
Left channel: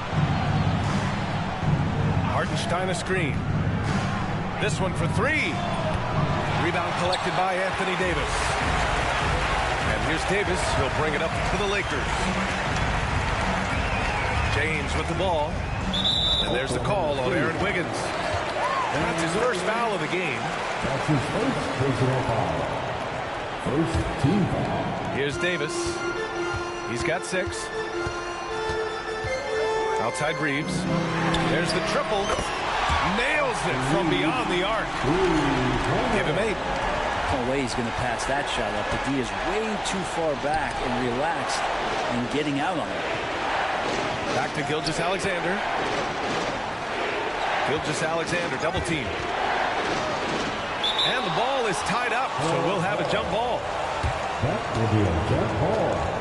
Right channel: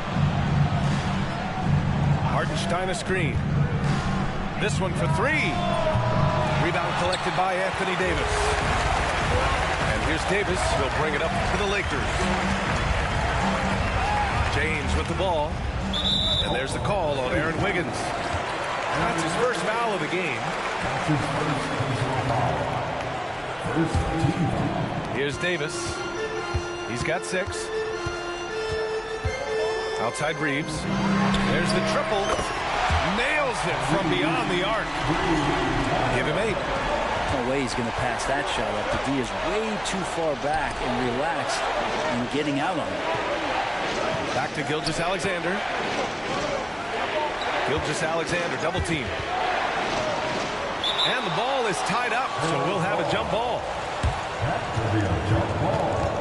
Hartenstein a screen. This one for 3. Rebound collected by Anthony Davis. here's Davis. He'll bring it up to the Lakers. James with the ball. And there's the call on Aaron Wiggins. And that's his first foul of the game. That's his first personal foul. First team foul. Here's Davis. He's got 6. Outside Reeves. There's the triple. Nails it from beyond the arc. Give him 8. No way he's going to pass that shot up. The D is way too far back and relaxed in getting out on it. Back to Gilgeous-Alexander. Gilgeous-Alexander double team. And the ball is tied up, so we'll have a jump ball. That will be a jump ball.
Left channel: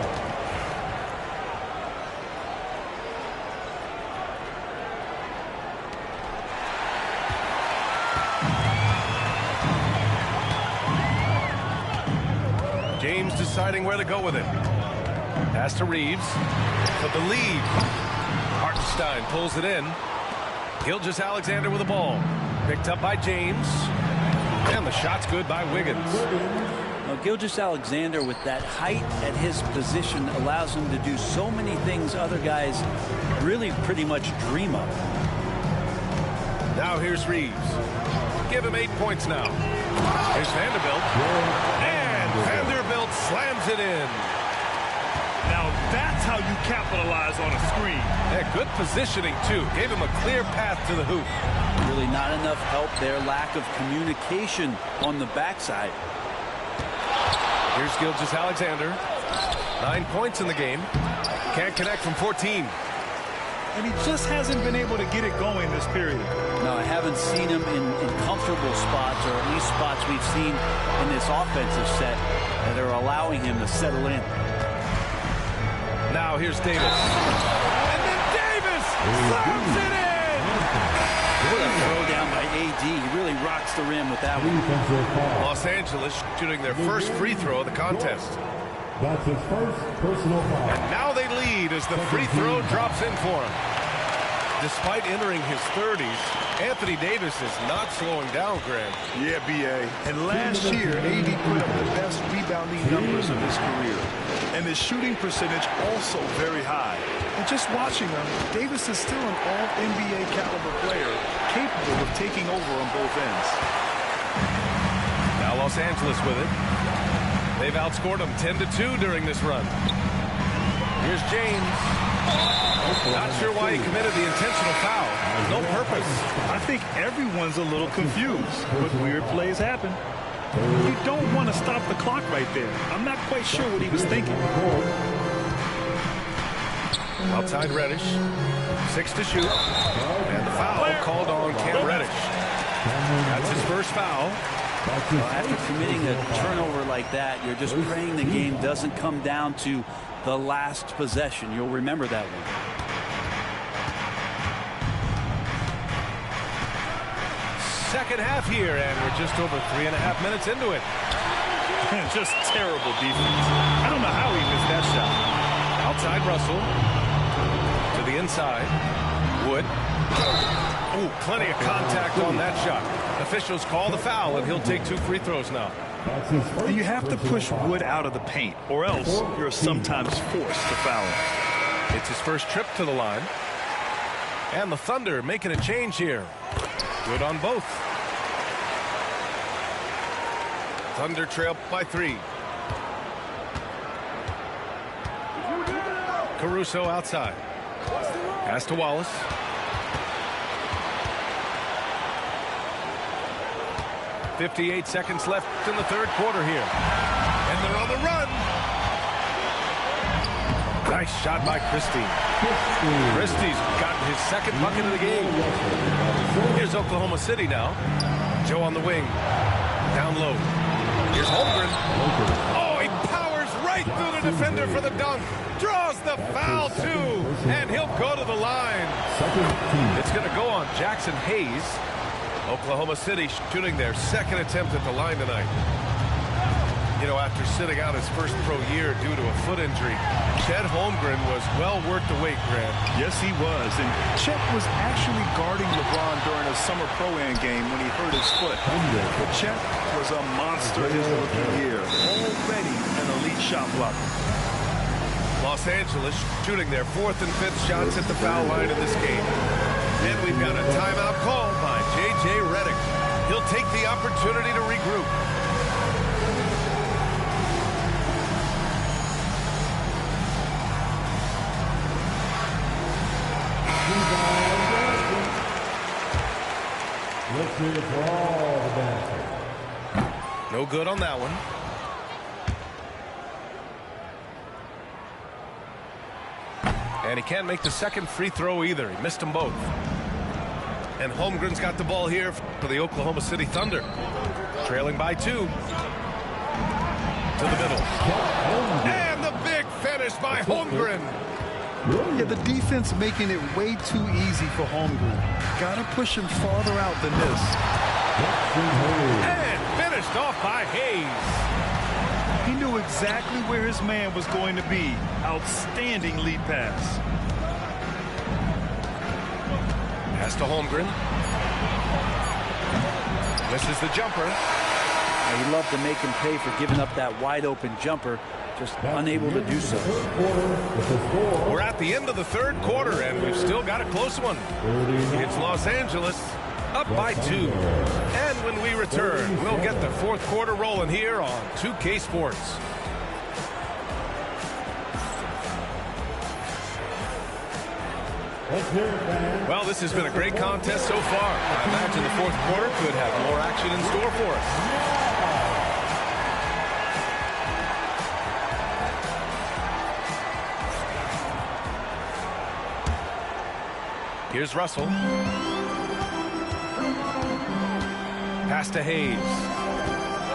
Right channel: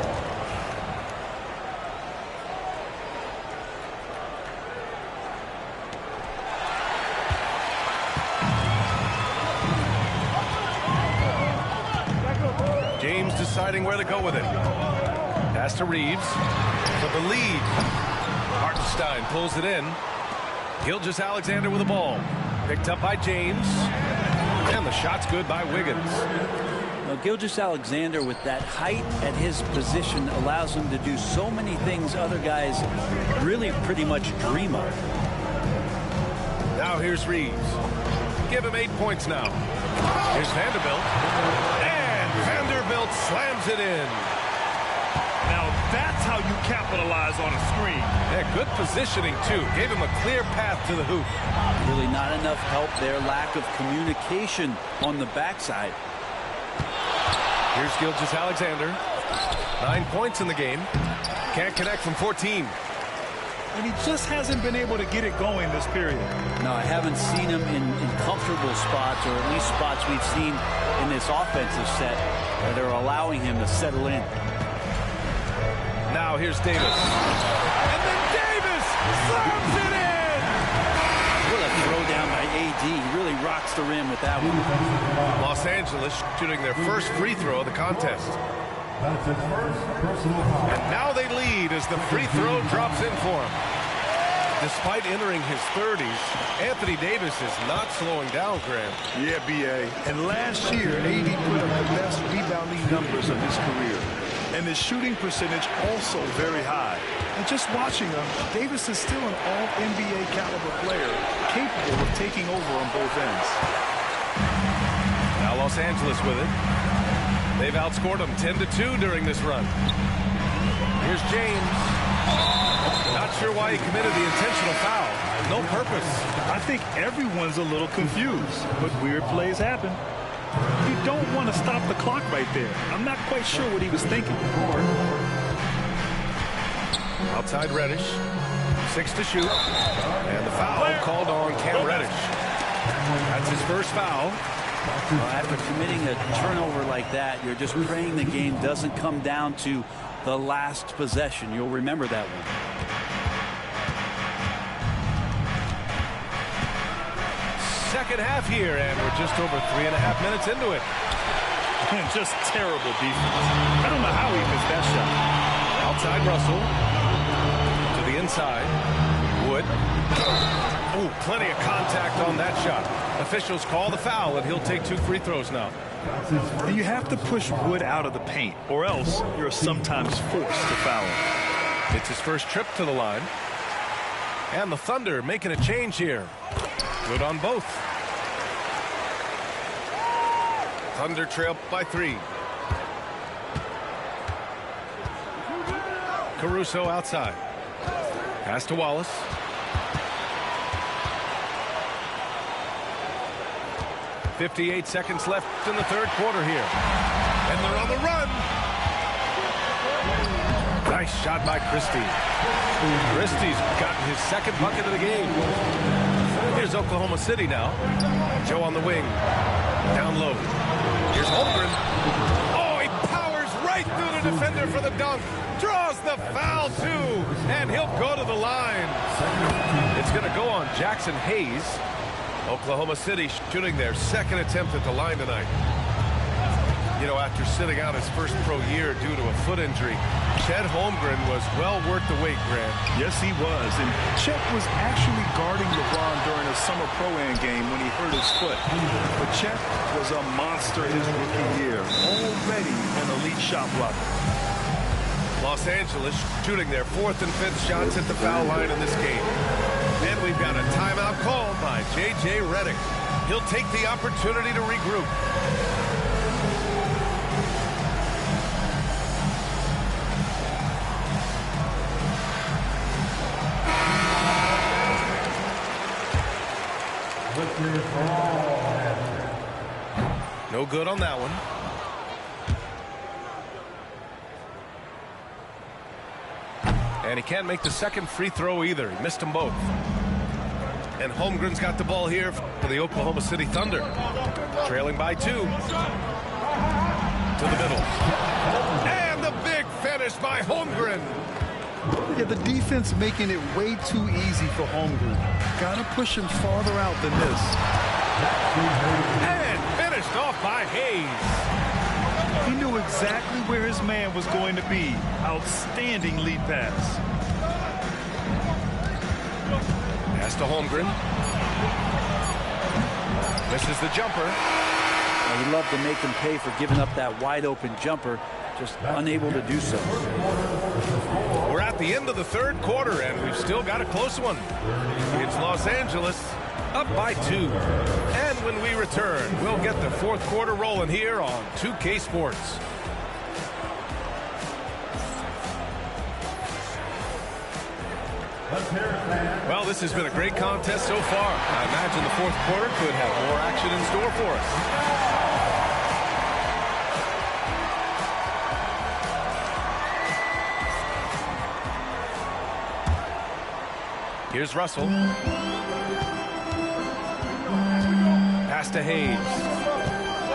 James deciding where to go with it. Pass to Reeves for the lead. Hartenstein pulls it in. Gilgeous-Alexander with the ball. Picked up by James. And the shot's good by Wiggins. Now, Gilgeous-Alexander with that height at his position allows him to do so many things other guys really pretty much dream of. Now here's Reeves. Give him 8 points now. Here's Vanderbilt. And Vanderbilt slams it in. Now that's how you capitalize on a screen. Yeah, good positioning, too. Gave him a clear path to the hoop. Really not enough help there. Lack of communication on the backside. Here's Gilgeous-Alexander. 9 points in the game. Can't connect from 14. And he just hasn't been able to get it going this period. No, I haven't seen him in comfortable spots, or at least spots we've seen in this offensive set that are allowing him to settle in. Now here's Davis. And then Davis slams it in! What a throw down by AD. He really rocks the rim with that one. Los Angeles shooting their first free throw of the contest. That's his first personal foul. And now they lead as the free throw drops in for him. Despite entering his 30s, Anthony Davis is not slowing down, Graham. Yeah, B.A. And last year, AD put up the best rebounding numbers of his career. And his shooting percentage also very high. And just watching him, Davis is still an all-NBA caliber player, capable of taking over on both ends. Now Los Angeles with it. They've outscored them 10-2 during this run. Here's James. Not sure why he committed the intentional foul. No purpose. I think everyone's a little confused, but weird plays happen. You don't want to stop the clock right there. I'm not quite sure what he was thinking. Outside Reddish. 6 to shoot. And the foul called on Cam Reddish. That's his first foul. Well, after committing a turnover like that, you're just praying the game doesn't come down to the last possession. You'll remember that one. Second half here, and we're just over 3.5 minutes into it. Just terrible defense. I don't know how he missed that shot. Outside Russell. To the inside. Wood. Oh, plenty of contact on that shot. Officials call the foul, and he'll take 2 free throws now. And you have to push Wood out of the paint, or else you're sometimes forced to foul him. It's his first trip to the line. And the Thunder making a change here. Good on both. Thunder trail by 3. Caruso outside. Pass to Wallace. .58 seconds left in the third quarter here. And they're on the run. Nice shot by Christie. Christie's gotten his second bucket of the game. Here's Oklahoma City now. Joe on the wing. Down low. Here's Holmgren. Oh, he powers right through the defender for the dunk. Draws the foul, too. And he'll go to the line. It's going to go on Jackson Hayes. Oklahoma City shooting their second attempt at the line tonight. You know, after sitting out his first pro year due to a foot injury, Chet Holmgren was well worth the wait, Grant. Yes, he was. And Chet was actually guarding LeBron during a summer pro-am game when he hurt his foot. But Chet was a monster his rookie year, already an elite shot blocker. Los Angeles shooting their 4th and 5th shots at the foul line in this game. And we've got a timeout called by J.J. Redick. He'll take the opportunity to regroup. No good on that one. And he can't make the second free throw either. He missed them both. And Holmgren's got the ball here for the Oklahoma City Thunder. Trailing by 2. To the middle. And the big finish by Holmgren. Yeah, the defense making it way too easy for Holmgren. Gotta push him farther out than this. And finished off by Hayes. He knew exactly where his man was going to be. Outstanding lead pass. Pass to Holmgren. Misses the jumper. He loved to make him pay for giving up that wide open jumper. Just unable to do so. We're at the end of the third quarter, and we've still got a close one. It's Los Angeles up by 2. And when we return, we'll get the fourth quarter rolling here on 2K Sports. Well, this has been a great contest so far. I imagine the fourth quarter could have more action in store for us. Here's Russell. Pass to Hayes.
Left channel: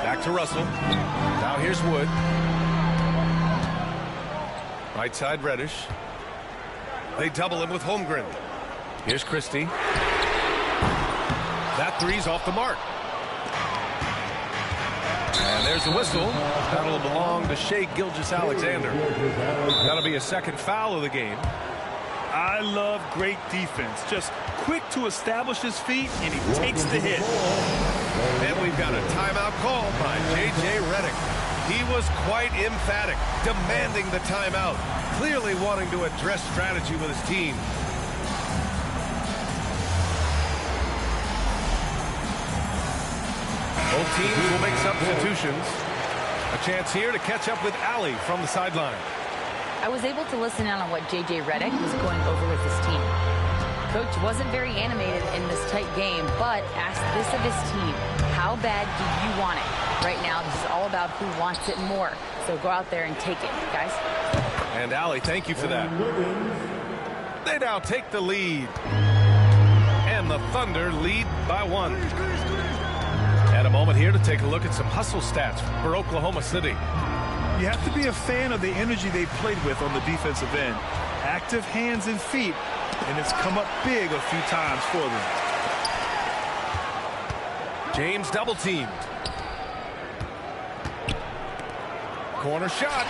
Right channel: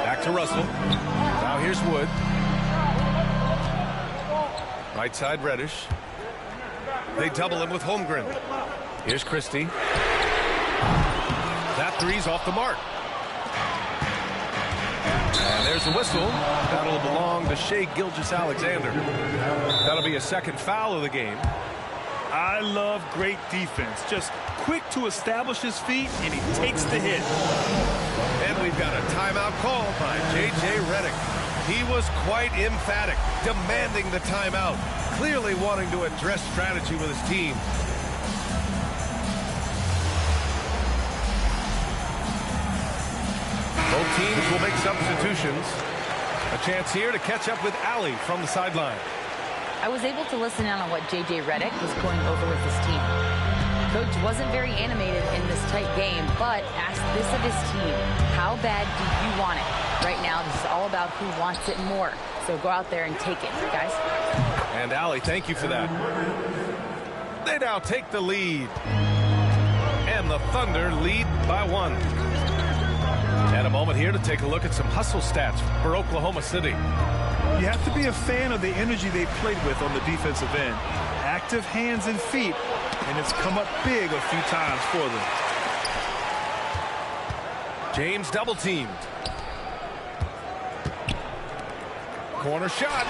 Back to Russell. Now here's Wood. Right side Reddish. They double him with Holmgren. Here's Christie. That three's off the mark. And there's the whistle. That'll belong to Shai Gilgeous-Alexander. That'll be a second foul of the game. I love great defense. Just quick to establish his feet, and he takes the hit. And we've got a timeout called by J.J. Redick. He was quite emphatic, demanding the timeout, clearly wanting to address strategy with his team. Both teams will make substitutions. A chance here to catch up with Allie from the sideline. I was able to listen in on what J.J. Redick was going over with his team. Coach wasn't very animated in this tight game, but asked this of his team. How bad do you want it? Right now, this is all about who wants it more. So go out there and take it, guys. And Allie, thank you for that. They now take the lead. And the Thunder lead by 1. And a moment here to take a look at some hustle stats for Oklahoma City. You have to be a fan of the energy they played with on the defensive end. Active hands and feet, and it's come up big a few times for them. James double teamed. Corner shot.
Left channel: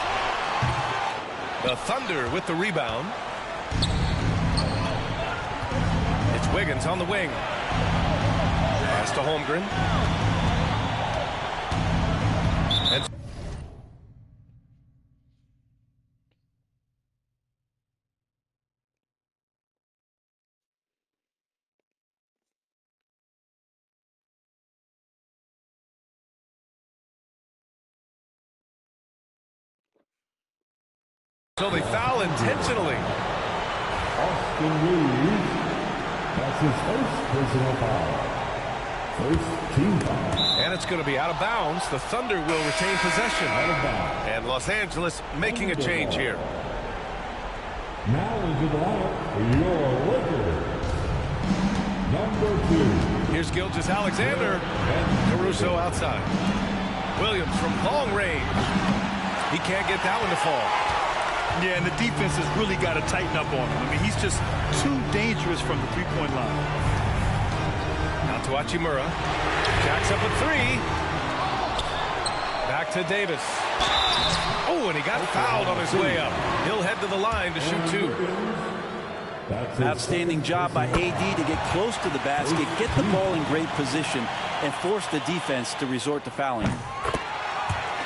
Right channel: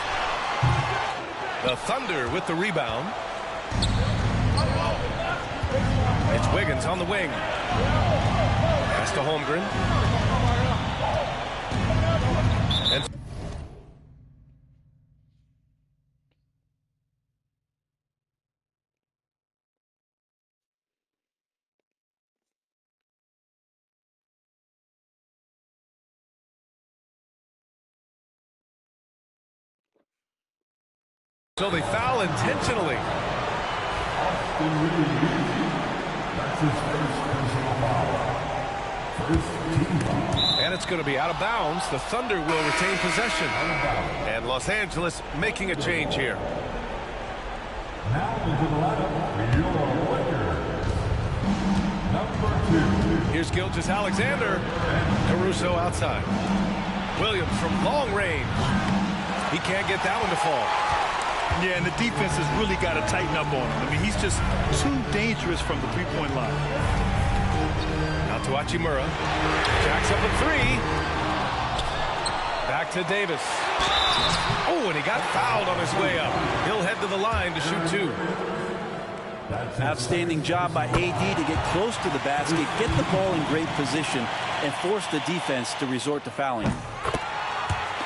The Thunder with the rebound. It's Wiggins on the wing. Pass to Holmgren. And so they foul intentionally. Austin Reeves. That's his first personal foul. First team foul. And it's going to be out of bounds. The Thunder will retain possession. And Los Angeles making a change here. Now into the lineup for your Lakers. Number 2. Here's Gilgeous-Alexander. And Caruso outside. Williams from long range. He can't get that one to fall. Yeah, and the defense has really got to tighten up on him. I mean, he's just too dangerous from the three-point line. Now to Hachimura. Jacks up a 3. Back to Davis. Oh, and he got fouled on his way up. He'll head to the line to shoot 2. Outstanding job by AD to get close to the basket, get the ball in great position, and force the defense to resort to fouling.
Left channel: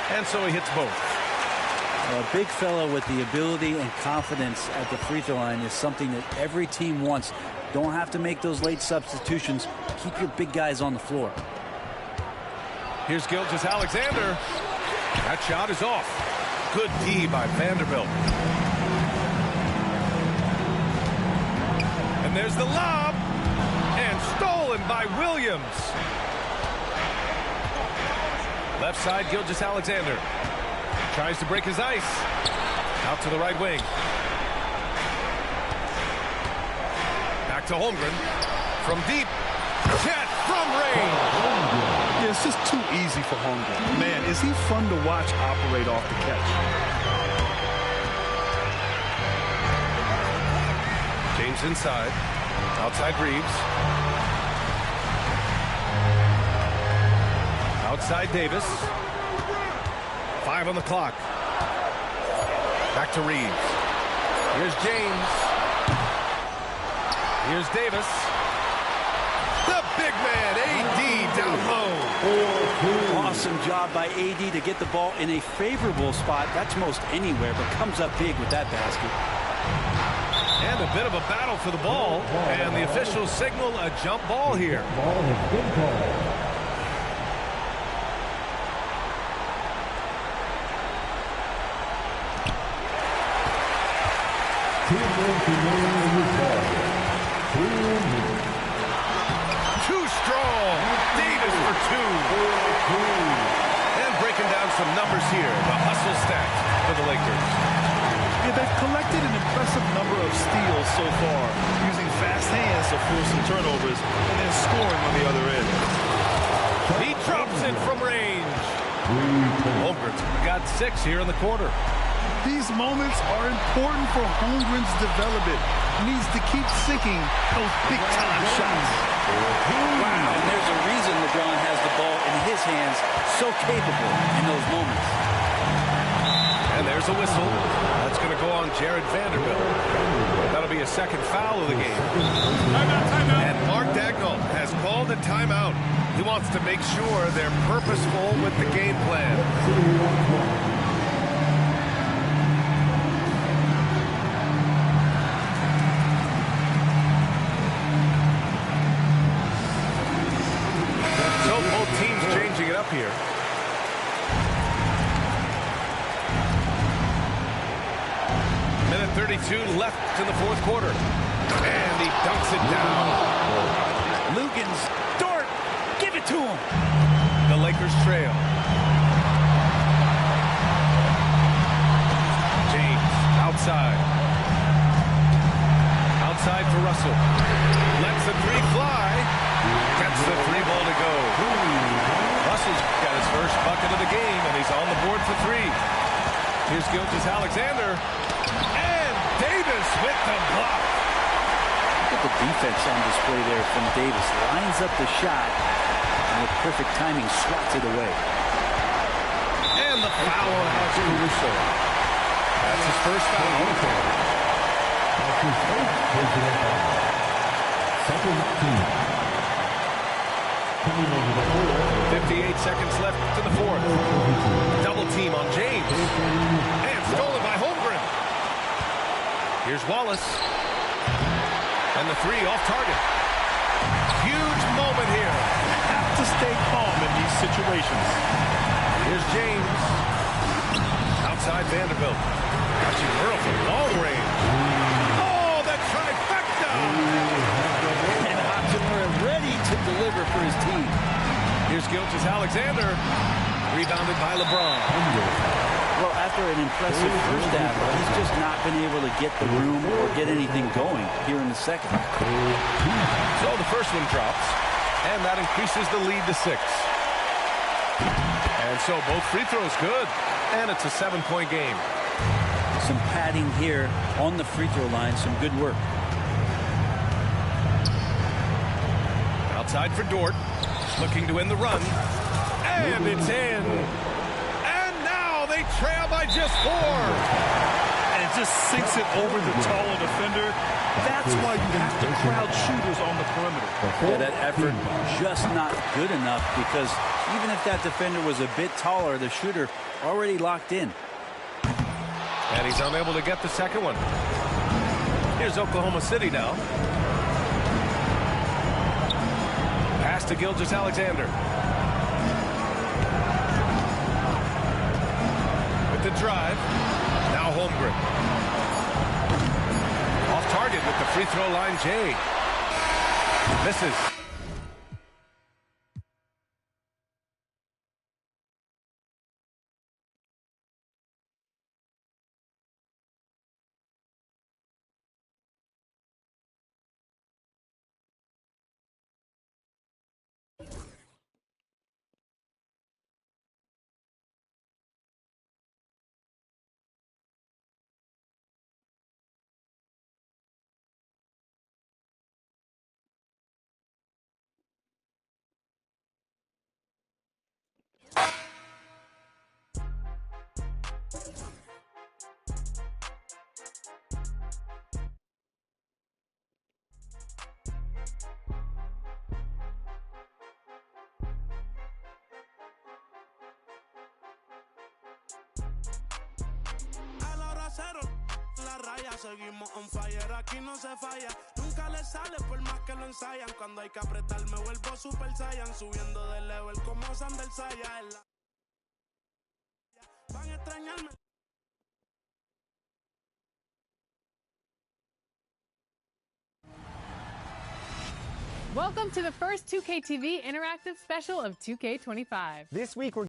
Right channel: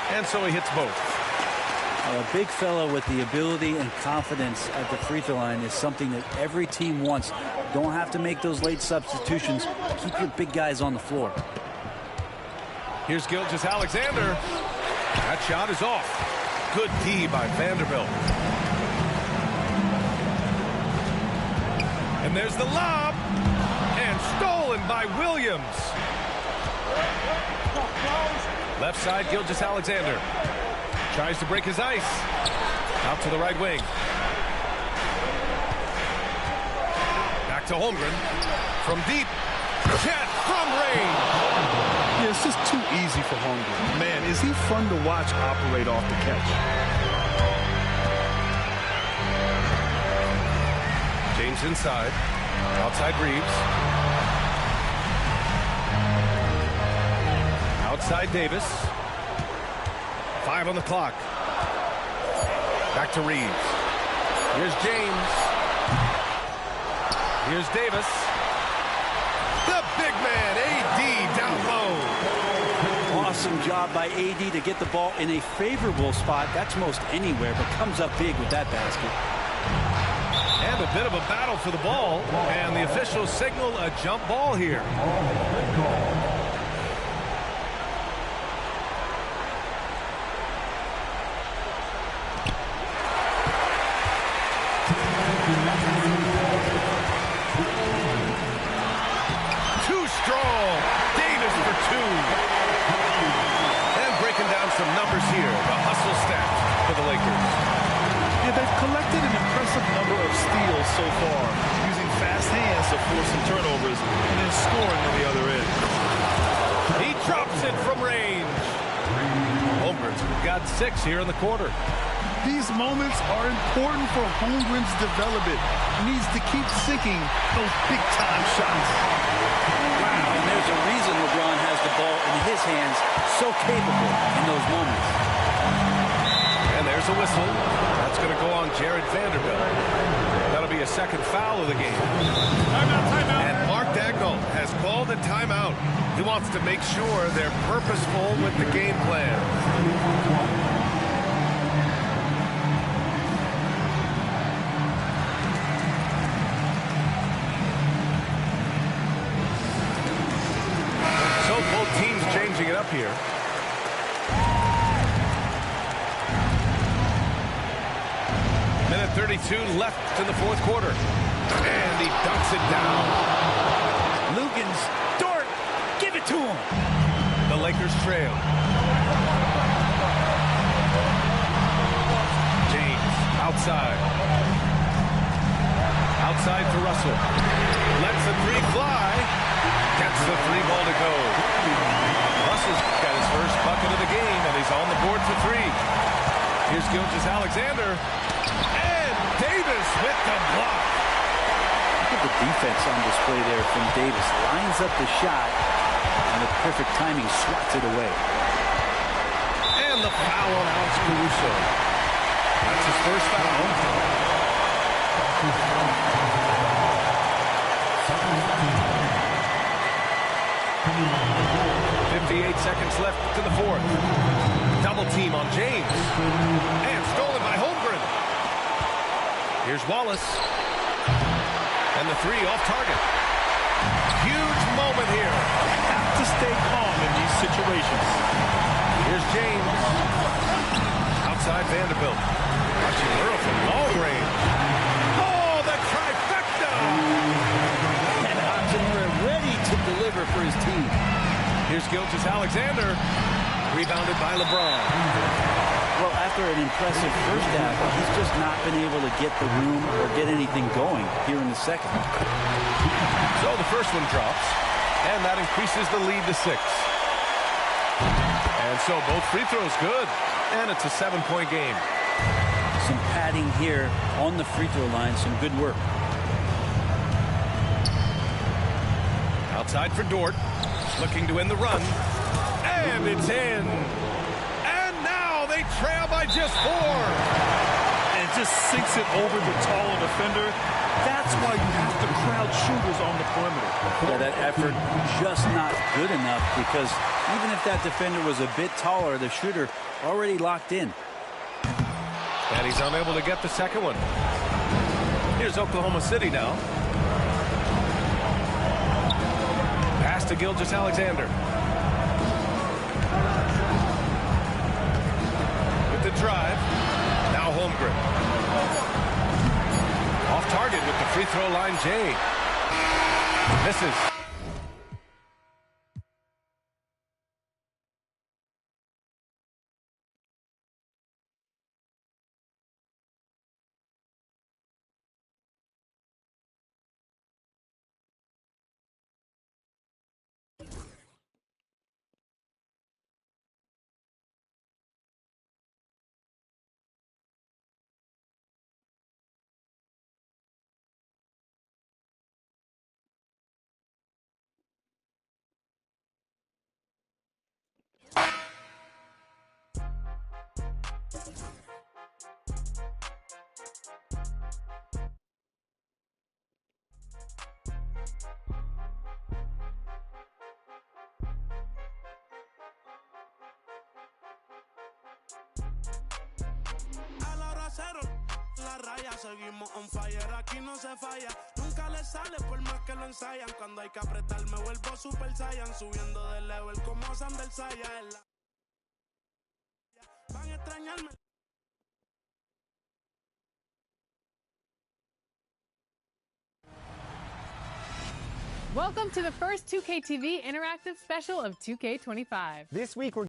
And so he hits both. A big fellow with the ability and confidence at the free throw line is something that every team wants. Don't have to make those late substitutions. Keep your big guys on the floor. Here's Gilgeous-Alexander. That shot is off. Good D by Vanderbilt. And there's the lob. And stolen by Williams. Left side, Gilgeous-Alexander. Tries to break his ice. Out to the right wing. Back to Holmgren. From deep. Chet from range. Yeah, it's just too easy for Holmgren. Man, is he fun to watch operate off the catch. James inside. Outside Reeves. Outside Davis. 5 on the clock. Back to Reeves. Here's James. Here's Davis. The big man, AD, down low. Awesome job by AD to get the ball in a favorable spot. That's most anywhere, but comes up big with that basket. And a bit of a battle for the ball. And the officials signal a jump ball here. Too strong. Davis for 2. And breaking down some numbers here. The hustle stat for the Lakers. Yeah, they've collected an impressive number of steals so far, using fast hands to force some turnovers and then scoring on the other end. He drops it from range. Holmgren's got 6 here in the quarter. These moments are important for Holmgren's development. He needs to keep sinking those big-time shots. Wow, and there's a reason LeBron has the ball in his hands, so capable in those moments. And there's a whistle. That's going to go on Jared Vanderbilt. That'll be a second foul of the game. Timeout. And Mark Dagnall has called a timeout. He wants to make sure they're purposeful with the game plan. So both teams changing it up here. Minute 32 left in the fourth quarter. And he dunks it down. Lugans, Dort, give it to him. The Lakers trail. James, outside. Outside for Russell. Lets the 3 fly. Gets the 3 ball to go. Russell's got his first bucket of the game, and he's on the board for 3. Here's Gilgeous-Alexander. And Davis with the block. Look at the defense on display there from Davis. Lines up the shot, and with perfect timing, swats it away. And the foul on Alex Caruso. That's his first foul. 58 seconds left to the fourth. Double team on James. And stolen by Holmgren. Here's Wallace. And the 3 off target. Huge moment here. Have to stay calm in these situations. Here's James. Outside Vanderbilt. Hachimura from long range. Oh, the trifecta! And Hachimura ready to deliver for his team. Here's Gilgeous-Alexander. Rebounded by LeBron. Well, after an impressive first half, he's just not been able to get the room or get anything going here in the second. So the first one drops, and that increases the lead to 6. And so both free throws good, and it's a 7-point game. Some padding here on the free throw line, some good work. Outside for Dort, looking to end the run, and it's in. They trail by just 4. And just sinks it over the taller defender. That's why you have to crowd shooters on the perimeter. Yeah, that effort just not good enough, because even if that defender was a bit taller, the shooter already locked in. And he's unable to get the second one. Here's Oklahoma City now. Pass to Gilgeous-Alexander. With the drive. Now Holmgren. Off target with the free throw line, Jay. Misses. La raya, seguimos on fire, aquí no se falla. Nunca le sale por más que lo ensayan. Cuando hay que apretar me vuelvo super saiyan. Subiendo de level como Sander Saya. Van a extrañarme. Welcome to the first 2K TV interactive special of 2K25. This week we're